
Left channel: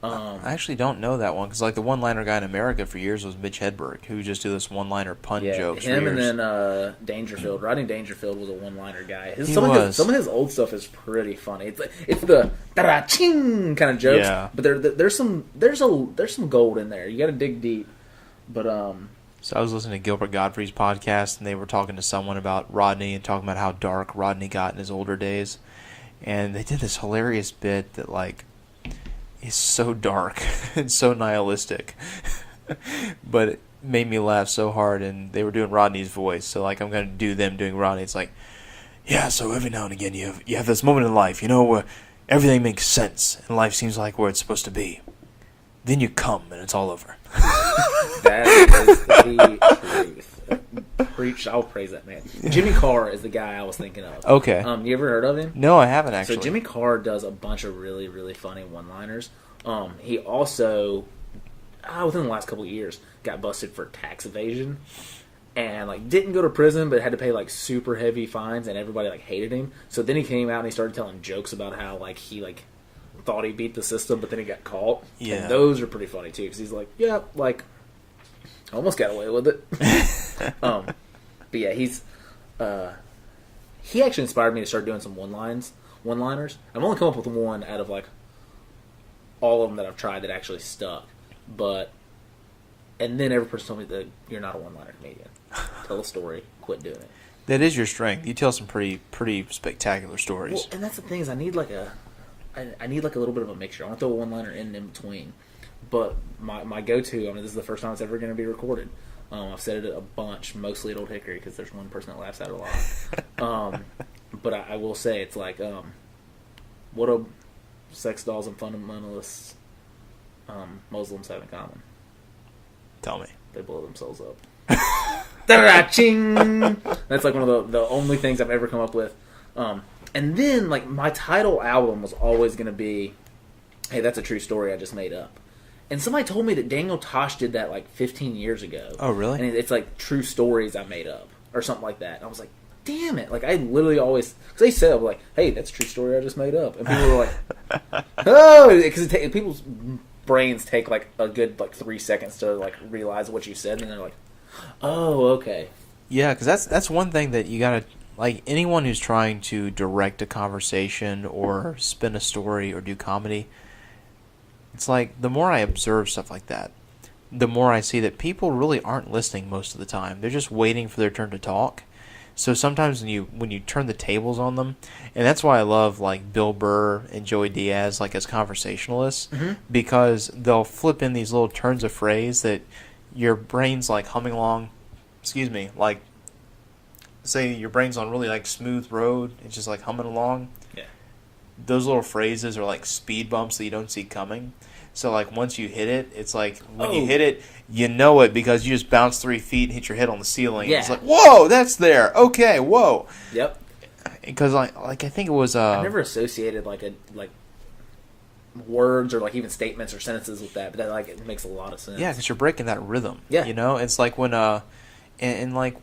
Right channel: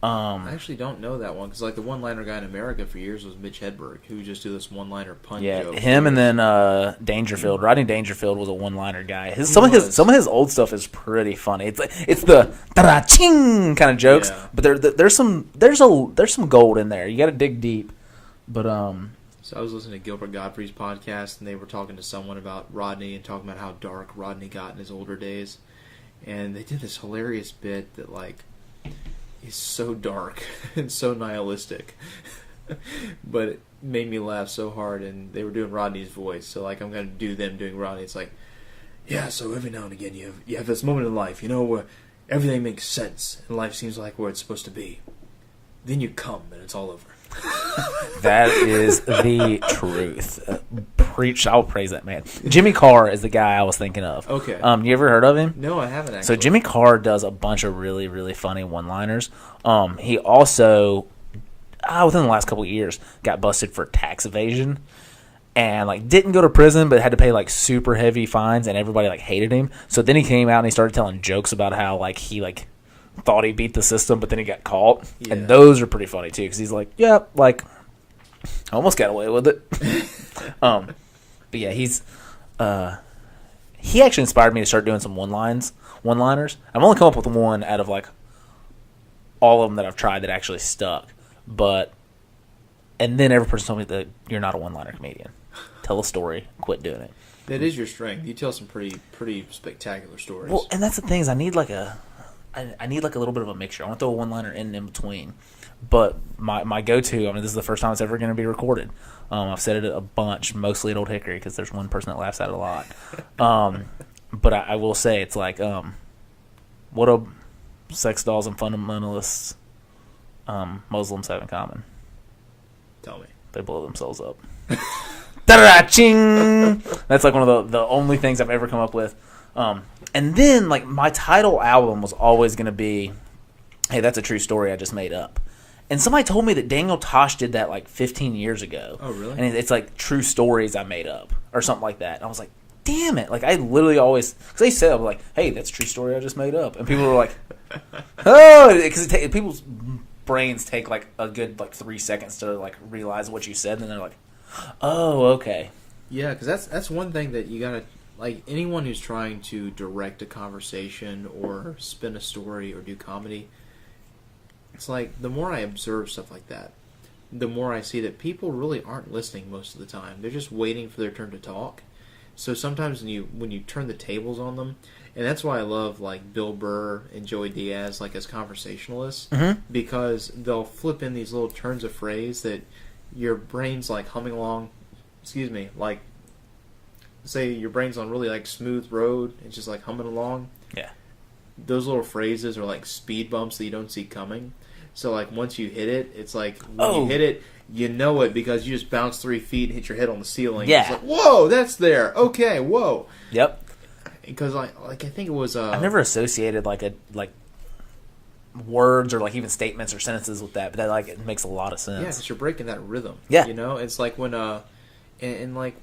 I actually don't know that one because the one-liner guy in America for years was Mitch Hedberg, who would just do this one-liner pun joke. Him and then Dangerfield. Rodney Dangerfield was a one-liner guy. Some of his old stuff is pretty funny. It's the da-da-ching kind of jokes, but there's some gold in there. You got to dig deep. But So I was listening to Gilbert Gottfried's podcast, and they were talking to someone about Rodney and talking about how dark Rodney got in his older days. And they did this hilarious bit that, is so dark and so nihilistic. But it made me laugh so hard, and they were doing Rodney's voice. So, I'm going to do them doing Rodney. It's yeah, so every now and again you have this moment in life, where everything makes sense, and life seems like where it's supposed to be. Then you come, and it's all over. That is the truth. Preach! I'll praise that man. Jimmy Carr is the guy I was thinking of. Okay. You ever heard of him? No, I haven't actually. So Jimmy Carr does a bunch of really, really funny one-liners. He also, within the last couple of years, got busted for tax evasion. And, like, didn't go to prison, but had to pay, like, super heavy fines, and everybody, like, hated him. So then he came out and he started telling jokes about how, like, he, like, thought he beat the system, but then he got caught. Yeah. And those are pretty funny, too, because he's like, yeah, like, I almost got away with it. But, yeah, he actually inspired me to start doing some one-liners. I've only come up with one out of, like, all of them that I've tried that actually stuck. And then every person told me that you're not a one-liner comedian. Tell a story, quit doing it. That is your strength. You tell some pretty spectacular stories. Well, and that's the thing is I need like a little bit of a mixture. I want to throw a one-liner in between. But my go-to, I mean, this is the first time it's ever going to be recorded. I've said it a bunch, mostly at Old Hickory, because there's one person that laughs at it a lot. But I will say it's like, what do sex dolls and fundamentalists Muslims have in common? Tell me. They blow themselves up. Da-da-ching! That's like one of the only things I've ever come up with. And then, like, my title album was always going to be, hey, that's a true story I just made up. And somebody told me that Daniel Tosh did that, like, 15 years ago. Oh, really? And it's, like, true stories I made up or something like that. And I was like, damn it. Like, I literally always, because they said, like, hey, that's a true story I just made up. And people were like, oh, because people's brains take like a good 3 seconds to like realize what you said, and then they're like, "Oh, okay." Yeah, because that's one thing that you gotta, like, anyone who's trying to direct a conversation or spin a story or do comedy. It's like the more I observe stuff like that, the more I see that people really aren't listening most of the time. They're just waiting for their turn to talk. So sometimes when you turn the tables on them, and that's why I love like Bill Burr and Joey Diaz like as conversationalists, because they'll flip in these little turns of phrase that your brain's like humming along. Excuse me, like say your brain's on really like smooth road, it's just like humming along. Yeah. Those little phrases are like speed bumps that you don't see coming. So like once you hit it, it's like when you hit it, you know it because you just bounce 3 feet and hit your head on the ceiling. Yeah. It's like, whoa, that's there. Okay, whoa. Yep. Because I think it was. I never associated like words or like even statements or sentences with that, but that like it makes a lot of sense. Yeah, because you're breaking that rhythm. Yeah. You know, it's like when and like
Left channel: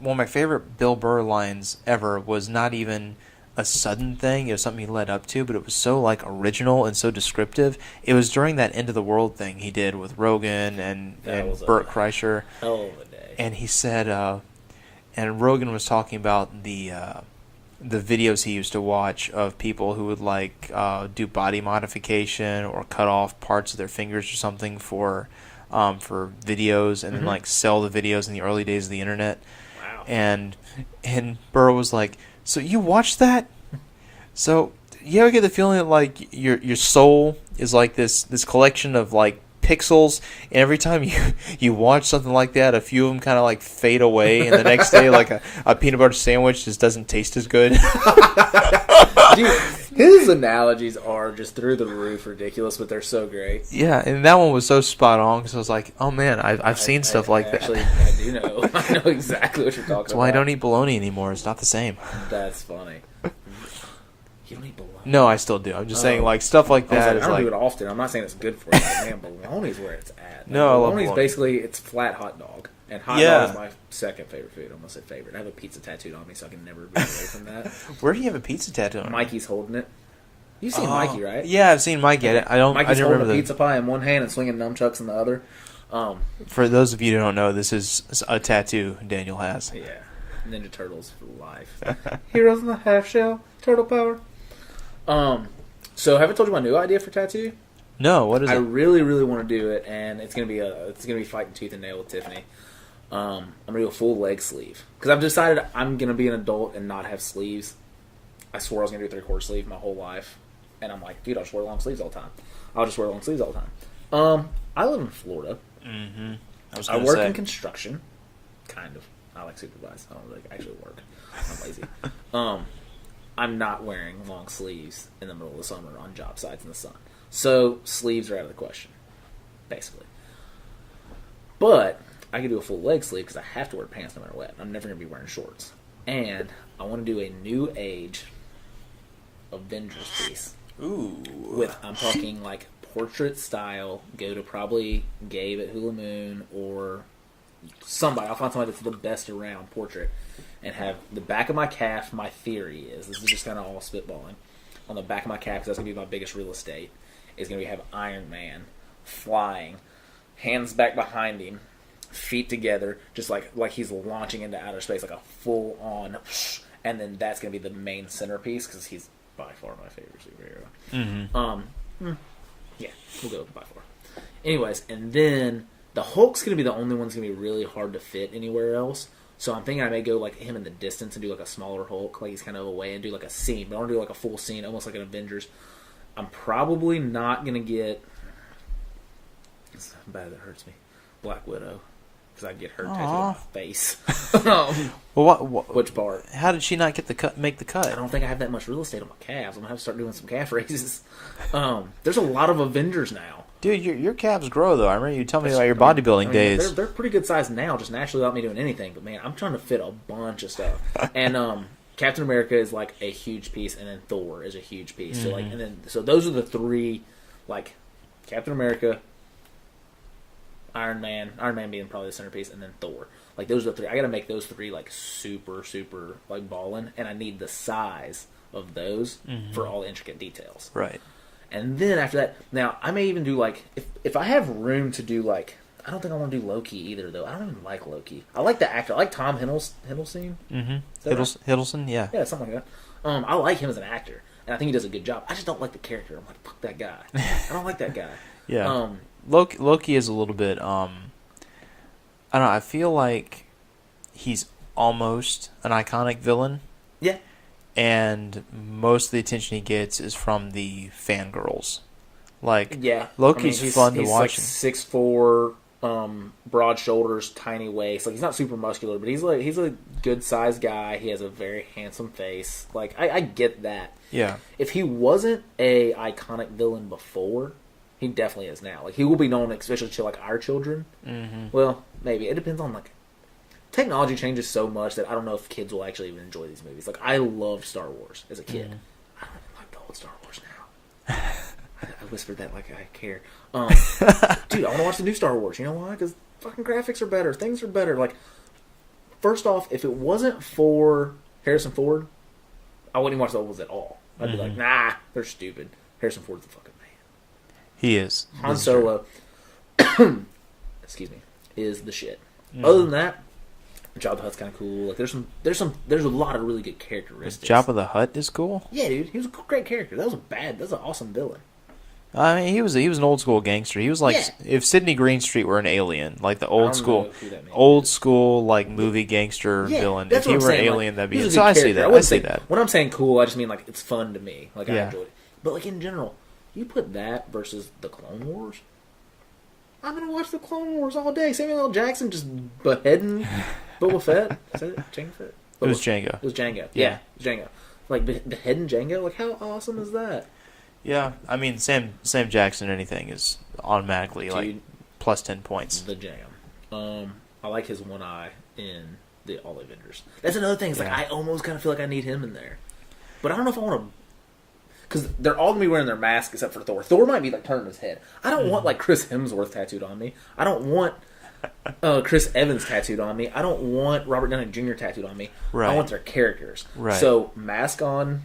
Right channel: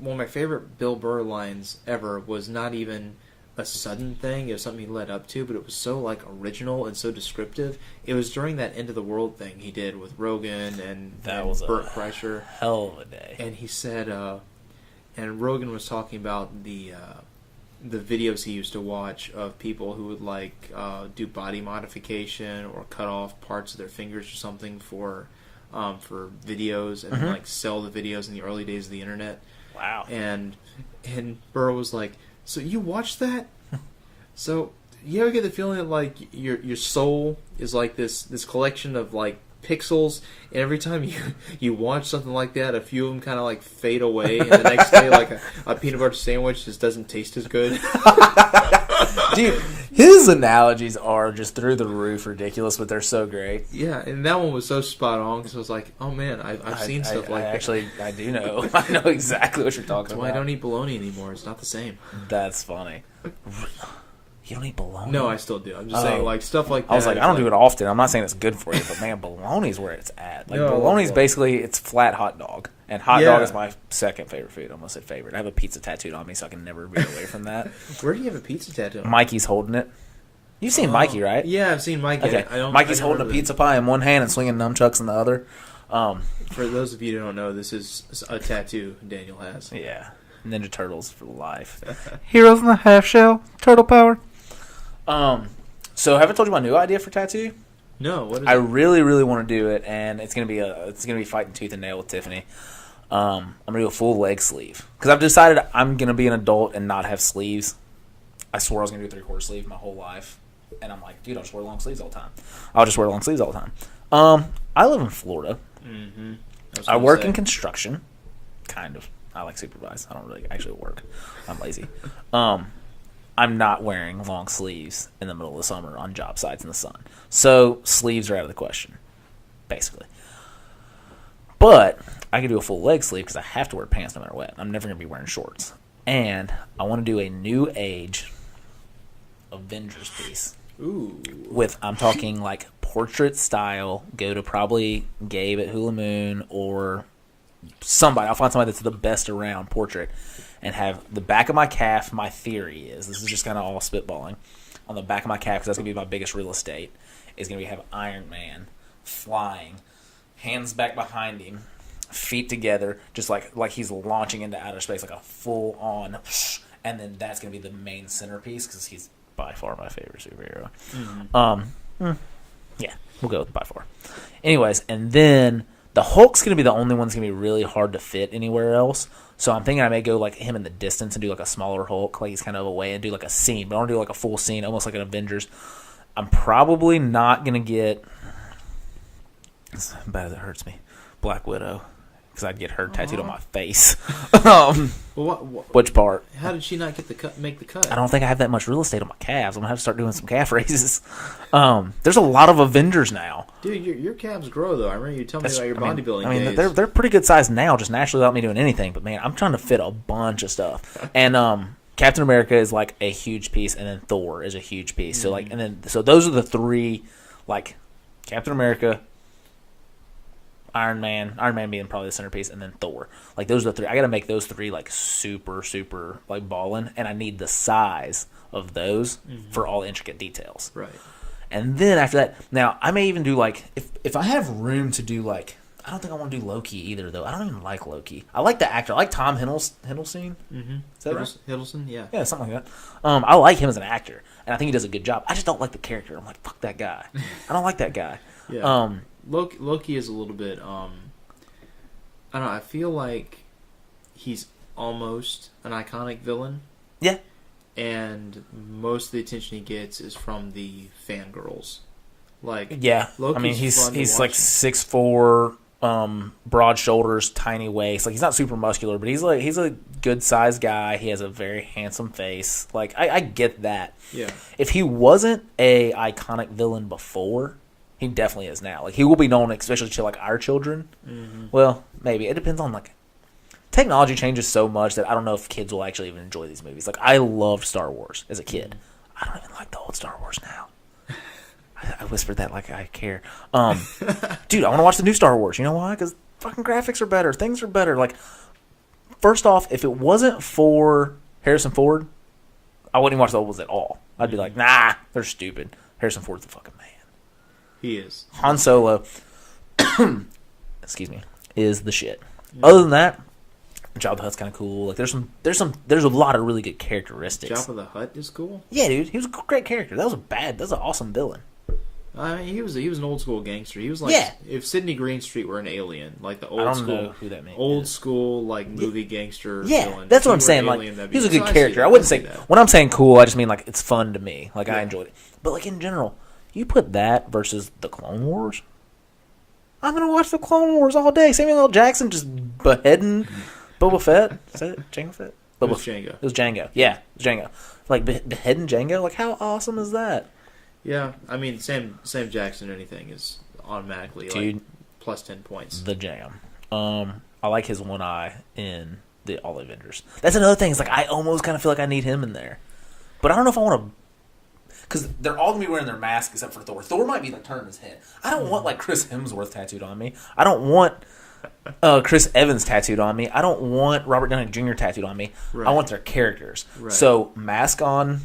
one of my favorite Bill Burr lines ever was not even a sudden thing. It was something he led up to, but it was so like original and so descriptive. It was during that end of the world thing he did with Rogan and Burt Kreischer. Hell of a day. And he said, and Rogan was talking about the videos he used to watch of people who would like do body modification or cut off parts of their fingers or something for videos and then like sell the videos in the early days of the internet. Wow. And Burr was like, so you watch that? So you ever get the feeling that like your soul is like this collection of like pixels, and every time you watch something like that, a few of them kind of like fade away, and the next day like a peanut butter sandwich just doesn't taste as good. Dude, his analogies are just through the roof ridiculous, but they're so great. Yeah, and that one was so spot on because I was like, oh man, I've seen stuff like that. Actually, I do know. I know exactly what you're talking about. That's why I don't eat bologna anymore. It's not the same. That's funny. You don't eat bologna? No, I still do. I'm just saying, like, stuff like that. I was like, I don't do it often. I'm not saying it's good for you, but man, bologna's where it's at. Like, No, bologna's basically, it's flat hot dog. And hot dog is my second favorite food. I almost said favorite. I have a pizza tattooed on me, so I can never be away from that. Where do you have a pizza tattoo on? Mikey's holding it. You've seen Mikey, right? Yeah, I've seen Mikey. Okay. Mikey's holding a pizza pie in one hand and swinging nunchucks in the other. For those of you who don't know, this is a tattoo Daniel has. Yeah. Ninja Turtles for life. Heroes in the half shell. Turtle power. So have I told you my new idea for tattoo? No, what is it? I really, really want to do it, and it's gonna be fighting tooth and nail with Tiffany. I'm gonna do a full leg sleeve because I've decided I'm gonna be an adult and not have sleeves. I swore I was gonna do a 3/4 sleeve my whole life, and I'm like, dude, I'll just wear long sleeves all the time. I'll just wear long sleeves all the time. I live in Florida. Mm-hmm. I work in construction, kind of. I like supervise. I don't really actually work. I'm lazy. I'm not wearing long sleeves in the middle of the summer on job sites in the sun. So sleeves are out of the question, basically. But I can do a full leg sleeve because I have to wear pants no matter what. I'm never going to be wearing shorts. And I want to do a New Age Avengers piece. Ooh. I'm talking like portrait style. Go to probably Gabe at Hula Moon or somebody. I'll find somebody that's the best around portrait. And have the back of my calf, my theory is, this is just kind of all spitballing, on the back of my calf, because that's going to be my biggest real estate, is going to have Iron Man flying, hands back behind him, feet together, just like he's launching into outer space, like a full-on, and then that's going to be the main centerpiece, because he's by far my favorite superhero. Mm-hmm. Yeah, we'll go with by far. Anyways, and then the Hulk's going to be the only one that's going to be really hard to fit anywhere else. So I'm thinking I may go like him in the distance and do like a smaller Hulk, like he's kind of away, and do like a scene. But I want to do like a full scene, almost like an Avengers. I'm probably not going to get, as bad as it hurts me, Black Widow, because I'd get her tattooed on my face. What? Which part? How did she not get the cut? Make the cut? I don't think I have that much real estate on my calves. I'm gonna have to start doing some calf raises. There's a lot of Avengers now, dude. Your calves grow though. I remember you telling me about your bodybuilding days. They're pretty good size now, just naturally without me doing anything. But man, I'm trying to fit a bunch of stuff. And Captain America is like a huge piece, and then Thor is a huge piece. So like, and then so those are the three, like Captain America, Iron Man being probably the centerpiece, and then Thor. Like those are the three. I got to make those three like super like ballin', and I need the size of those for all the intricate details. Right. And then after that, now I may even do like if I have room to do like, I don't think I want to do Loki either though. I don't even like Loki. I like the actor. I like Tom Hiddleston. Hiddleston, yeah. Yeah, something like that. I like him as an actor, and I think he does a good job. I just don't like the character. I'm like, fuck that guy. I don't like that guy. Yeah. Loki is a little bit, I don't know, I feel like he's almost an iconic villain. Yeah. And most of the attention he gets is from the fangirls. Like, yeah. Loki's fun to watch. He's like 6'4", broad shoulders, tiny waist. Like, he's not super muscular, but he's a good-sized guy. He has a very handsome face. Like, I get that. Yeah. If he wasn't a iconic villain before, he definitely is now. Like, he will be known, especially to, like, our children. Mm-hmm. Well, maybe. It depends on, like, technology changes so much that I don't know if kids will actually even enjoy these movies. Like, I loved Star Wars as a kid. Mm-hmm. I don't even like the old Star Wars now. I whispered that like I care. Dude, I want to watch the new Star Wars. You know why? Because fucking graphics are better. Things are better. Like, first off, if it wasn't for Harrison Ford, I wouldn't even watch the old ones at all. I'd be like, nah, they're stupid. Harrison Ford's the fucking man. He is. Han Solo, excuse me, is the shit. Other than that, Jabba the Hutt's kind of cool. Like, there's a lot of really good characteristics. Jabba the Hutt is cool. Yeah, dude, he was a great character. That was an awesome villain. I mean, he was an old school gangster. He was like if Sidney Greenstreet were an alien, like the old school like movie gangster villain. That's what I'm saying. Alien, like, that'd be he's a good character. I wouldn't say that. When I'm saying cool, I just mean like it's fun to me. Like I enjoyed it. But like in general, you put that versus the Clone Wars. I'm gonna watch the Clone Wars all day. Samuel L. Jackson just beheading Boba Fett. Is that Jango Fett? It was Jango. It was Jango. Yeah, it was Jango. Like beheading Jango. Like how awesome is that? Yeah, I mean Sam Jackson or anything is automatically like plus 10 points. The jam. I like his one eye in the All Avengers. That's another thing. It's like I almost kind of feel like I need him in there, but I don't know if I want to, because they're all gonna be wearing their mask except for Thor. Thor might be like turning his head. I don't want like Chris Hemsworth tattooed on me. I don't want Chris Evans tattooed on me. I don't want Robert Downey Jr. tattooed on me. Right. I want their characters. Right. So mask on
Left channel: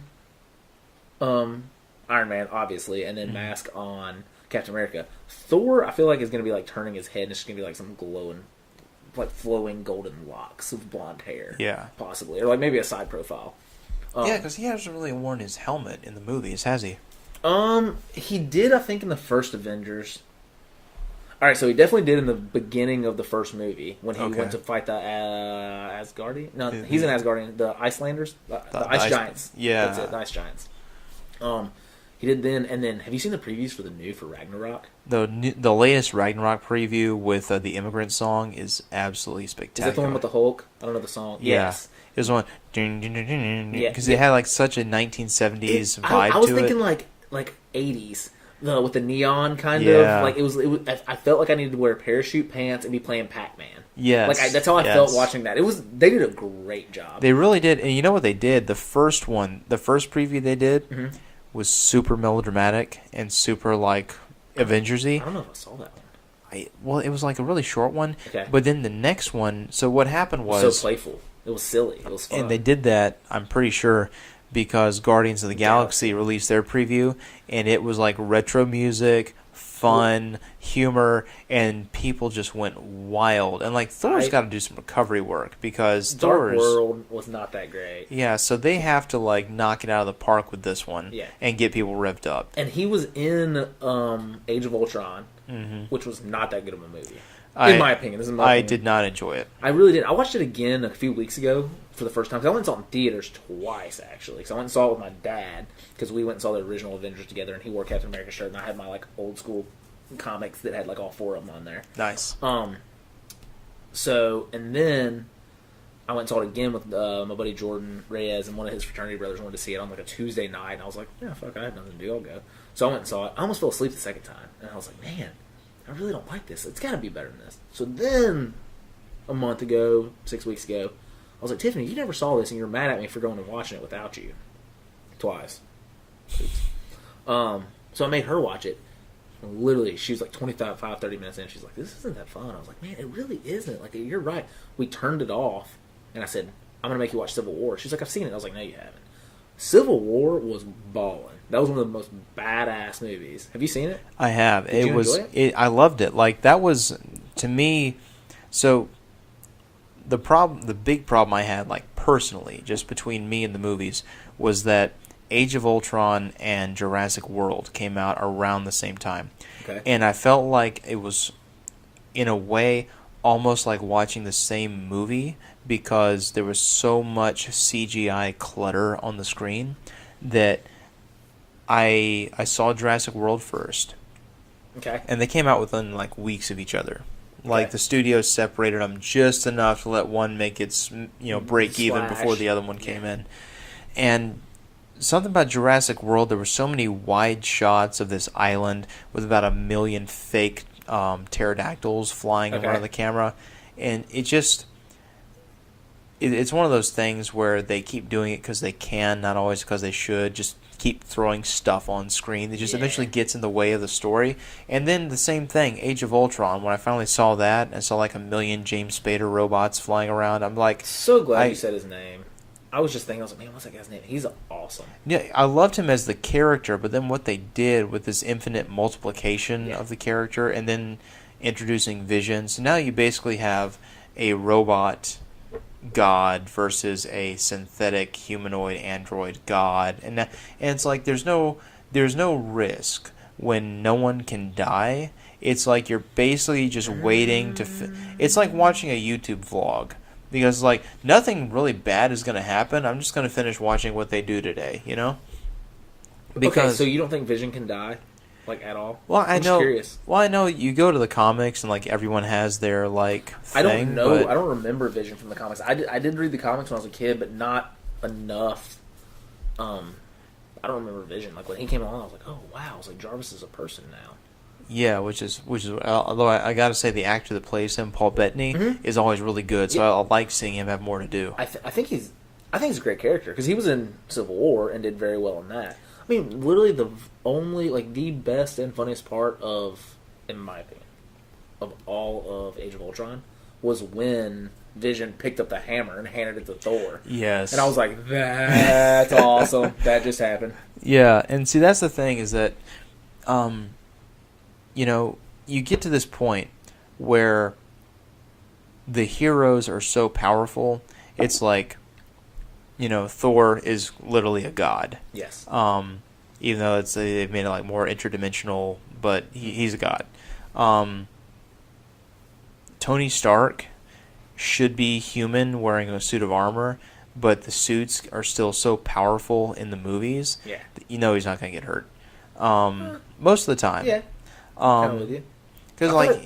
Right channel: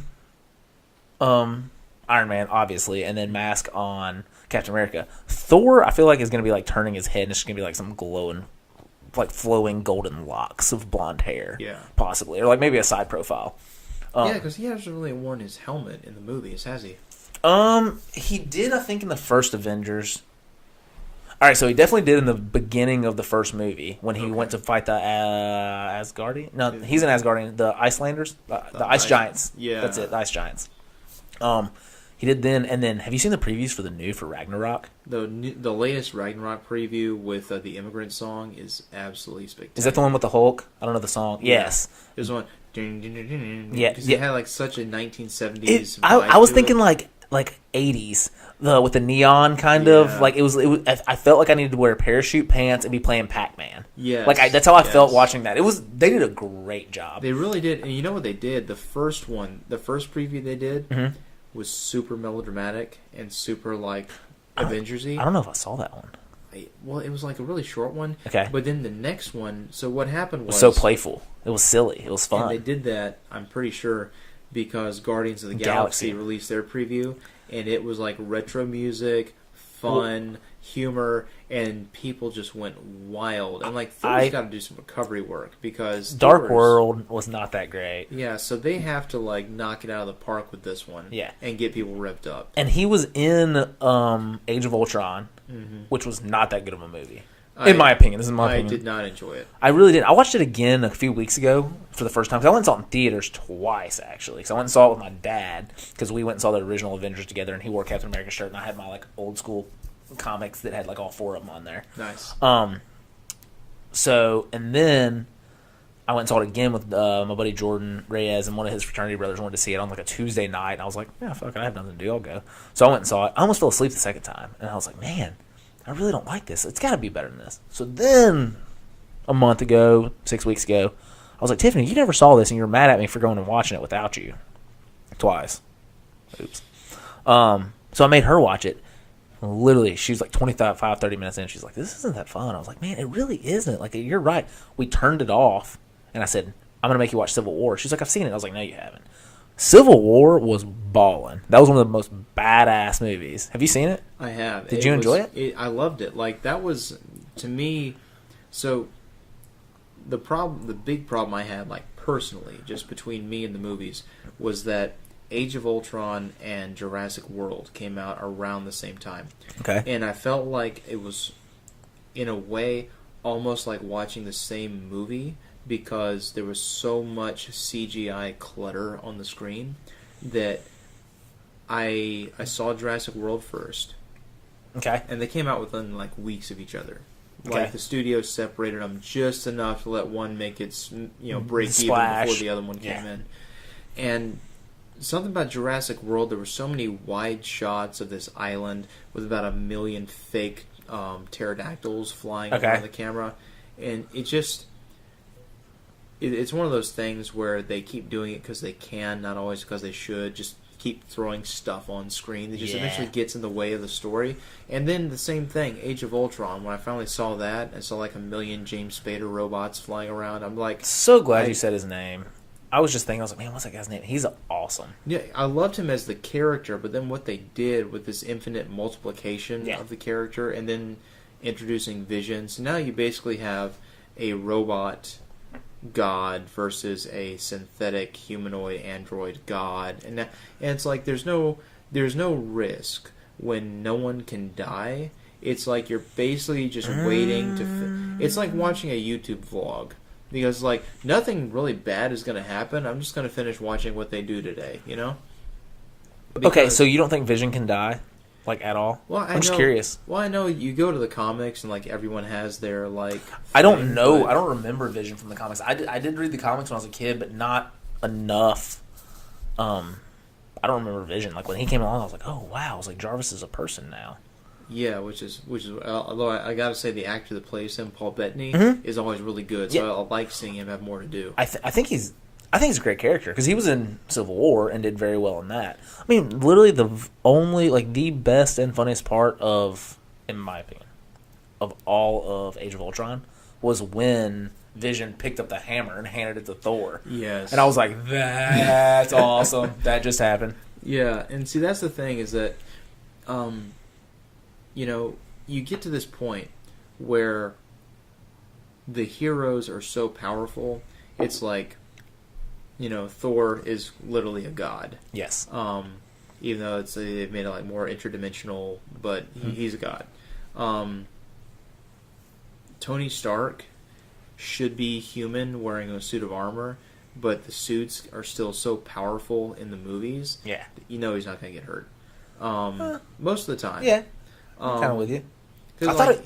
Iron Man, obviously, and then mask on Captain America. Thor, I feel like, is going to be like turning his head, and it's just going to be like some glowing, like flowing golden locks of blonde hair. Yeah. Possibly. Or like maybe a side profile. Yeah, because he hasn't really worn his helmet in the movies, has he? He did, I think, in the first Avengers. All right, so he definitely did in the beginning of the first movie when he went to fight the Asgardian. No, he's an Asgardian. The Icelanders, the Ice Giants. Yeah, that's it. The Ice Giants. He did then, and then have you seen the previews for the new for Ragnarok? The latest Ragnarok preview with the Immigrant Song is absolutely spectacular. Is that the one with the Hulk? I don't know the song. Yes, there's one. Yeah, because it had like such a 1970s. I was thinking like 80s. with the neon kind Yeah. of like it was. I felt like I needed to wear parachute pants and be playing Pac-Man. Yes. Like that's how I felt watching that. They did a great job. They really did. And you know what they did? The first preview they did was super melodramatic and super like Avengers-y. I don't know if I saw that one. Well, it was like a really short one. Okay. But then the next one, so what happened was... so playful. It was silly. It was fun. And they did that, I'm pretty sure, because Guardians of the Galaxy released their preview, and it was like retro music, fun, humor, and people just went wild. And like Thor's got to do some recovery work because Dark World was not that great. Yeah, so they have to like knock it out of the park with this one. Yeah. And get people revved up. And he was in Age of Ultron, which was not that good of a movie. In my opinion. This is my opinion. I did not enjoy it. I really did. I watched it again a few weeks ago for the first time. 'Cause I went and saw it in theaters twice, actually. So I went and saw it with my dad because we went and saw the original Avengers together, and he wore Captain America's shirt, and I had my like old school comics that had like all 4 of them on there. Nice. So, and then I went and saw it again with my buddy Jordan Reyes, and one of his fraternity brothers wanted to see it on like a Tuesday night, and I was like, yeah, fuck, I have nothing to do, I'll go. So I went and saw it. I almost fell asleep the second time, and I was like, man, I really don't like this. It's got to be better than this. So then, a month ago, 6 weeks ago, I was like, Tiffany, you never saw this, and you were mad at me for going and watching it without you. Twice. Oops. So I made her watch it. Literally, she was like 30 minutes in. She's like, this isn't that fun. I was like, man, it really isn't. Like, you're right. We turned it off, and I said, I'm going to make you watch Civil War. She's like, I've seen it. I was like, no, you haven't. Civil War was ballin'. That was one of the most badass movies. Have you seen it? I have. Did you enjoy it? I loved it. Like, that was, to me, so the big problem I had, like, personally, just between me and the movies, was that Age of Ultron and Jurassic World came out around the same time. Okay. And I felt like it was, in a way, almost like watching the same movie because there was so much CGI clutter on the screen that I saw Jurassic World first. Okay. And they came out within like weeks of each other. Okay. Like the studios separated them just enough to let one make its break even before the other one came in. And something about Jurassic World, there were so many wide shots of this island with about 1 million fake pterodactyls flying around the camera, and it just it's one of those things where they keep doing it because they can, not always because they should. Just keep throwing stuff on screen that just eventually gets in the way of the story. And then the same thing, Age of Ultron, when I finally saw that and saw like 1 million James Spader robots flying around, I'm like, so glad you said his name. I was just thinking, I was like, man, what's that guy's name? He's awesome. Yeah, I loved him as the character, but then what they did with this infinite multiplication of the character and then introducing Vision. So now you basically have a robot god versus a synthetic humanoid android god. And it's like there's no risk when no one can die. It's like you're basically just waiting to... It's like watching a YouTube vlog. Because, like, nothing really bad is going to happen. I'm just going to finish watching what they do today, you know? Okay, so you don't think Vision can die? Like, at all? Well, I'm just curious. Well, I know you go to the comics and, like, everyone has their, like, thing, I don't know. I don't remember Vision from the comics. I did read the comics when I was a kid, but not enough. I don't remember Vision. Like, when he came along, I was like, oh, wow. I was like, Jarvis is a person now. Yeah, which is although I got to say the actor that plays him, Paul Bettany, is always really good. So I like seeing him have more to do. I think he's a great character because he was in Civil War and did very well in that. I mean, literally the best and funniest part of, in my opinion, of all of Age of Ultron was when Vision picked up the hammer and handed it to Thor. Yes, and I was like, that's awesome. That just happened. Yeah, and see that's the thing is that. You get to this point where the heroes are so powerful, it's like, Thor is literally a god. Yes. Even though they've made it like more interdimensional, but he's a god. Tony Stark should be human wearing a suit of armor, but the suits are still so powerful in the movies. Yeah. He's not going to get hurt. Most of the time. Yeah. I'm kind of with you. Because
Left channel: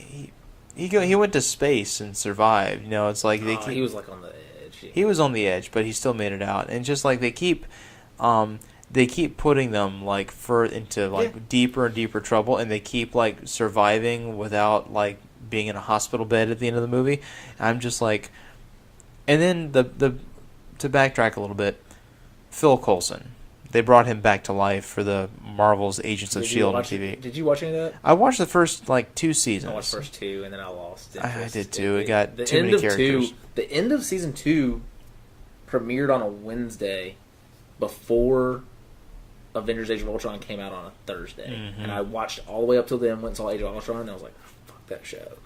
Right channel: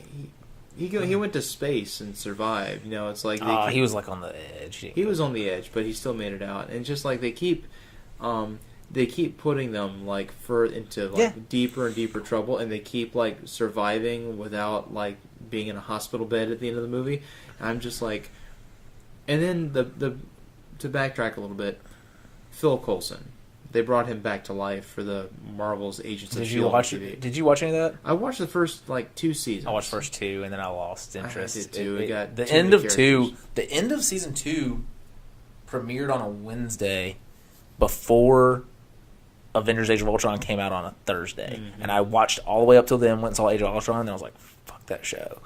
he went to space and survived. It's like he was like on the edge. He was on the edge, but he still made it out. And just like they they keep putting them like into like deeper and deeper trouble, and they keep like surviving without like being in a hospital bed at the end of the movie. I'm just like, and then the to backtrack a little bit, Phil Coulson, they brought him back to life for the Marvel's Agents of S.H.I.E.L.D. on TV. Did you watch any of that? I watched the first like 2 seasons. I watched the first 2, and then I lost interest. I did too. It got the too end many of characters. 2. The end of season 2 premiered on a Wednesday before Avengers: Age of Ultron came out on a Thursday, and I watched all the way up till then. Went and saw Age of Ultron, and I was like, "Fuck that show."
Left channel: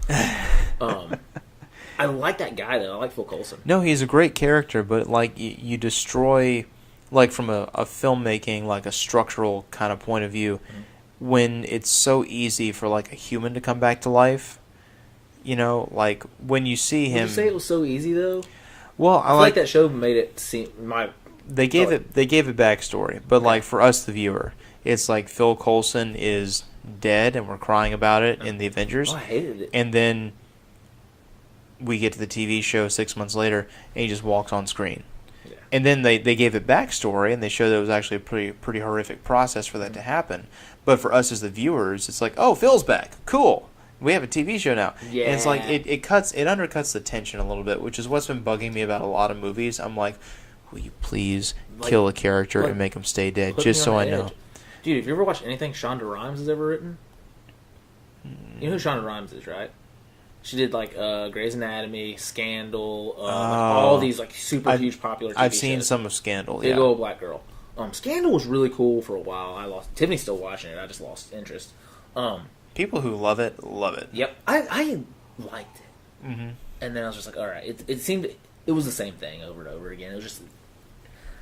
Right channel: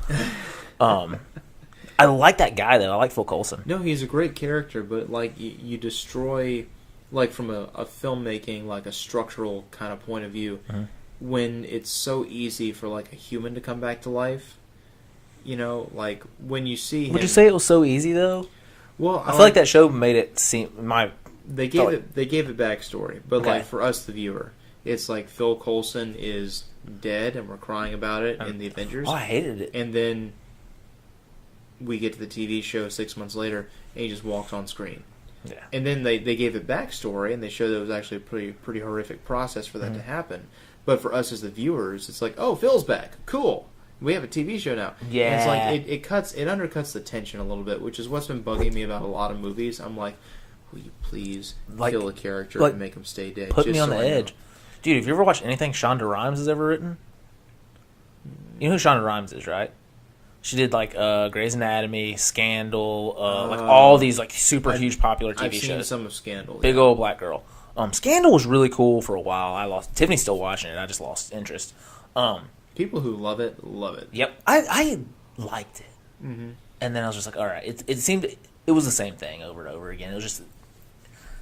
I like that guy though. I like Phil Coulson. No, he's a great character, but like you destroy, like from a filmmaking, like a structural kind of point of view, when it's so easy for like a human to come back to life. You know, like when you see him. Would you say it was so easy though? Well, I feel like that show made it seem They gave it backstory, but like for us, the viewer, it's like Phil Coulson is dead, and we're crying about it in the Avengers. Oh, I hated it. And then we get to the TV show 6 months later, and he just walks on screen. Yeah. And then they gave it backstory, and they showed that it was actually a pretty horrific process for that to happen. But for us as the viewers, it's like, oh, Phil's back, cool. We have a TV show now. Yeah. And it's like it undercuts the tension a little bit, which is what's been bugging me about a lot of movies. I'm like, will you please kill a character and make him stay dead, just so I know. Dude, have you ever watched anything Shonda Rhimes has ever written? You know who Shonda Rhimes is, right? She did like Grey's Anatomy, Scandal, like all these like super huge popular TV shows. I've seen some of Scandal. Big old black girl. Scandal was really cool for a while. Tiffany's still watching it. I just lost interest. People who love it, love it. Yep, I liked it, and then I was just like, all right. It was the same thing over and over again. It was just.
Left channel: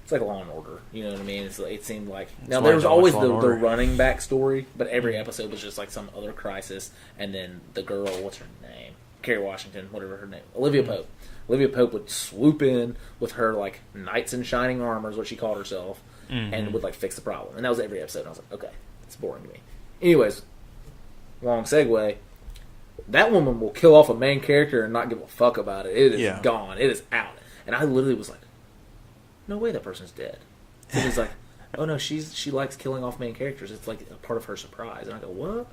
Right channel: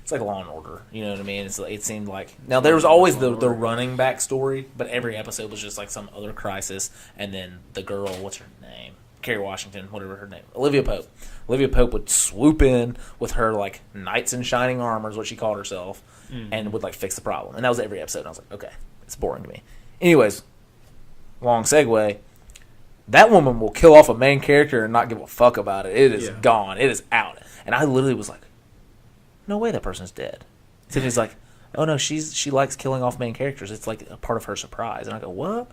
It's like Law and Order, you know what I mean? It seemed like now there was always the running back story, but every episode was just like some other crisis, and then the girl, what's her name? Kerry Washington, whatever her name, Olivia Pope. Olivia Pope would swoop in with her like knights in shining armor, is what she called herself, and would like fix the problem. And that was every episode. And I was like, okay, it's boring to me. Anyways, long segue. That woman will kill off a main character and not give a fuck about it. It is gone. It is out. And I literally was like, no way that person's dead. Tiffany's like, oh no, she likes killing off main characters. It's like a part of her surprise. And I go, what?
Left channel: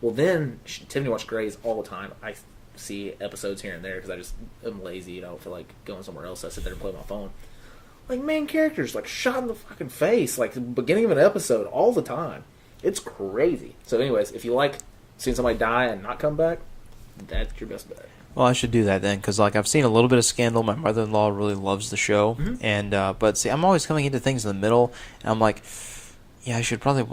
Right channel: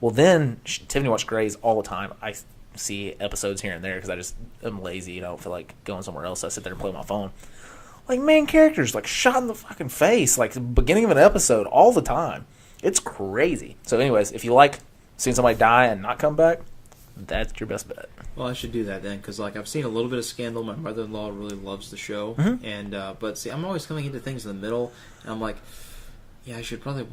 Well, then Tiffany watched Grey's all the time. I see episodes here and there because I just am lazy. I don't feel like going somewhere else. So I sit there and play my phone. Like main characters, like shot in the fucking face, like the beginning of an episode all the time. It's crazy. So, anyways, if you like seeing somebody die and not come back, that's your best bet. Well, I should do that then, because like I've seen a little bit of Scandal. My mother-in-law really loves the show, and but see, I'm always coming into things in the middle, and I'm like, yeah, I should probably.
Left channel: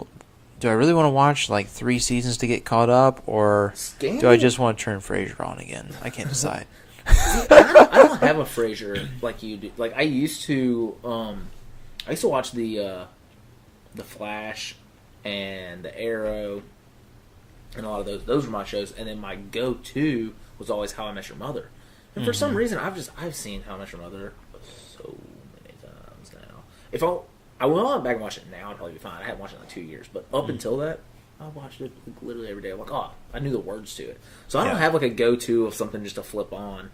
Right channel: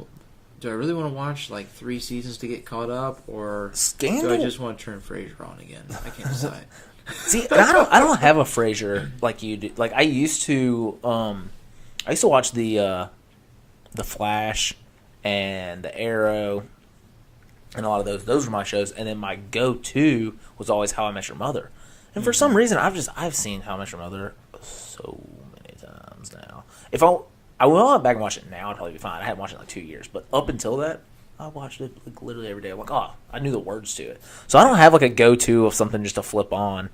Do I really want to watch like 3 seasons to get caught up, or Scandal? do I just want to turn Frasier on again? I can't decide. See, I don't have a Frasier like you do. Like I used to watch the Flash and the Arrow. And a lot of those were my shows. And then my go-to was always How I Met Your Mother. And for some reason, I've seen How I Met Your Mother so many times now. If I went back and watch it now, I'd probably be fine. I hadn't watched it in like 2 years. But up until that, I watched it like literally every day. I'm like, oh, I knew the words to it. So I don't have like a go-to of something just to flip on.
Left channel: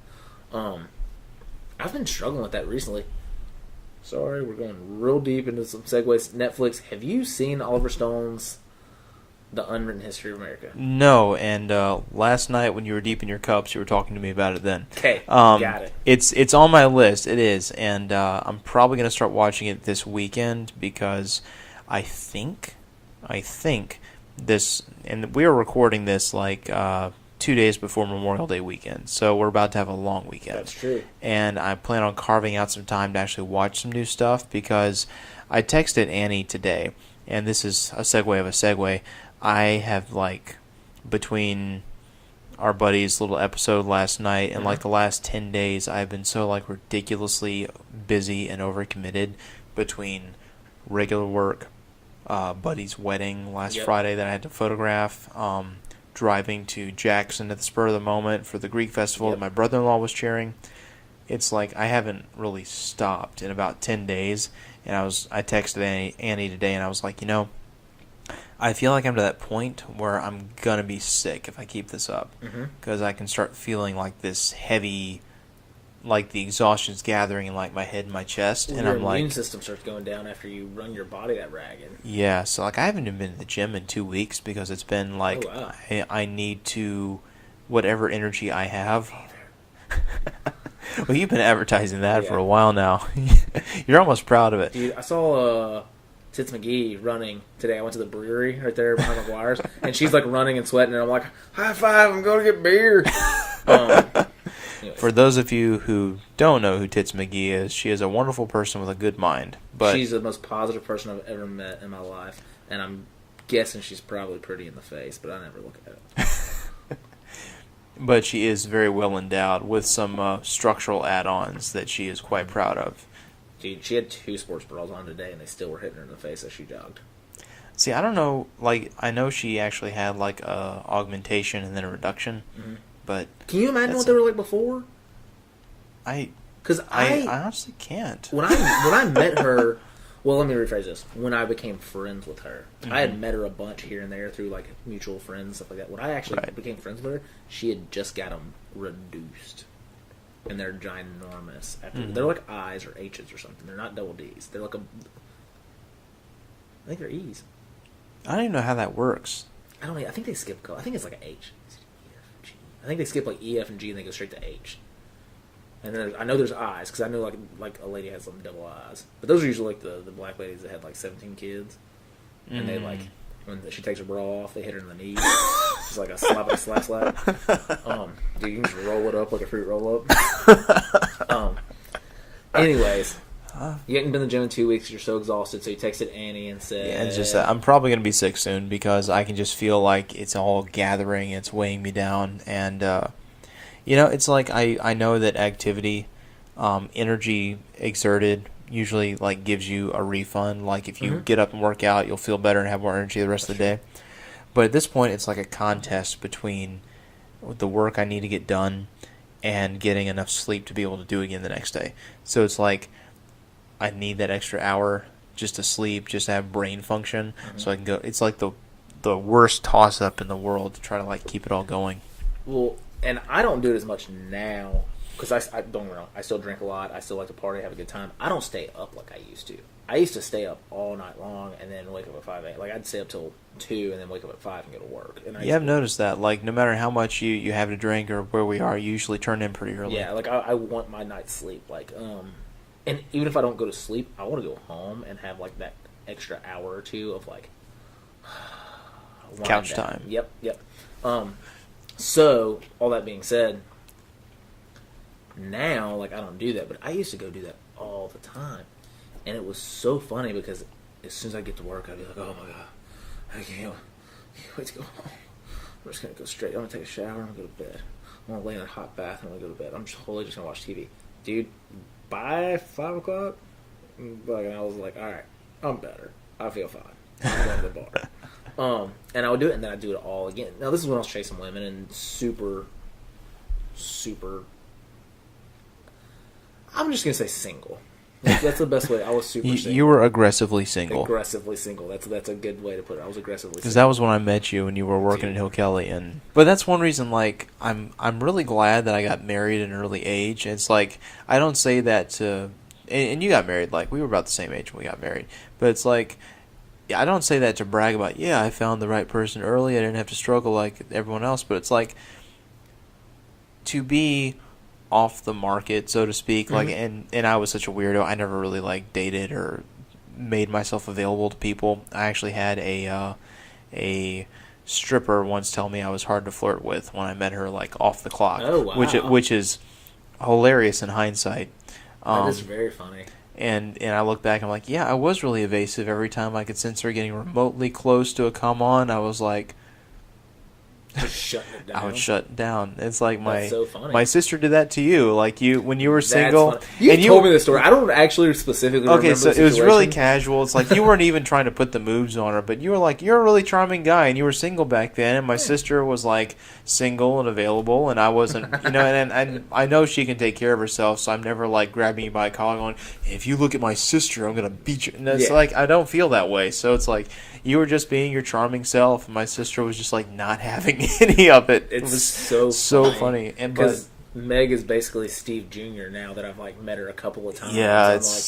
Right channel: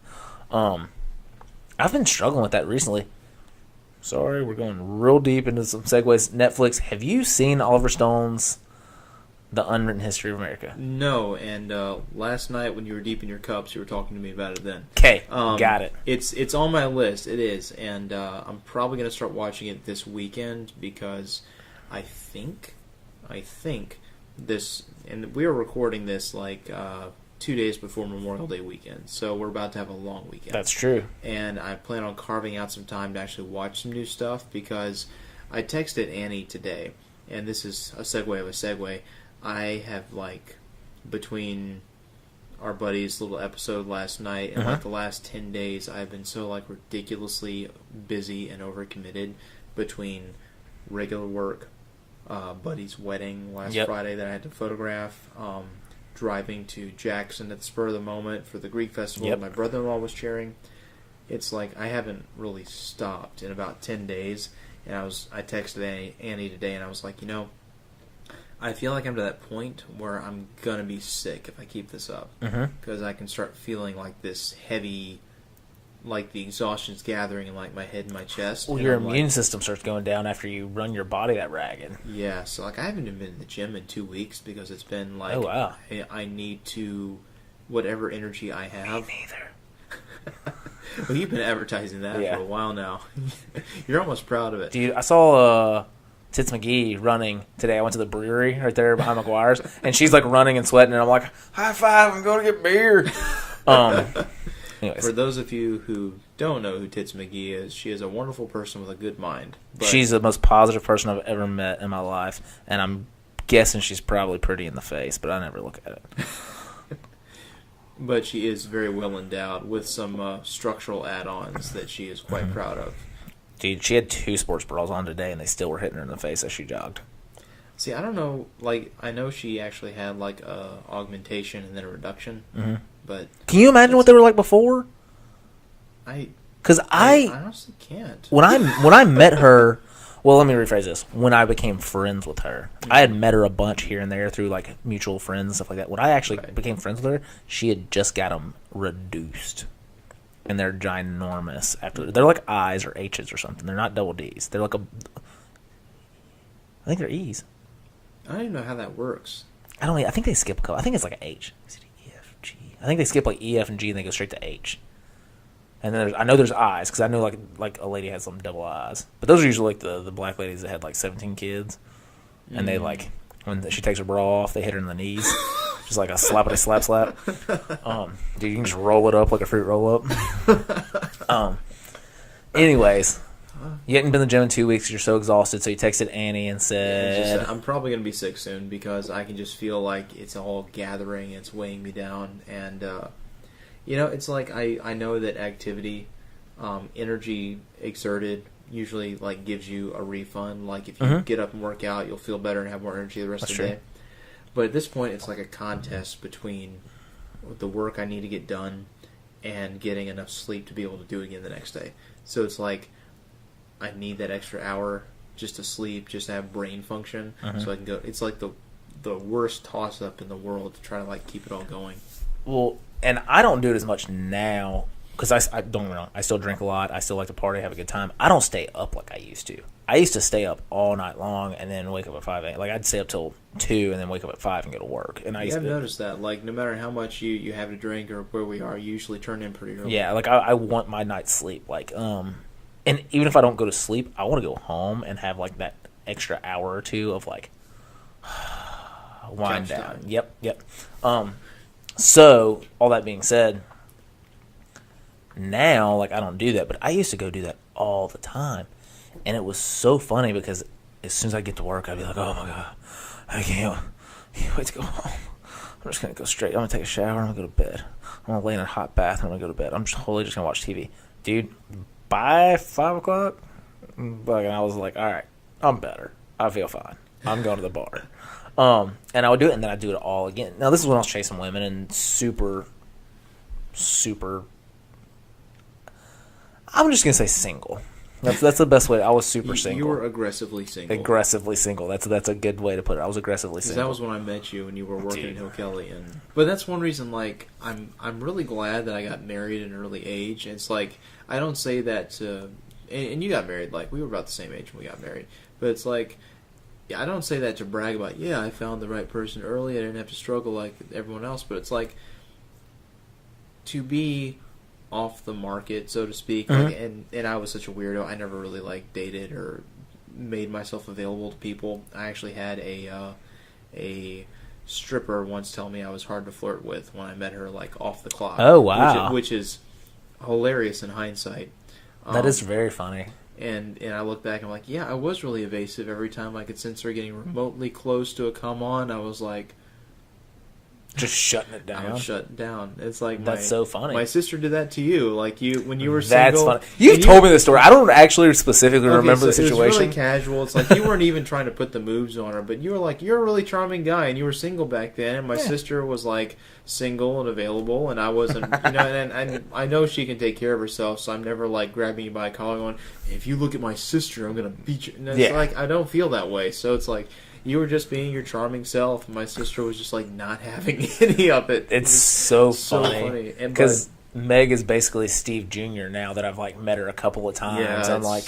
I've been struggling with that recently. Sorry, we're going real deep into some segues. Netflix, have you seen Oliver Stone's The Unwritten History of America? No, and last night when you were deep in your cups, you were talking to me about it then. Okay, got it. It's on my list. It is, and I'm probably going to start watching it this weekend because I think this, and we are recording this like 2 days before Memorial Day weekend, so we're about to have a long weekend. That's true. And I plan on carving out some time to actually watch some new stuff because I texted Annie today, and this is a segue of a segue. I have, like, between our buddy's little episode last night and, like, the last 10 days, I've been so, like, ridiculously busy and overcommitted between regular work, buddy's wedding last Friday that I had to photograph, driving to Jackson at the spur of the moment for the Greek festival that my brother-in-law was chairing. It's like I haven't really stopped in about 10 days, and I texted Annie today, and I was like, I feel like I'm to that point where I'm going to be sick if I keep this up. Because I can start feeling like this heavy like the exhaustion's gathering in like my head and my chest, well, and your I'm immune like, system starts going down after you run your body that ragged. yeah. So like I haven't even been to the gym in 2 weeks because it's been like, oh, wow. I need to, whatever energy I have. Well, you've been advertising that for a while now. You're almost proud of it. Dude, I saw Tits McGee running today. I went to the brewery right there behind McGuire's, and she's like running and sweating, and I'm like, high five, I'm going to get beer. Anyways. For those of you who don't know who Tits McGee is, she is a wonderful person with a good mind. But she's the most positive person I've ever met in my life, and I'm guessing she's probably pretty in the face, but I never look at it. But she is very well endowed with some structural add-ons that she is quite proud of. Dude, she had 2 sports bras on today, and they still were hitting her in the face as she jogged. See, I don't know. Like, I know she actually had like a augmentation and then a reduction, but can you imagine what they were like before? Because I honestly can't. When I met her, well, let me rephrase this. When I became friends with her, I had met her a bunch here and there through like mutual friends and stuff like that. When I actually became friends with her, she had just got them reduced, and they're ginormous. They're like I's or H's or something. They're not double D's. They're like I think they're E's. I don't even know how that works. I think they skip a couple. I think it's like an H. Is it E, F, G? I think they skip like E, F, and G, and they go straight to H. And then I know there's I's, because I know like a lady has some double I's. But those are usually like the black ladies that had like 17 kids. And they like, when she takes her bra off, they hit her in the knees. Just like a slap. Dude, you can just roll it up like a fruit roll up. Anyways, you hadn't been to the gym in 2 weeks. You're so exhausted, so you texted Annie and said, I'm probably going to be sick soon because I can just feel like it's all gathering. It's weighing me down. And, it's like I know that activity, energy exerted usually like gives you a refund. Like if you get up and work out, you'll feel better and have more energy the rest of the day. But at this point, it's like a contest between the work I need to get done and getting enough sleep to be able to do it again the next day. So it's like I need that extra hour just to sleep, just to have brain function, so I can go. It's like the worst toss up in the world to try to like keep it all going. Well, and I don't do it as much now because I don't get me wrong, I still drink a lot. I still like to party, have a good time. I don't stay up like I used to. I used to stay up all night long and then wake up at 5 a.m. Like I'd stay up till 2 and then wake up at 5 and go to work. And I've noticed that. Like no matter how much you have to drink or where we are, you usually turn in pretty early. Yeah, like I want my night's sleep. Like and even if I don't go to sleep, I want to go home and have like that extra hour or two of like couch time. Yep. So all that being said, now like I don't do that, but I used to go do that all the time, and it was so funny because as soon as I get to work, I'd be like, oh my god, I can't wait to go home. I'm just gonna go straight. I'm gonna take a shower. I'm gonna go to bed. I'm gonna lay in a hot bath. I'm gonna go to bed. I'm just wholly just gonna watch TV, dude. By 5 o'clock, and I was like, all right, I'm better. I feel fine. I'm going to the bar. And I would do it, and then I'd do it all again. Now, this is when I was chasing women and super, I'm just going to say single. That's the best way. I was super single. You were aggressively single. Aggressively single. That's a good way to put it. I was aggressively single. Because that was when I met you and you were working in Hill Kelly. But that's one reason, like, I'm really glad that I got married at an early age. And it's like, I don't say that to... And you got married, like, we were about the same age when we got married. But it's like... I don't say that to brag about, I found the right person early. I didn't have to struggle like everyone else. But it's like, to be off the market, so to speak, like, and I was such a weirdo. I never really like dated or made myself available to people. I actually had a stripper once tell me I was hard to flirt with when I met her, like, off the clock. Oh, wow. Which is hilarious in hindsight. That is very funny. And I look back, I'm like, I was really evasive. Every time I could sense her getting remotely close to a come on, I was like... Just shutting it down. I would shut down. It's like that's so funny. My sister did that to you. Like when you were single. That's funny. You told me this story. I don't actually specifically remember the situation. It was really casual. It's like you weren't even trying to put the moves on her, but you were like, you're a really charming guy, and you were single back then. And my sister was like single and available, and I wasn't. And I know she can take care of herself, so I'm never like grabbing you by a collar going, if you look at my sister, I'm gonna beat you. And it's like I don't feel that way. So it's like. You were just being your charming self, and my sister was just like not having any of it. It's so funny. Because Meg is basically Steve Jr. now that I've like met her a couple of times. Yeah, I'm like,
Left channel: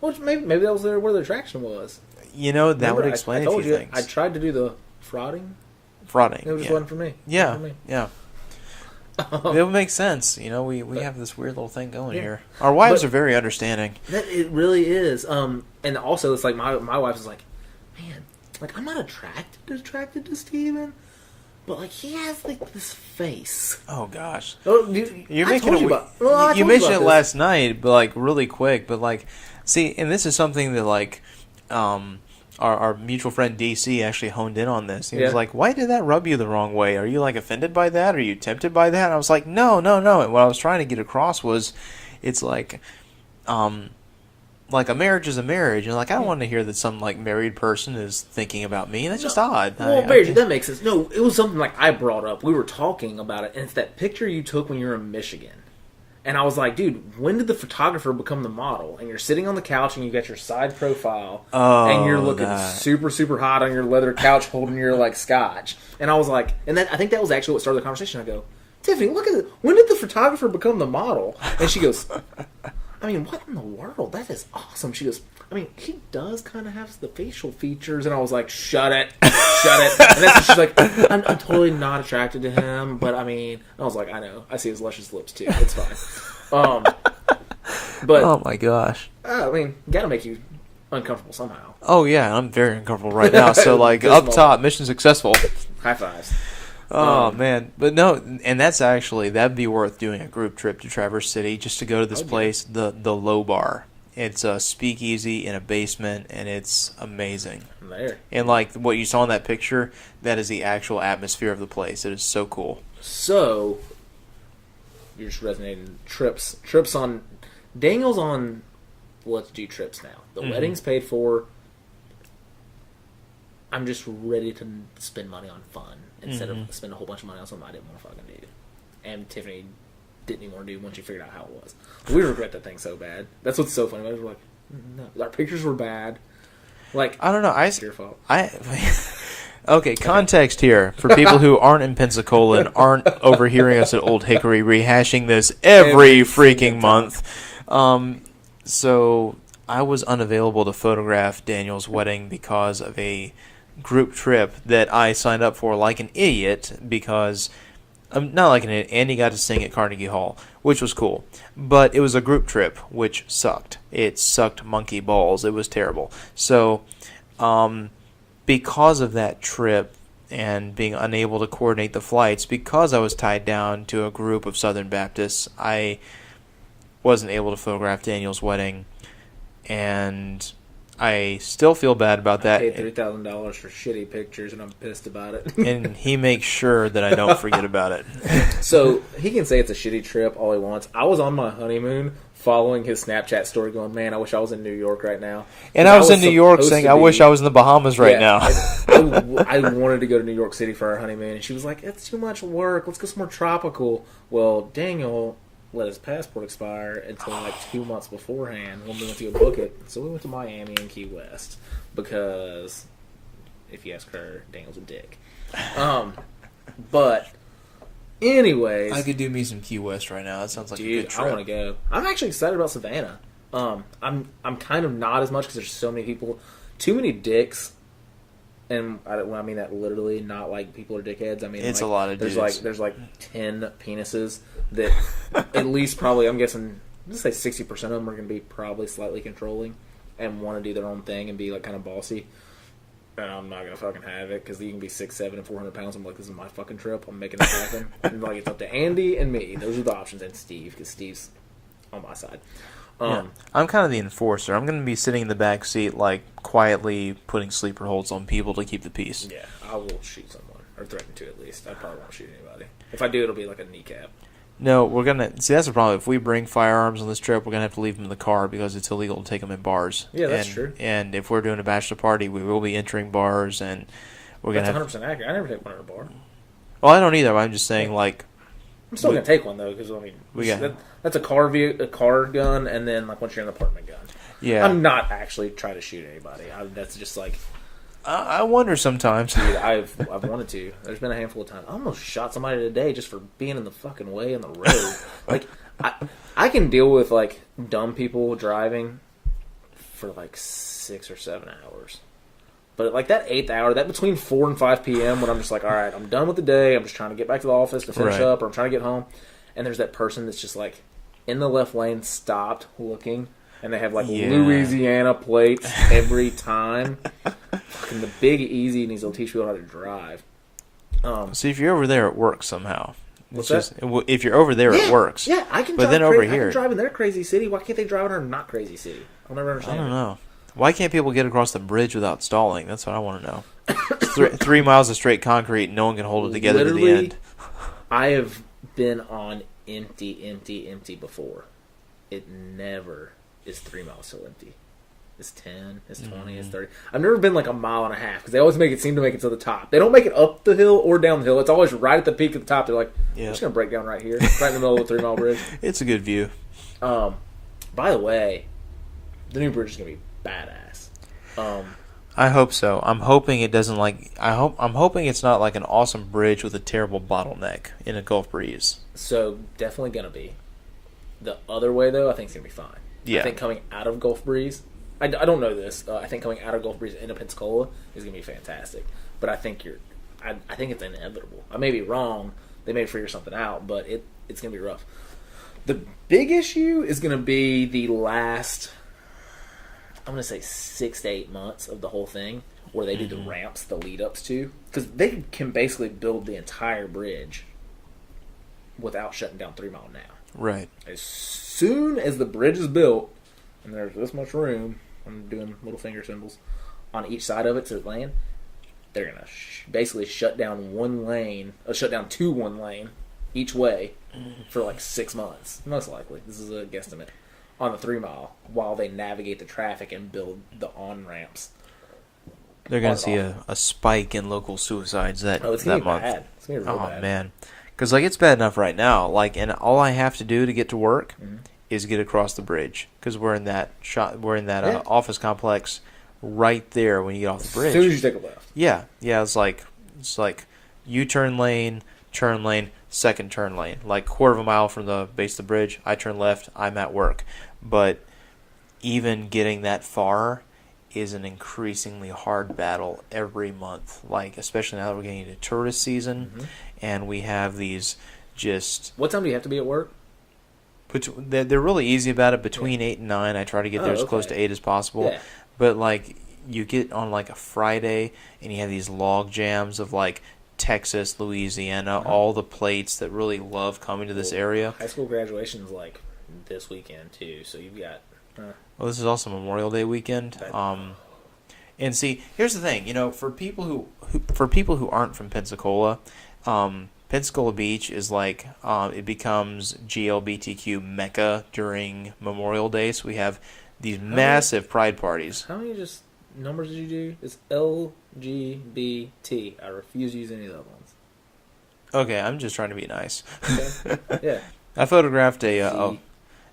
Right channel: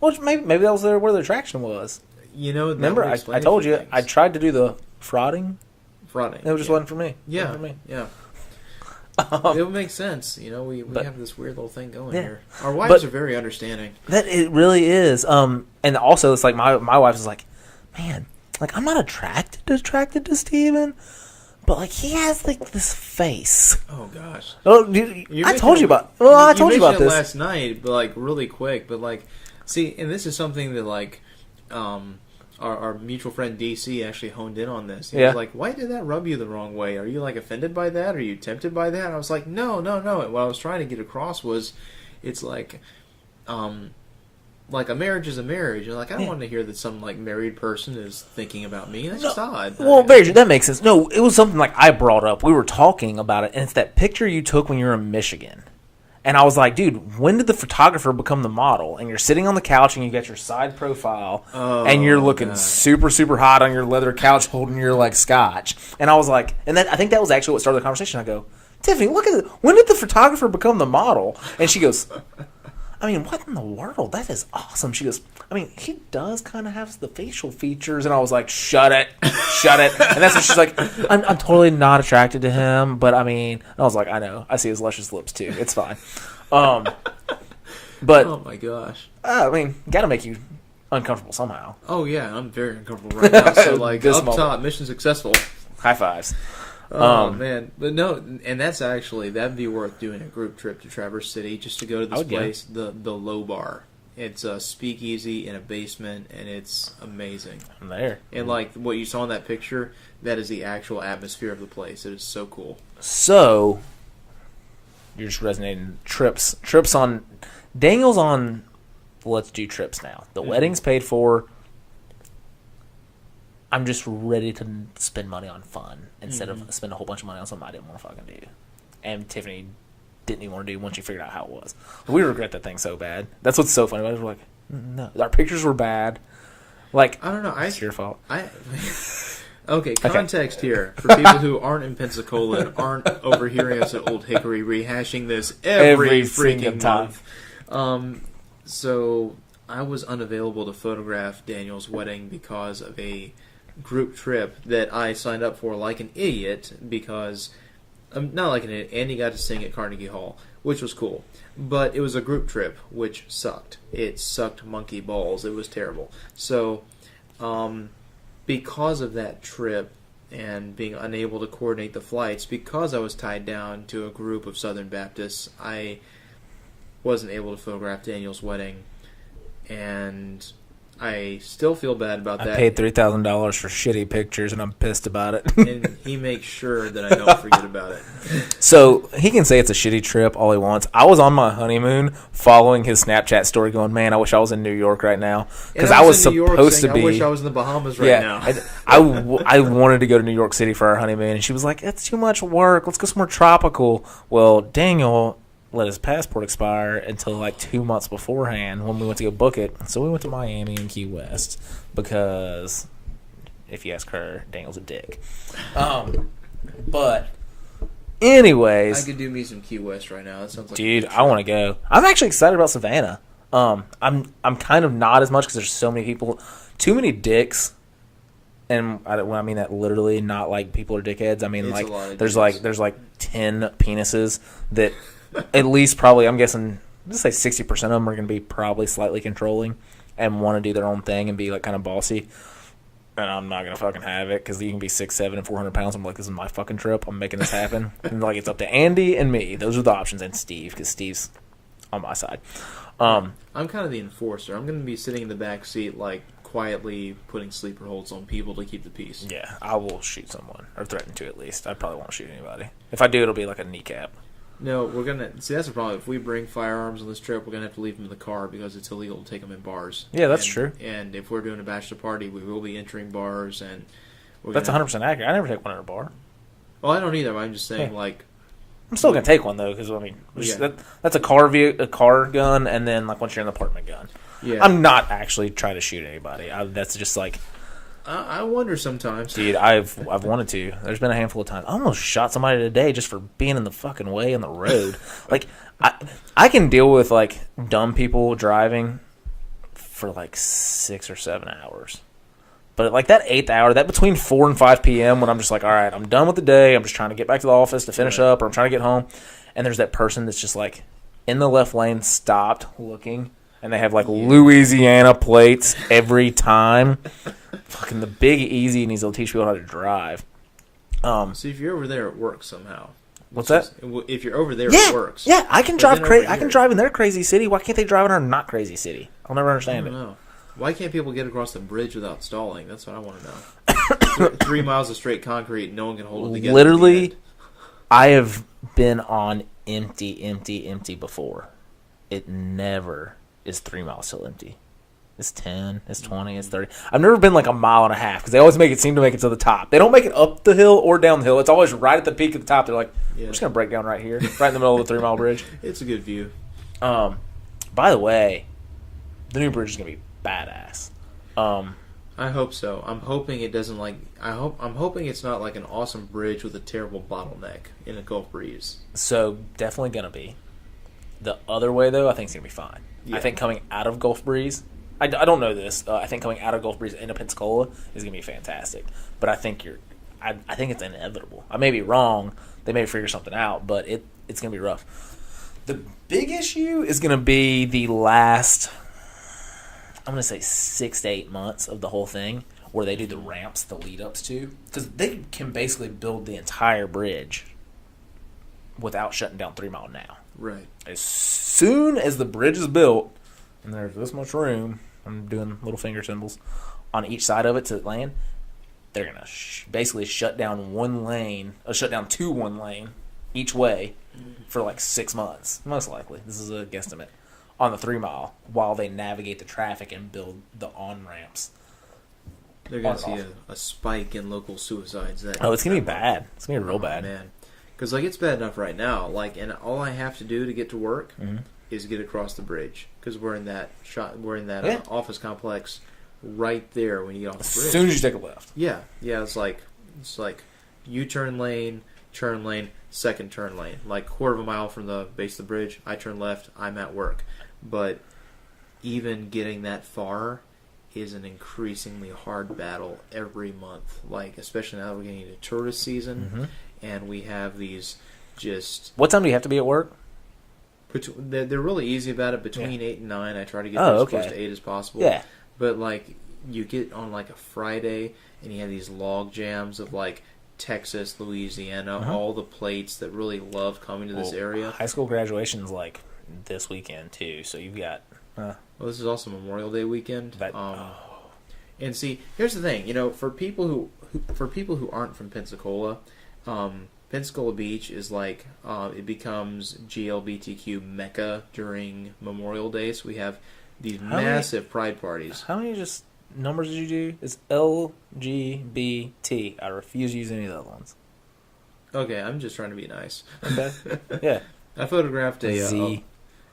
well, maybe that was where the attraction was. You know, that Remember, would explain I told you things. I tried to do the frauding. Frauding. It just wasn't for me. Yeah, for me. yeah. It would make sense. You know, we have this weird little thing going here. Our But- wives are very understanding. That it really is. And also it's like my wife is like, man, like I'm not attracted to Steven, but like he has like this face. Oh gosh. Oh, You're I making told it you weird. about. Well, I You told you mentioned about it this. last night, but like really quick. But like, see, and this is something that like, our mutual friend DC actually honed in on this. He was like, "Why did that rub you the wrong way? Are you like offended by that? Are you tempted by that?" And I was like, "No." And what I was trying to get across was, it's like a marriage is a marriage, and like I don't want to hear that some like married person is thinking about me. That's just odd. Well, that makes sense. No, it was something like I brought up. We were talking about it, and it's that picture you took when you were in Michigan. And I was like, dude, when did the photographer become the model? And you're sitting on the couch and you got your side profile and you're looking super, super hot on your leather couch holding your like scotch. And I was like, and then I think that was actually what started the conversation. I go, Tiffany, look at it. When did the photographer become the model? And she goes, I mean, what in the world? That is awesome. She goes, I mean, he does kind of have the facial features. And I was like, shut it. And that's when she's like, I'm totally not attracted to him. But I mean, I was like, I know. I see his luscious lips too. It's fine. But oh my gosh. I mean, got to make you uncomfortable somehow. Oh yeah, I'm very uncomfortable right now. So like up top, mission successful. High fives. Oh man, but no, and that'd be worth doing a group trip to Traverse City just to go to this place, the Low Bar. It's a speakeasy in a basement, and it's amazing. I'm there. And like what you saw in that picture, that is the actual atmosphere of the place. It is so cool. So you're just resonating trips on Daniel's on. Let's do trips now. The wedding's paid for. I'm just ready to spend money on fun instead of spend a whole bunch of money on something I didn't want to fucking do. And Tiffany didn't even want to do once she figured out how it was. But we regret that thing so bad. That's what's so funny about it. We're like, no, our pictures were bad. Like, I don't know. It's your fault. Okay, context here for people who aren't in Pensacola and aren't overhearing us at Old Hickory rehashing this every freaking month. So I was unavailable to photograph Daniel's wedding because of a group trip that I signed up for like an idiot because not like an idiot. Andy got to sing at Carnegie Hall, which was cool, but it was a group trip, which sucked. It sucked monkey balls. It was terrible. So because of that trip and being unable to coordinate the flights, because I was tied down to a group of Southern Baptists, I wasn't able to photograph Daniel's wedding, and I still feel bad about that. I paid $3,000 for shitty pictures, and I'm pissed about it. And he makes sure that I don't forget about it. So he can say it's a shitty trip all he wants. I was on my honeymoon following his Snapchat story going, man, I wish I was in New York right now. And I was in New York saying, I wish I was in the Bahamas right now. I wanted to go to New York City for our honeymoon, and she was like, it's too much work. Let's go somewhere tropical. Well, Daniel let his passport expire until like 2 months beforehand when we went to go book it. So we went to Miami and Key West because if you ask her, Daniel's a dick. But anyways, I could do me some Key West right now. That sounds like dude, I want to go. I'm actually excited about Savannah. I'm kind of not as much because there's so many people, too many dicks. And I mean that literally, not like people are dickheads. I mean, it's like a lot of there's dudes. like 10 penises that at least probably I'm guessing let's say 60% of them are going to be probably slightly controlling and want to do their own thing and be like kind of bossy. And I'm not going to fucking have it because you can be 6'7" and 400 pounds. I'm like, this is my fucking trip. I'm making this happen. And like it's up to Andy and me. Those are the options, and Steve because Steve's on my side. I'm kind of the enforcer. I'm going to be sitting in the back seat, like, quietly putting sleeper holds on people to keep the peace. Yeah, I will shoot someone, or threaten to at least. I probably won't shoot anybody. If I do, it'll be like a kneecap. No, we're going to... See, that's the problem. If we bring firearms on this trip, we're going to have to leave them in the car because it's illegal to take them in bars. Yeah, that's true. And if we're doing a bachelor party, we will be entering bars, and we're That's going 100% accurate. I never take one at a bar. Well, I don't either. I'm just saying, like... I'm still going to take one, though, because, I mean, that's a car gun, and then, like, once you're in the apartment gun. Yeah. I'm not actually trying to shoot anybody. That's just, like, I wonder sometimes. Dude, I've wanted to. There's been a handful of times. I almost shot somebody today just for being in the fucking way on the road. Like, I can deal with, like, dumb people driving for, like, 6 or 7 hours. But, like, that 8th hour, that between 4 and 5 p.m. when I'm just like, all right, I'm done with the day. I'm just trying to get back to the office to finish up, or I'm trying to get home. And there's that person that's just, like, in the left lane, stopped, looking, and they have, like, Louisiana plates every time. Fucking the Big Easy needs to teach people how to drive. See, if you're over there, it works somehow. What's that? If you're over there, it works. Yeah, I can drive. I can drive in their crazy city. Why can't they drive in our not crazy city? I'll never understand it. I don't know. Why can't people get across the bridge without stalling? That's what I want to know. 3 miles of straight concrete, no one can hold it together. Literally, to the end. I have been on empty before. It never is 3 miles still empty. It's 10, it's 20, it's 30. I've never been like a mile and a half because they always seem to make it to the top. They don't make it up the hill or down the hill. It's always right at the peak of the top. They're like, we're just going to break down right here, right in the middle of the 3 mile bridge. It's a good view. By the way, the new bridge is going to be badass. I hope so. I'm hoping it doesn't I'm hoping it's not like an awesome bridge with a terrible bottleneck in a Gulf breeze. So definitely going to be. The other way though, I think it's going to be fine. Yeah. I think coming out of Gulf Breeze, I don't know this. I think coming out of Gulf Breeze into Pensacola is going to be fantastic. But I think I think it's inevitable. I may be wrong. They may figure something out, but it's going to be rough. The big issue is going to be the last, I'm going to say 6 to 8 months of the whole thing, where they do the ramps, the lead-ups to. Because they can basically build the entire bridge without shutting down 3 Mile now. Right. As soon as the bridge is built, and there's this much room, I'm doing little finger symbols, on each side of it to land, they're going to basically shut down shut down to one lane each way for like 6 months, most likely. This is a guesstimate. On the 3 Mile, while they navigate the traffic and build the on-ramps. They're going to see a spike in local suicides it's going to be bad. It's going to be real bad. Man. Because, like, it's bad enough right now. Like, and all I have to do to get to work is get across the bridge. Because we're in that office complex right there when you get off the bridge. As soon as you take a left. Yeah. Yeah, it's like U-turn lane, turn lane, second turn lane. Like, quarter of a mile from the base of the bridge, I turn left, I'm at work. But even getting that far is an increasingly hard battle every month. Like, especially now that we're getting into tourist season, and we have these just... What time do you have to be at work? They're really easy about it. Between 8 and 9, I try to get there as close to 8 as possible. Yeah. But, like, you get on, like, a Friday, and you have these log jams of, like, Texas, Louisiana, all the plates that really love coming to this area. High school graduation's, like, this weekend, too, so you've got... Well, this is also Memorial Day weekend. And see, here's the thing. You know, for people who aren't from Pensacola, Pensacola Beach is like it becomes GLBTQ mecca during Memorial Day. So we have these massive pride parties. How many numbers did you do? It's LGBT. I refuse to use any of the other ones. Okay, I'm just trying to be nice. Okay. Yeah. I photographed a.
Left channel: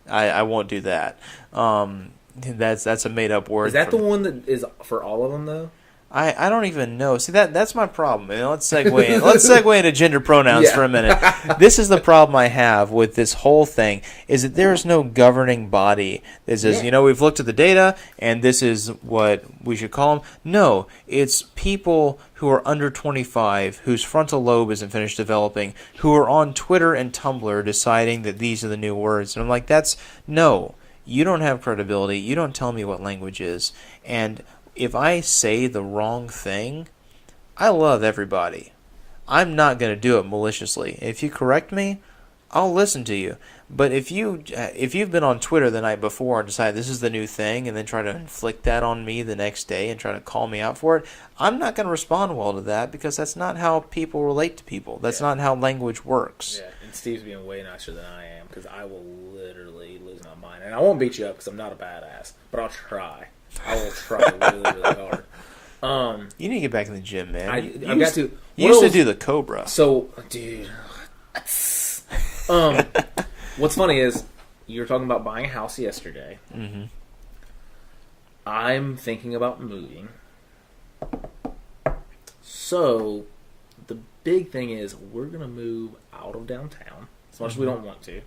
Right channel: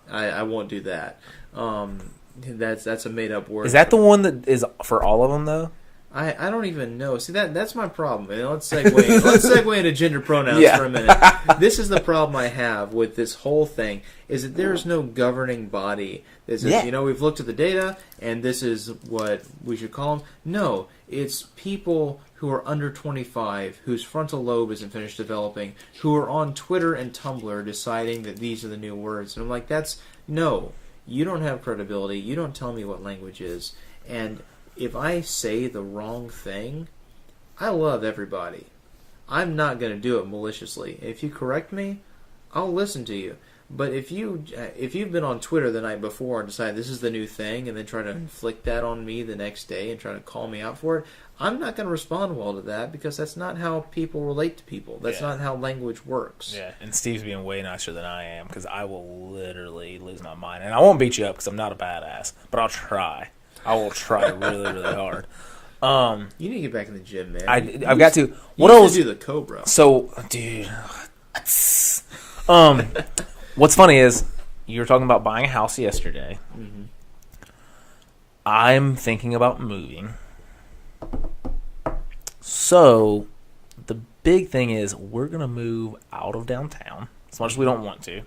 I won't do that. That's a made up word. Is that the one that is for all of them though? I don't even know. See, that's my problem. Let's segue into gender pronouns for a minute. This is the problem I have with this whole thing, is that there is no governing body that says, we've looked at the data and this is what we should call them. No, it's people who are under 25, whose frontal lobe isn't finished developing, who are on Twitter and Tumblr deciding that these are the new words. And I'm like, no, you don't have credibility. You don't tell me what language is. And if I say the wrong thing, I love everybody. I'm not going to do it maliciously. If you correct me, I'll listen to you. But if you've been on Twitter the night before and decide this is the new thing and then try to inflict that on me the next day and try to call me out for it, I'm not going to respond well to that because that's not how people relate to people. That's not how language works. Yeah, and Steve's being way nicer than I am because I will literally lose my mind. And I won't beat you up because I'm not a badass, but I'll try. I will try really, really hard. You need to get back in the gym, man. I've got to. What else? Do the Cobra. So, dude. What's funny is you were talking about buying a house yesterday. I'm thinking about moving So the big thing is we're going to move out of downtown as much as we don't want to.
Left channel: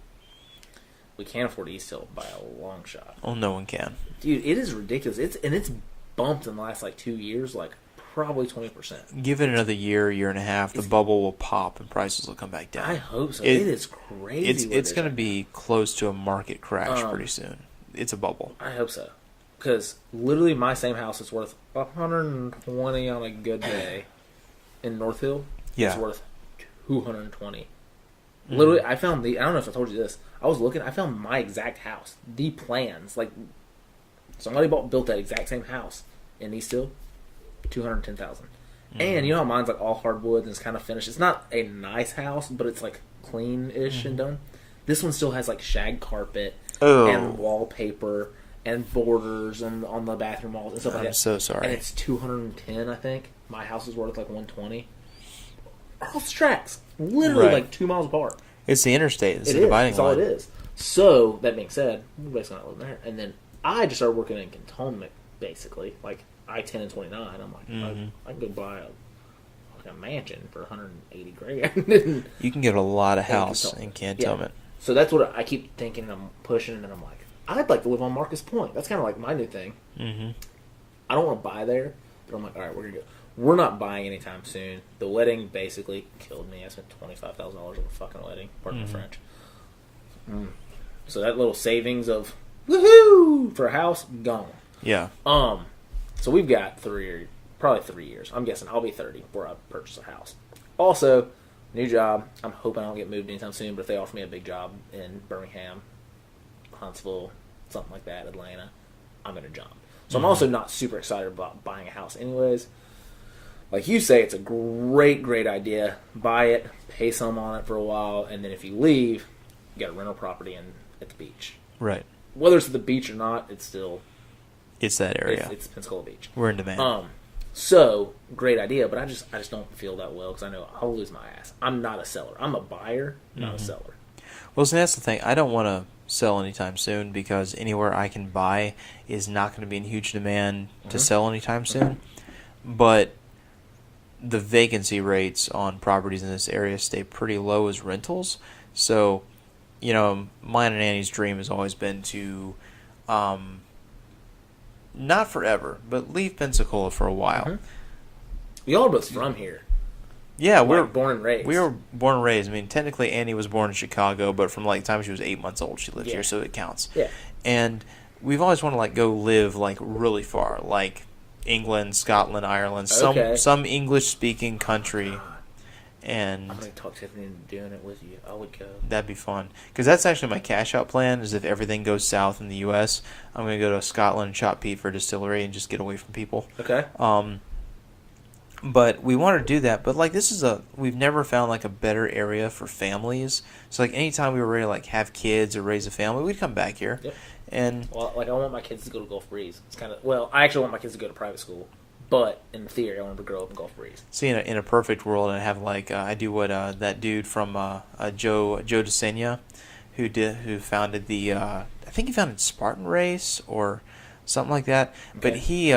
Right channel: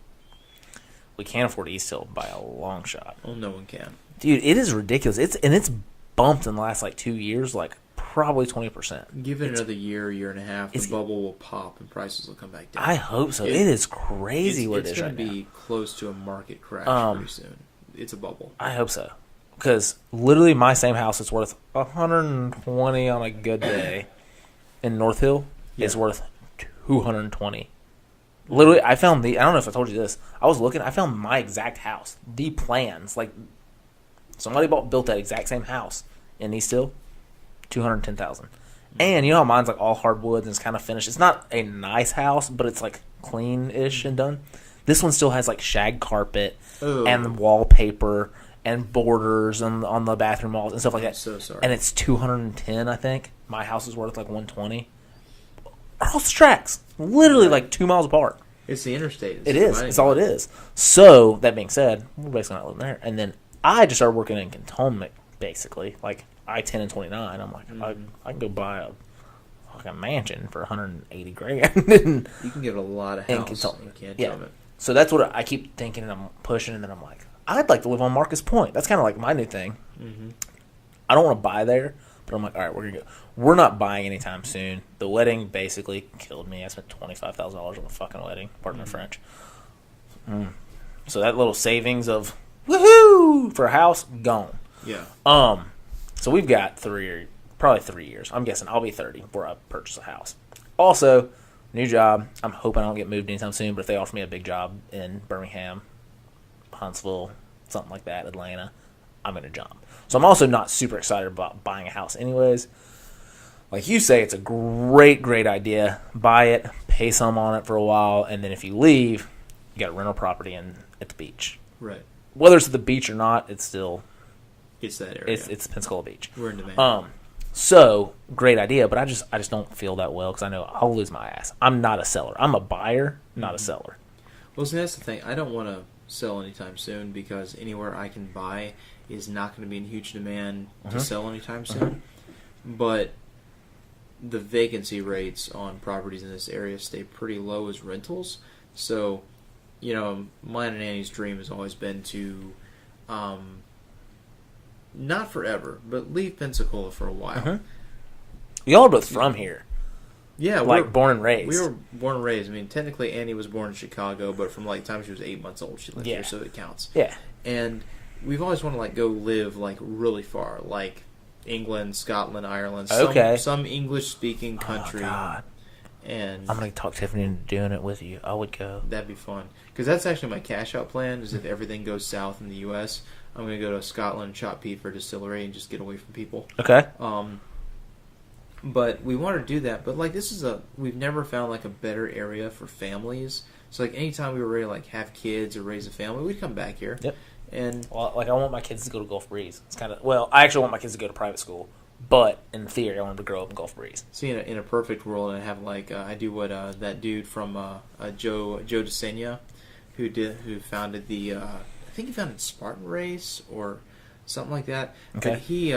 We can't afford East Hill by a long shot. Oh, no one can. Dude, it is ridiculous. It's bumped in the last 2 years, probably 20%. Give it another year and a half, the bubble will pop and prices will come back down. I hope so. It is crazy. It's going to be close to a market crash pretty soon. It's a bubble. I hope so. Because literally my same house is worth $120 on a good day in North Hill. Yeah. It's worth $220. Literally, I found I don't know if I told you this. I was looking, I found my exact house. The plans. Somebody built that exact same house in East Hill. $210,000. And you know how mine's all hardwood and it's kind of finished. It's not a nice house, but it's clean-ish and done. This one still has shag carpet and wallpaper and borders on the bathroom walls and stuff like that. I'm so sorry. And it's $210, I think. My house is worth $120. Across the tracks, literally 2 miles apart. It's the interstate. It is. That's all it is. So that being said, we're basically not living there. And then I just started working in Cantonment, basically, I-10 and 29. I'm like, I can go buy a mansion for $180,000. You can get a lot of house in Cantonment. Yeah. So that's what I keep thinking, and I'm pushing, and then I'm like, I'd like to live on Marcus Point. That's kind of my new thing. Mm-hmm. I don't want to buy there, but I'm like, all right, we're gonna go. We're not buying anytime soon. The wedding basically killed me. I spent $25,000 on the fucking wedding. Pardon my French. So that little savings of woohoo for a house gone. Yeah. So we've got probably 3 years. I'm guessing I'll be 30 before I purchase a house. Also, new job. I'm hoping I don't get moved anytime soon, but if they offer me a big job in Birmingham, Huntsville, something like that, Atlanta, I'm going to jump. So I'm also not super excited about buying a house anyways. Like you say, it's a great, great idea. Buy it, pay some on it for a while, and then if you leave, you got a rental property at the beach. Right. Whether it's at the beach or not, it's still... It's that area. It's Pensacola Beach. We're in demand. So, great idea, but I just don't feel that well because I know I'll lose my ass. I'm not a seller. I'm a buyer, not a seller. Well, so that's the thing. I don't want to sell anytime soon because anywhere I can buy is not going to be in huge demand to sell anytime soon. But the vacancy rates on properties in this area stay pretty low as rentals. So, mine and Annie's dream has always been to, not forever, but leave Pensacola for a while. Mm-hmm. Y'all are both from here. Yeah, we're born and raised. We were born and raised. I mean, technically Annie was born in Chicago, but from the time she was 8 months old, she lived here, so it counts. Yeah. And we've always wanted to go live really far, like England, Scotland, Ireland, some English speaking country. Oh, God. And I'm gonna talk Tiffany into doing it with you. I would go. That'd be fun because that's actually my cash out plan. Is if everything goes south in the U.S., I'm gonna go to Scotland and shop Pete for a distillery and just get away from people. Okay. But we wanted to do that. But we've never found a better area for families. So anytime we were ready to have kids or raise a family, we'd come back here. Yep. And I want my kids to go to Gulf Breeze. It's I actually want my kids to go to private school. But in theory, I want them to grow up in Gulf Breeze. See, in a perfect world, I have I do what that dude from Joe DeSena, who founded the I think he founded Spartan Race or something like that. Okay. But he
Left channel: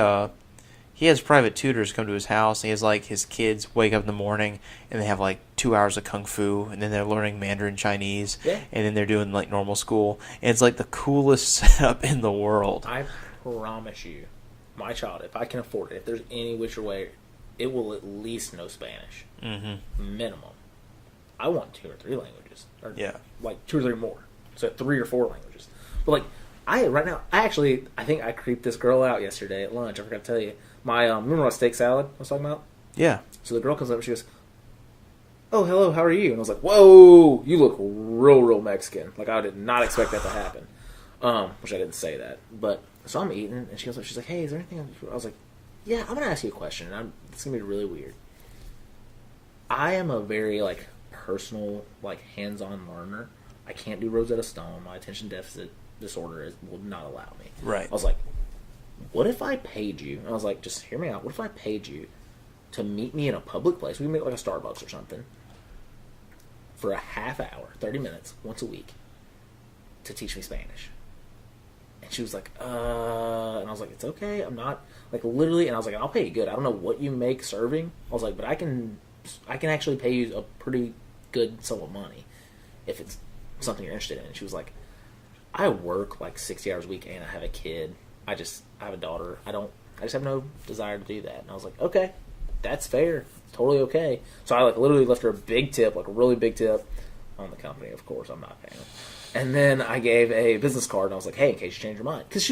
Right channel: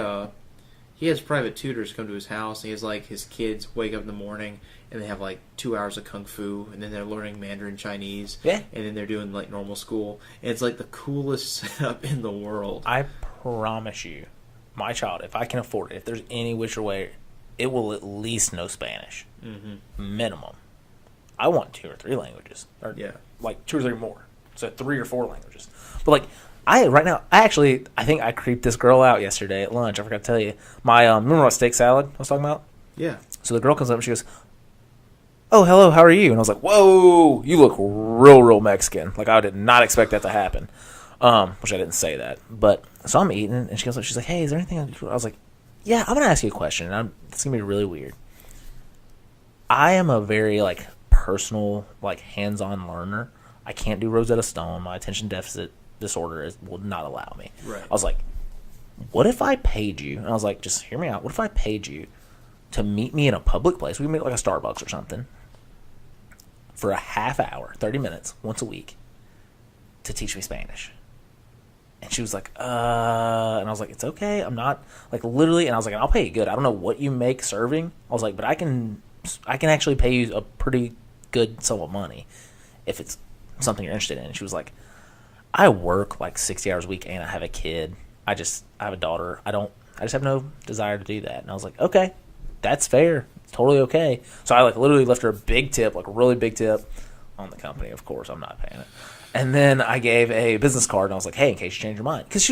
has private tutors come to his house, and he has his kids wake up in the morning and they have 2 hours of kung fu, and then they're learning Mandarin Chinese, yeah, and then they're doing normal school, and it's the coolest setup in the world. I promise you. My child, if I can afford it, if there's any which way, it will at least know Spanish. Mm-hmm. Minimum. I want 2 or 3 languages. Or 2 or 3 more. So 3 or 4 languages. But I think I creeped this girl out yesterday at lunch. I forgot to tell you. My remember what steak salad I was talking about? Yeah. So the girl comes up and she goes, "Oh, hello, how are you?" And I was like, "Whoa, you look real Mexican." I did not expect that to happen. Which I didn't say that, but so I'm eating, and she goes, she's like, "Hey, is there anything?" I was like, "Yeah, I'm gonna ask you a question. It's gonna be really weird. I am a very personal, hands-on learner. I can't do Rosetta Stone. My attention deficit disorder will not allow me." Right. I was like, "What if I paid you?" And I was like, "Just hear me out. What if I paid you to meet me in a public place? We can meet a Starbucks or something for a half hour, 30 minutes, once a week, to teach me Spanish." And she was like, and I was like, it's okay. I'm not, like, literally, and I was like, I'll pay you good. I don't know what you make serving. I was like, but I can actually pay you a pretty good sum of money if it's something you're interested in. And she was like, I work like 60 hours a week and I have a kid. I have a daughter. I just have no desire to do that. And I was like, okay, that's fair. It's totally okay. So I like literally left her a big tip, like a really big tip on the company. Of course, I'm not paying it. And then I gave a business card, and I was like, hey, in case you change your mind. Because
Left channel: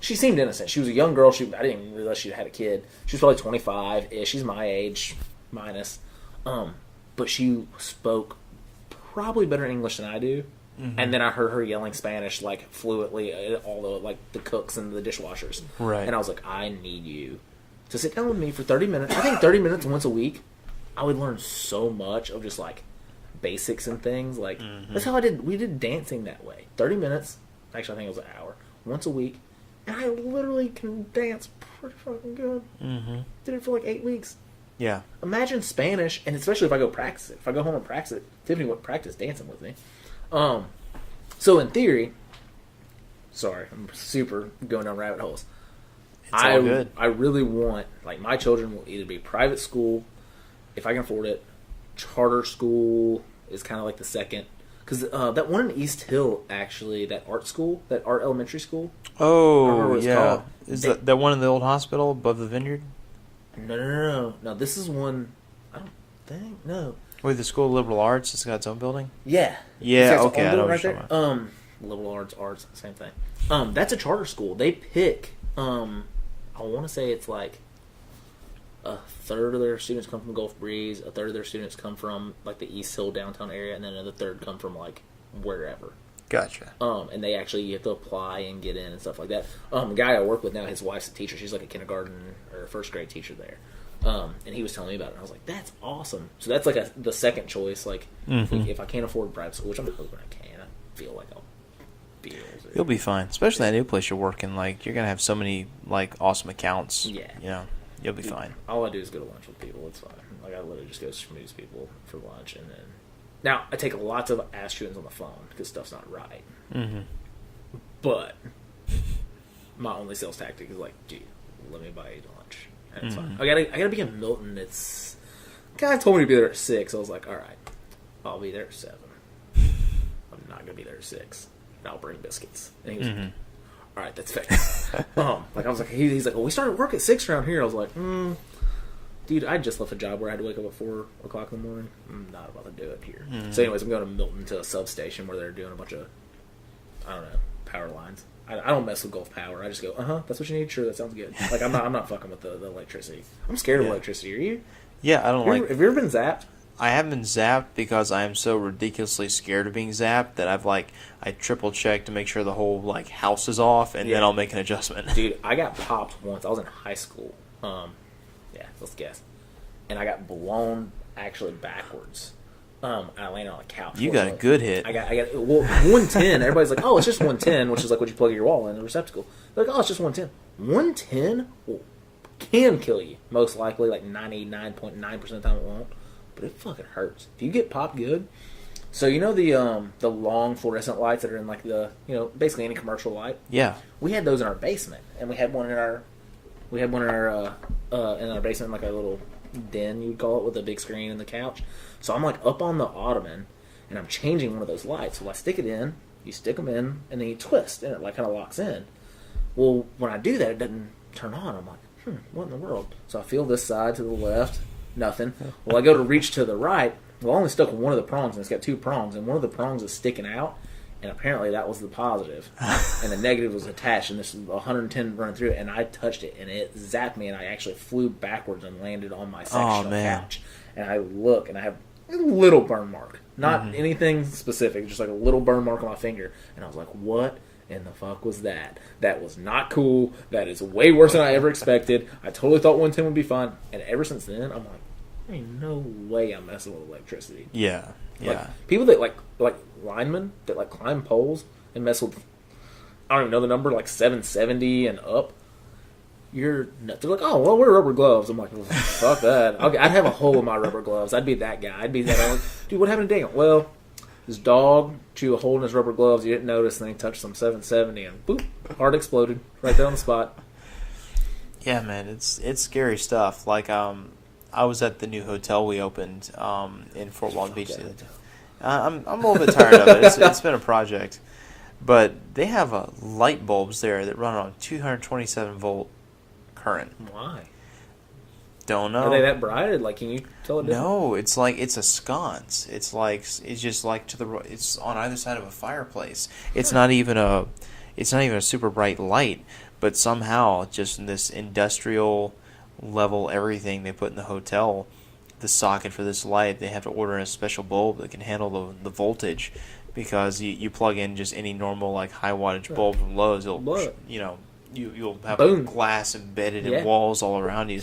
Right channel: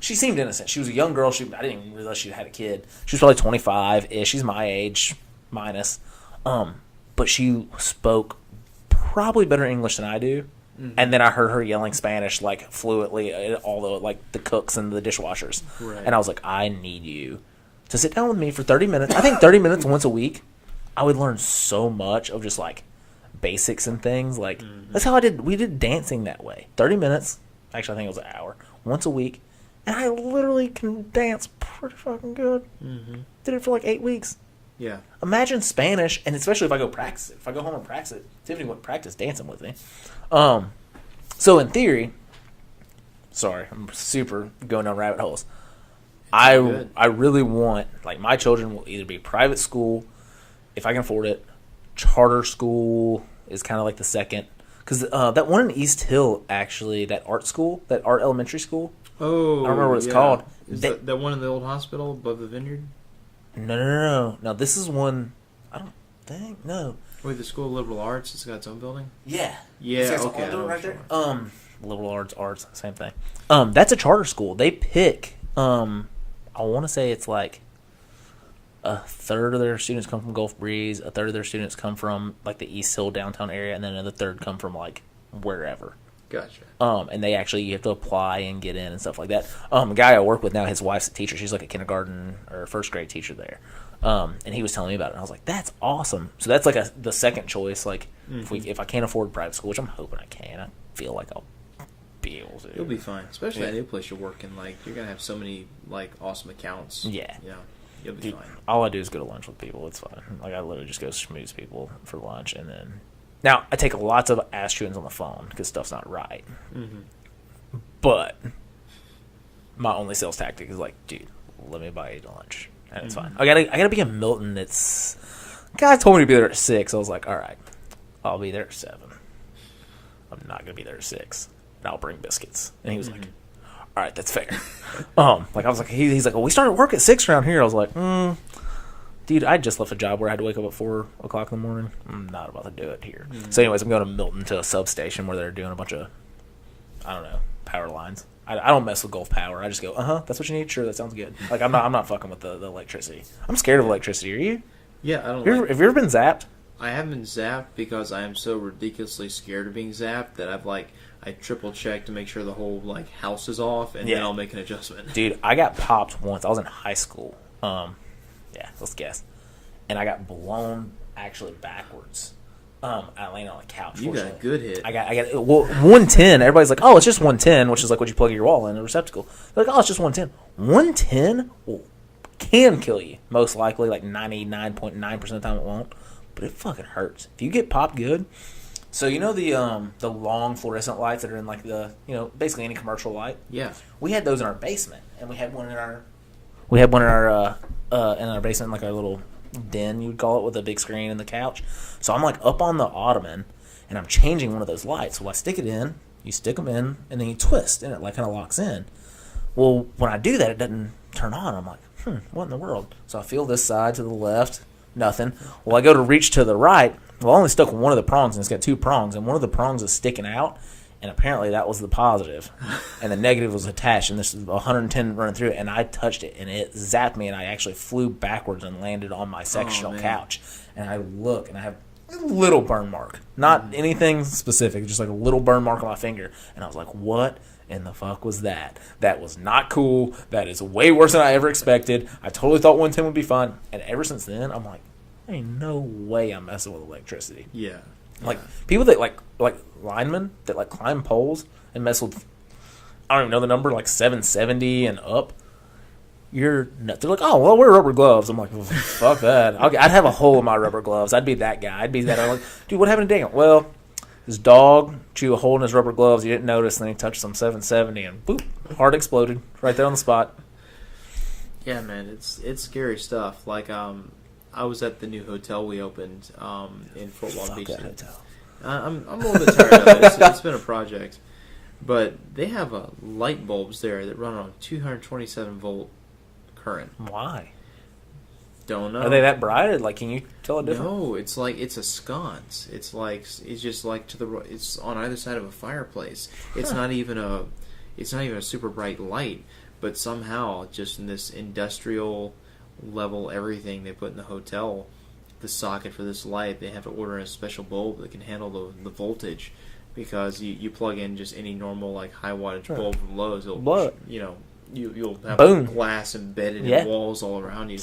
she seemed innocent. She was a young girl. I didn't even realize she had a kid. She was probably 25-ish. She's my age, minus. But she spoke probably better English than I do. Mm-hmm. And then I heard her yelling Spanish, like, fluently at all the, like, the cooks and the dishwashers. Right. And I was like, I need you to sit down with me for 30 minutes. I think 30 minutes once a week, I would learn so much of just, like, basics and things. Like, that's how we did dancing that way. 30 minutes. Actually, I think it was an hour. Once a week. And I literally can dance pretty fucking good. Mm-hmm. Did it for like 8 weeks. Yeah. Imagine Spanish, and especially if I go practice it. If I go home and practice it, Tiffany would practice dancing with me. So in theory, sorry, I'm super going down rabbit holes. I really want, like, my children will either be private school, if I can afford it. Charter school is kind of like the second. Because that one in East Hill, actually, that art school, that art elementary school. Oh, I don't remember what it's called. Is that one in the old hospital above the vineyard? No. No, this is one, I don't think, no. Wait, the School of Liberal Arts, it's got its own building? Yeah. Yeah, okay, I know what you're there. talking Liberal arts, same thing. That's a charter school. They pick, I want to say it's like a third of their students come from Gulf Breeze, a third of their students come from, like, the East Hill downtown area, and then another third come from, like, wherever. Gotcha. And they actually, you have to apply and get in and stuff like that. A guy I work with now, his wife's a teacher. She's like a kindergarten or first grade teacher there. And he was telling me about it, and I was like, that's awesome. So that's like the second choice. Like, if I can't afford private school, which I'm hoping I can, I feel like I'll be able to. You'll be fine, especially that new place you're working. Like, you're gonna have so many, like, awesome accounts. Yeah. You know, you'll be fine. All I do is go to lunch with people. It's fine. Like, I literally just go schmooze people for lunch, and then now I take lots of ass shootings on the phone because stuff's not right. Mm-hmm. But my only sales tactic is like, dude, let me buy you lunch, and it's fine. I gotta be in Milton. It's guy told me to be there at 6. I was like, all right, I'll be there at 7. I'm not gonna be there at 6. And I'll bring biscuits. And he was like, all right, that's fair. Like, I was like, he's like, well, we started work at 6 around here. I was like, dude, I just left a job where I had to wake up at 4 o'clock in the morning. I'm not about to do it here. Mm-hmm. So anyways, I'm going to Milton to a substation where they're doing a bunch of, I don't know, power lines. I don't mess with Gulf Power. I just go, that's what you need? Sure, that sounds good. Like, I'm not fucking with the electricity. I'm scared of electricity. Are you? Yeah, I don't Have you ever been zapped? I haven't been zapped because I am so ridiculously scared of being zapped that I triple check to make sure the whole, like, house is off, and then I'll make an adjustment. Dude, I got popped once. I was in high school. Let's guess. And I got blown actually backwards. I landed on the couch. You got a good hit. I got 110. Everybody's like, oh, it's just 110, which is like what you plug your wall in a receptacle. They're like, oh, it's just 110. 110 can kill you. Most likely, like 99.9% of the time it won't. But it fucking hurts. If you get popped good. So you know the long fluorescent lights that are in, like, the, you know, basically any commercial light? Yeah. We had those in our basement, and we had one in our basement, like our little den, you would call it, with a big screen and the couch. So I'm, like, up on the ottoman, and I'm changing one of those lights. So I stick it in, you stick them in, and then you twist, and it, like, kind of locks in. Well, when I do that, it doesn't turn on. I'm like, what in the world? So I feel this side to the left, nothing. Well, I go to reach to the right. Well, I only stuck one of the prongs, and it's got 2 prongs, and one of the prongs is sticking out, and apparently that was the positive, and the negative was attached, and this is 110 running through it, and I touched it, and it zapped me, and I actually flew backwards and landed on my sectional couch, and I look, and I have a little burn mark, not anything specific, just like a little burn mark on my finger, and I was like, what in the fuck was that? That was not cool. That is way worse than I ever expected. I totally thought 110 would be fun, and ever since then, I'm like, there ain't no way I'm messing with electricity. Yeah. Like, people that, like linemen that, like, climb poles and mess with, I don't even know the number, like 770 and up, you're nuts. They're like, oh, well, wear rubber gloves. I'm like, well, fuck that. I'd have a hole in my rubber gloves. I'd be that guy. I'd be that guy. Like, dude, what happened to Daniel? Well, His dog chewed a hole in his rubber gloves. He didn't notice, and then he touched some 770, and boop, heart exploded right there on the spot. Yeah, man, it's scary stuff. Like, I was at the new hotel we opened in Fort Walton Beach. I'm a little bit tired of it. It's been a project, but they have light bulbs there that run on 227 volt current. Why? Don't know. Are they that bright? Like, can you tell it different? No, it's a sconce. It's just like it's on either side of a fireplace. It's not even a super bright light, but somehow just in this industrial level everything they put in the hotel, the socket for this light, they have to order a special bulb that can handle the voltage, because you plug in just any normal like high wattage bulb from Lowe's, it'll you'll have Boom. glass embedded in walls all around you.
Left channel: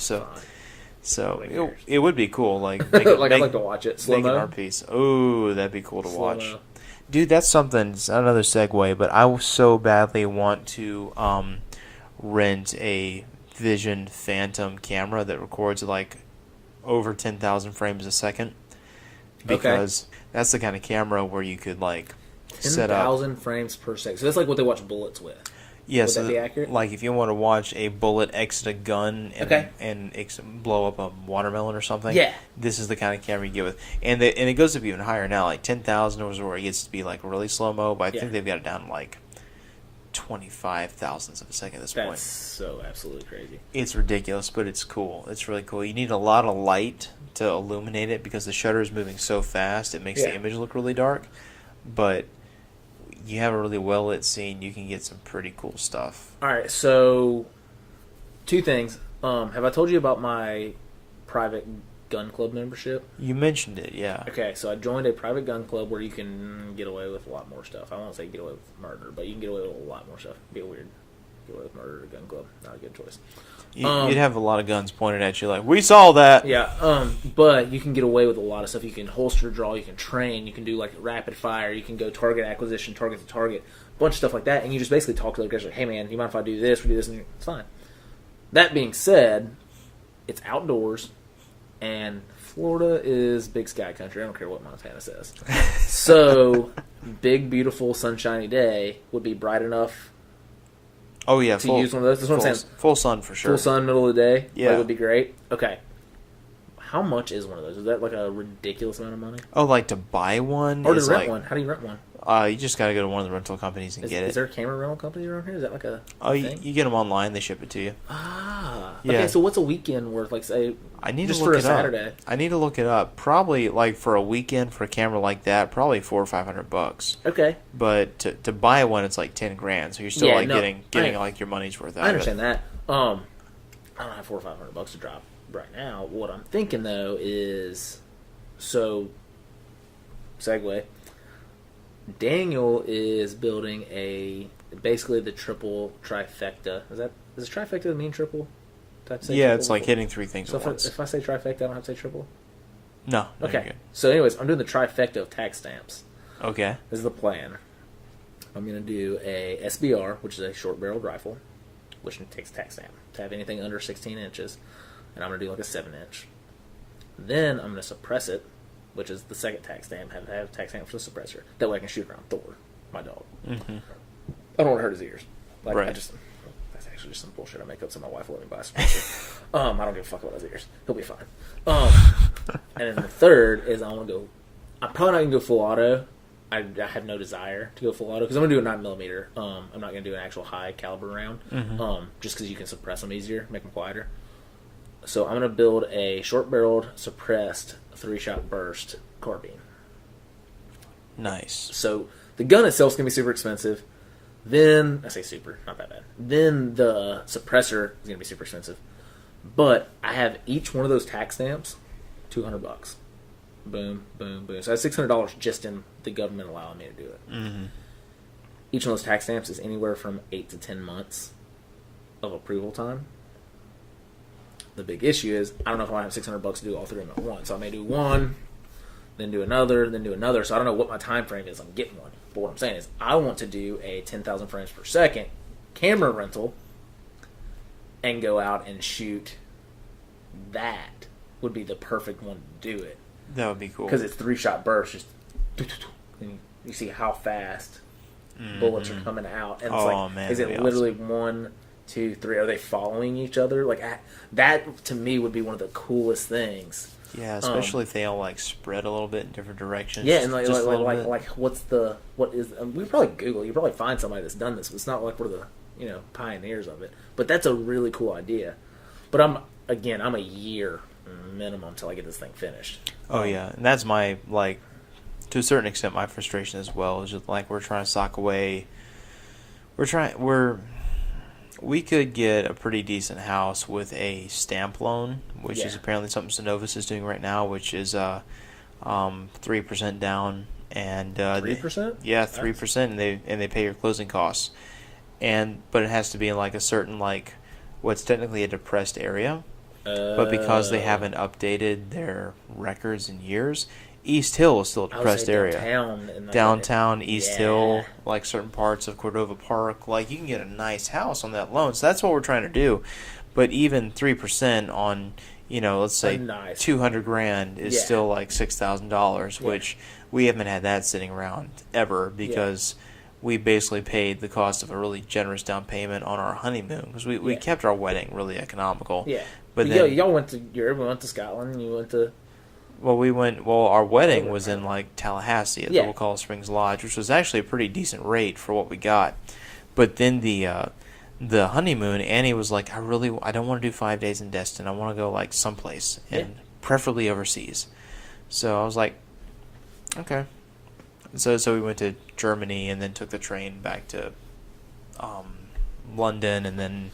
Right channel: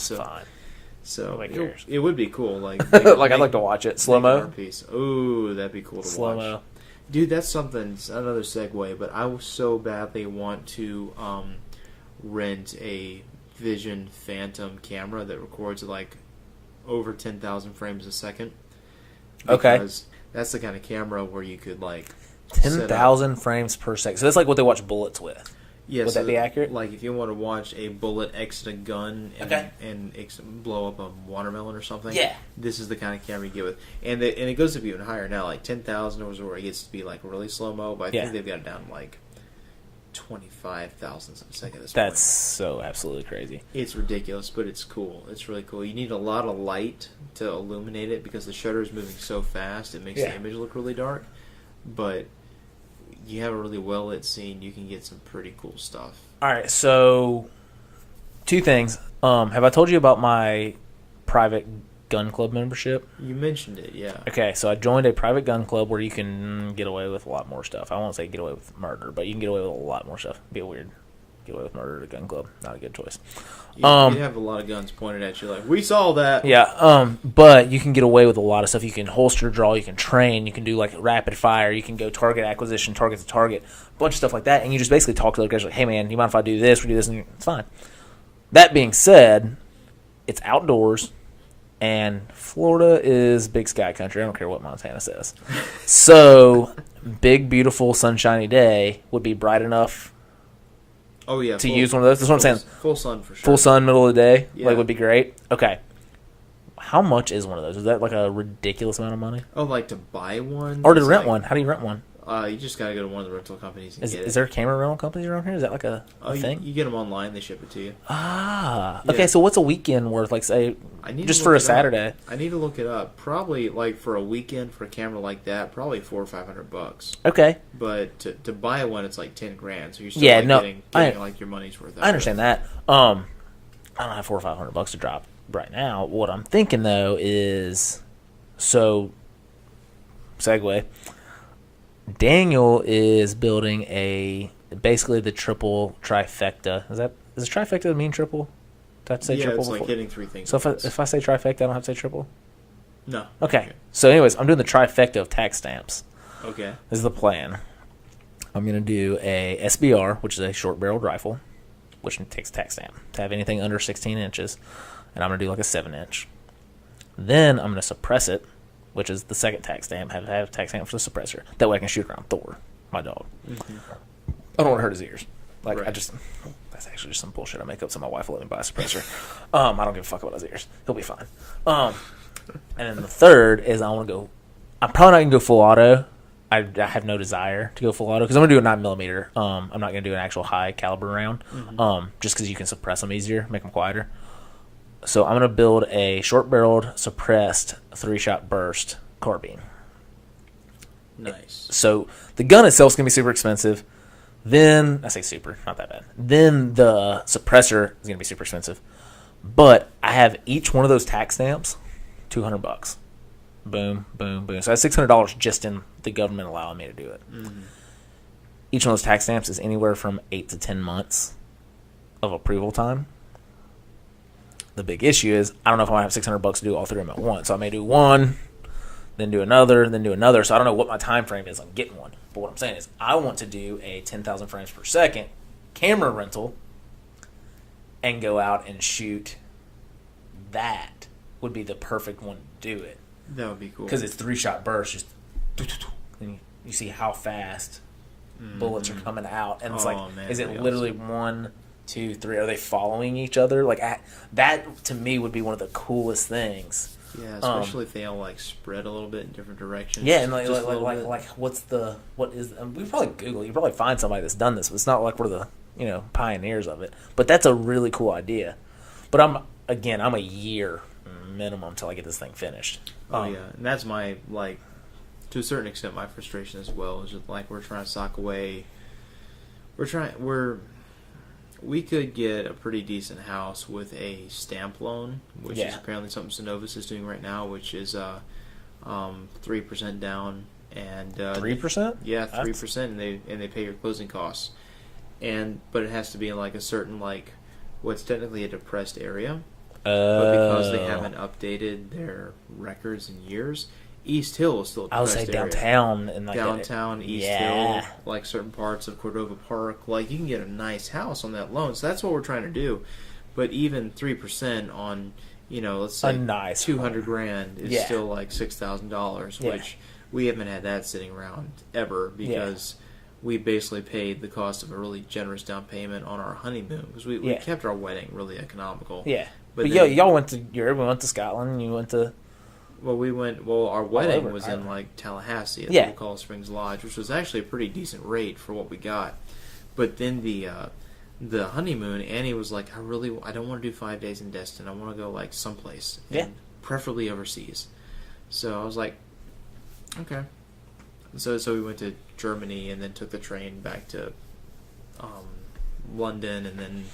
So it would be cool. Like I'd like to watch it. Slow-mo? piece. Oh, that'd be cool to Slow-mo. watch. Dude, that's something, another segue, but I so badly want to rent a Vision Phantom camera that records like over 10,000 frames a second. Because that's the kind of camera where you could like 10,000 frames per second. So that's like what they watch bullets with. Yes, Would that be accurate? Like if you want to watch a bullet exit a gun and blow up a watermelon or something, this is the kind of camera you get with. And it goes up even higher now. Like 10,000 was where it gets to be like really slow mo, but I think they've got it down to like 25 thousandths of a second at this point. That's so absolutely crazy. It's ridiculous, but it's cool. It's really cool. You need a lot of light to illuminate it because the shutter is moving so fast. It makes the image look really dark, but you have a really well lit scene, you can get some pretty cool stuff. All right, so two things. Have I told you about my private gun club membership? You mentioned it, yeah. Okay, so I joined a private gun club where you can get away with a lot more stuff. I won't say get away with murder, but you can get away with a lot more stuff. It'd be weird. Get away with murder at a gun club. Not a good choice. You'd have a lot of guns pointed at you like, we saw that. Yeah, but you can get away with a lot of stuff. You can holster draw, you can train, you can do like rapid fire, you can go target acquisition, target to target, a bunch of stuff like that. And you just basically talk to the guys like, hey man, you mind if I do this, we do this, and it's fine. That being said, it's outdoors, and Florida is big sky country. I don't care what Montana says. So, big, beautiful, sunshiny day would be bright enough to use one of those. That's what I'm saying. Full sun for sure. Full sun, middle of the day, would be great. Okay. How much is one of those? Is that like a ridiculous amount of money? Oh, like to buy one? Or to rent one? How do you rent one? You just got to go to one of the rental companies and get it. Is there camera rental companies around here? Is that like a thing? You get them online. They ship it to you. Okay. So what's a weekend worth? Like, say, just for a Saturday. I need to look it up. Probably like for a weekend for a camera like that, probably $400 or $500. Okay. But to buy one, it's like $10,000. So you're still getting like your money's worth. I understand that. I don't have $400 or $500 to drop right now. What I'm thinking though is, segue. Daniel is building basically the triple trifecta. Does trifecta mean triple? Do I have to say triple it's like hitting three things. So if I say trifecta, I don't have to say triple? No. Okay. So anyways, I'm doing the trifecta of tax stamps. Okay. This is the plan. I'm going to do a SBR, which is a short-barreled rifle, which takes a tax stamp to have anything under 16 inches. And I'm going to do like a 7-inch. Then I'm going to suppress it, which is the second tax stamp, have a tax stamp for the suppressor. That way I can shoot around Thor, my dog. Mm-hmm. I don't want to hurt his ears. That's actually just some bullshit I make up so my wife will let me buy a suppressor. I don't give a fuck about his ears. He'll be fine. And then the third is I'm probably not going to go full auto. I have no desire to go full auto because I'm going to do a 9mm. I'm not going to do an actual high caliber round, just because you can suppress them easier, make them quieter. So I'm going to build a short-barreled, suppressed, 3-shot burst carbine. Nice. So the gun itself is going to be super expensive. Then, I say super, not that bad. Then the suppressor is going to be super expensive. But I have each one of those tax stamps, $200. Boom, boom, boom. So I have $600 just in the government allowing me to do it. Mm-hmm. Each one of those tax stamps is anywhere from 8 to 10 months of approval time. The big issue is I don't know if I have $600 to do all three of them at once. So I may do one, then do another, then do another. So I don't know what my time frame is on getting one. But what I'm saying is I want to do a 10,000 frames per second camera rental and go out and shoot. That would be the perfect one to do it. That would be cool. Because it's 3-shot bursts, just and you see how fast bullets are coming out, and it's man, is it literally awesome. 1, 2, 3? Are they following each other? Like that to me would be one of the coolest things. Yeah, especially if they all like spread a little bit in different directions. Yeah, and like what is? We probably Google. You probably find somebody that's done this, but it's not like we're the pioneers of it. But that's a really cool idea. But I'm a year minimum till I get this thing finished. Oh yeah, and that's my to a certain extent my frustration as well. Is just we're trying to sock away. We could get a pretty decent house with a stamp loan, which is apparently something Synovus is doing right now, which is 3% down and 3%. Yeah, 3%, and they pay your closing costs, but it has to be in a certain what's technically a depressed area, but because they haven't updated their records in years. East Hill is still a depressed area. Downtown, East Hill, certain parts of Cordova Park. You can get a nice house on that loan. So that's what we're trying to do. But even 3% on, let's say nice $200,000 is still $6,000, which we haven't had that sitting around ever because we basically paid the cost of a really generous down payment on our honeymoon because we kept our wedding really economical. Yeah, but y'all went to Europe. We went to Scotland. You went to. Our wedding was in Tallahassee at the Wakulla Springs Lodge, which was actually a pretty decent rate for what we got. But then the honeymoon, Annie was like, I don't want to do 5 days in Destin. I want to go someplace, and preferably overseas. So I was like, okay. So we went to Germany and then took the train back to London and then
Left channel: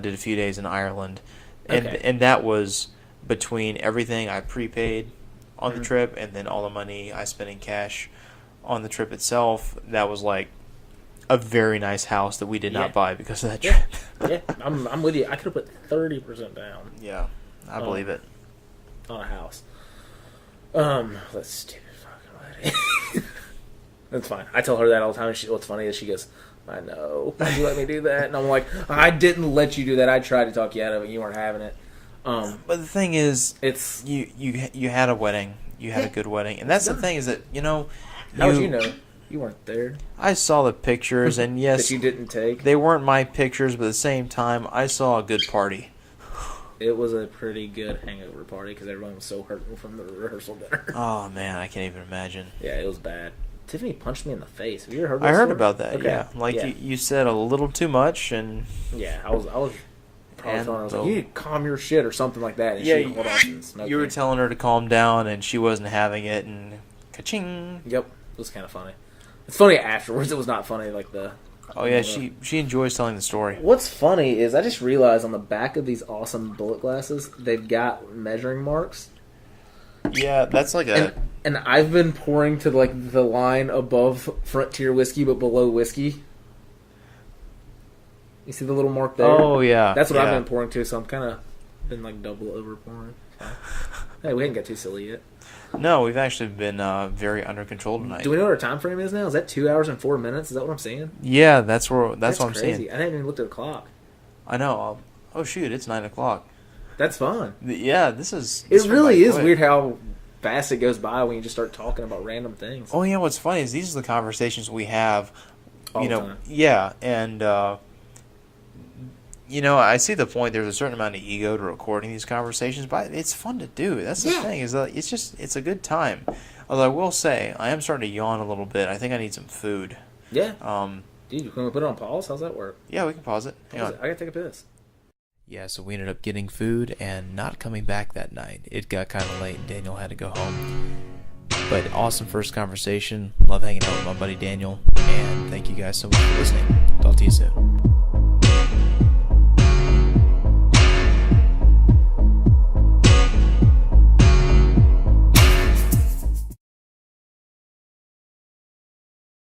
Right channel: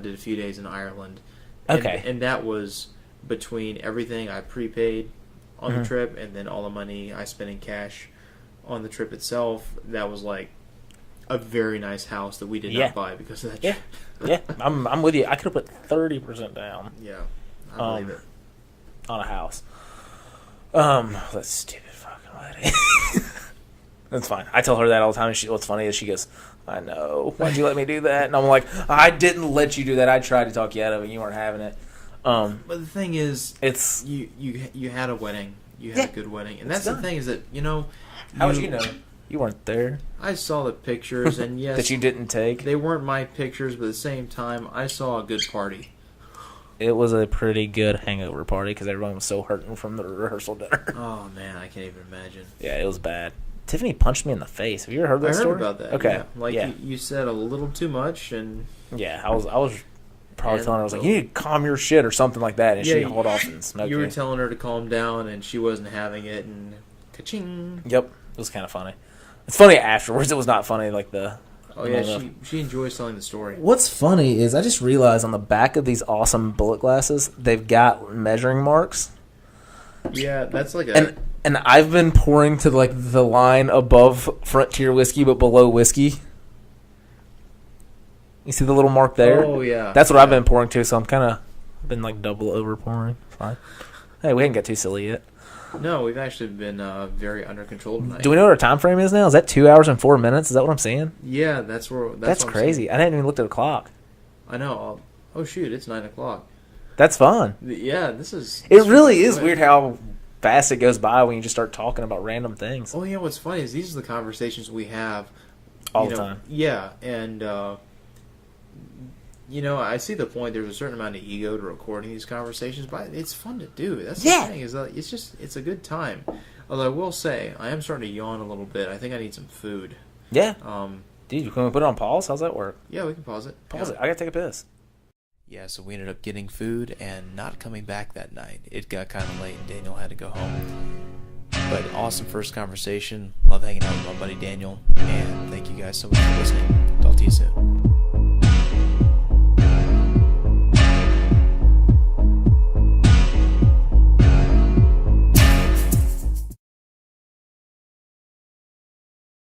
did a few days in Ireland. And that was between everything I prepaid on the trip and then all the money I spent in cash on the trip itself. That was a very nice house that we did not buy because of that trip. Yeah, I'm with you. I could have put 30% down. Yeah, I believe it. On a house. That's stupid fucking wedding. That's fine. I tell her that all the time. What's funny is she goes, I know. Why'd you let me do that? And I'm like, I didn't let you do that. I tried to talk you out of it. You weren't having it. But the thing is, it's you had a wedding. You had a good wedding. And that's the thing is that, how would you know? You weren't there. I saw the pictures, and yes. That you didn't take? They weren't my pictures, but at the same time, I saw a good party. It was a pretty good hangover party because everyone was so hurting from the rehearsal dinner. Oh, man, I can't even imagine. Yeah, it was bad. Tiffany punched me in the face. Have you ever heard that story? I heard about that, okay. Yeah. You said a little too much, and... Yeah, I was probably telling her, I was like, you need to calm your shit or something like that, and she hauled off and smoked You were telling her to calm down, and she wasn't having it, and ka-ching. Yep, it was kind of funny. It's funny afterwards. It was not funny Oh yeah, she enjoys telling the story. What's funny is I just realized on the back of these awesome bullet glasses, they've got measuring marks. Yeah, that's and I've been pouring to the line above Frontier whiskey but below whiskey. You see the little mark there? Oh, yeah. That's what I've been pouring to, so I'm kind of been double over pouring. Fine. Hey, we didn't get too silly yet. No, we've actually been very under control tonight. Do we know what our time frame is now? Is that 2 hours and 4 minutes? Is that what I'm seeing? Yeah, that's what crazy. I'm saying. I hadn't even looked at the clock. I know. Oh, shoot, it's 9 o'clock. That's fun. Yeah, this is... It really is weird how fast it goes by when you just start talking about random things. Oh, yeah, what's funny is these are the conversations we have... all the time. Yeah, and... I see the point. There's a certain amount of ego to recording these conversations, but it's fun to do. That's the thing. It's a good time. Although I will say, I am starting to yawn a little bit. I think I need some food. Yeah. Dude, can we put it on pause? How's that work? Yeah, we can pause it. Pause it. I gotta take a piss. Yeah, so we ended up getting food and not coming back that night. It got kind of late and Daniel had to go home. But awesome first conversation. Love hanging out with my buddy Daniel. And thank you guys so much for listening. Talk to you soon.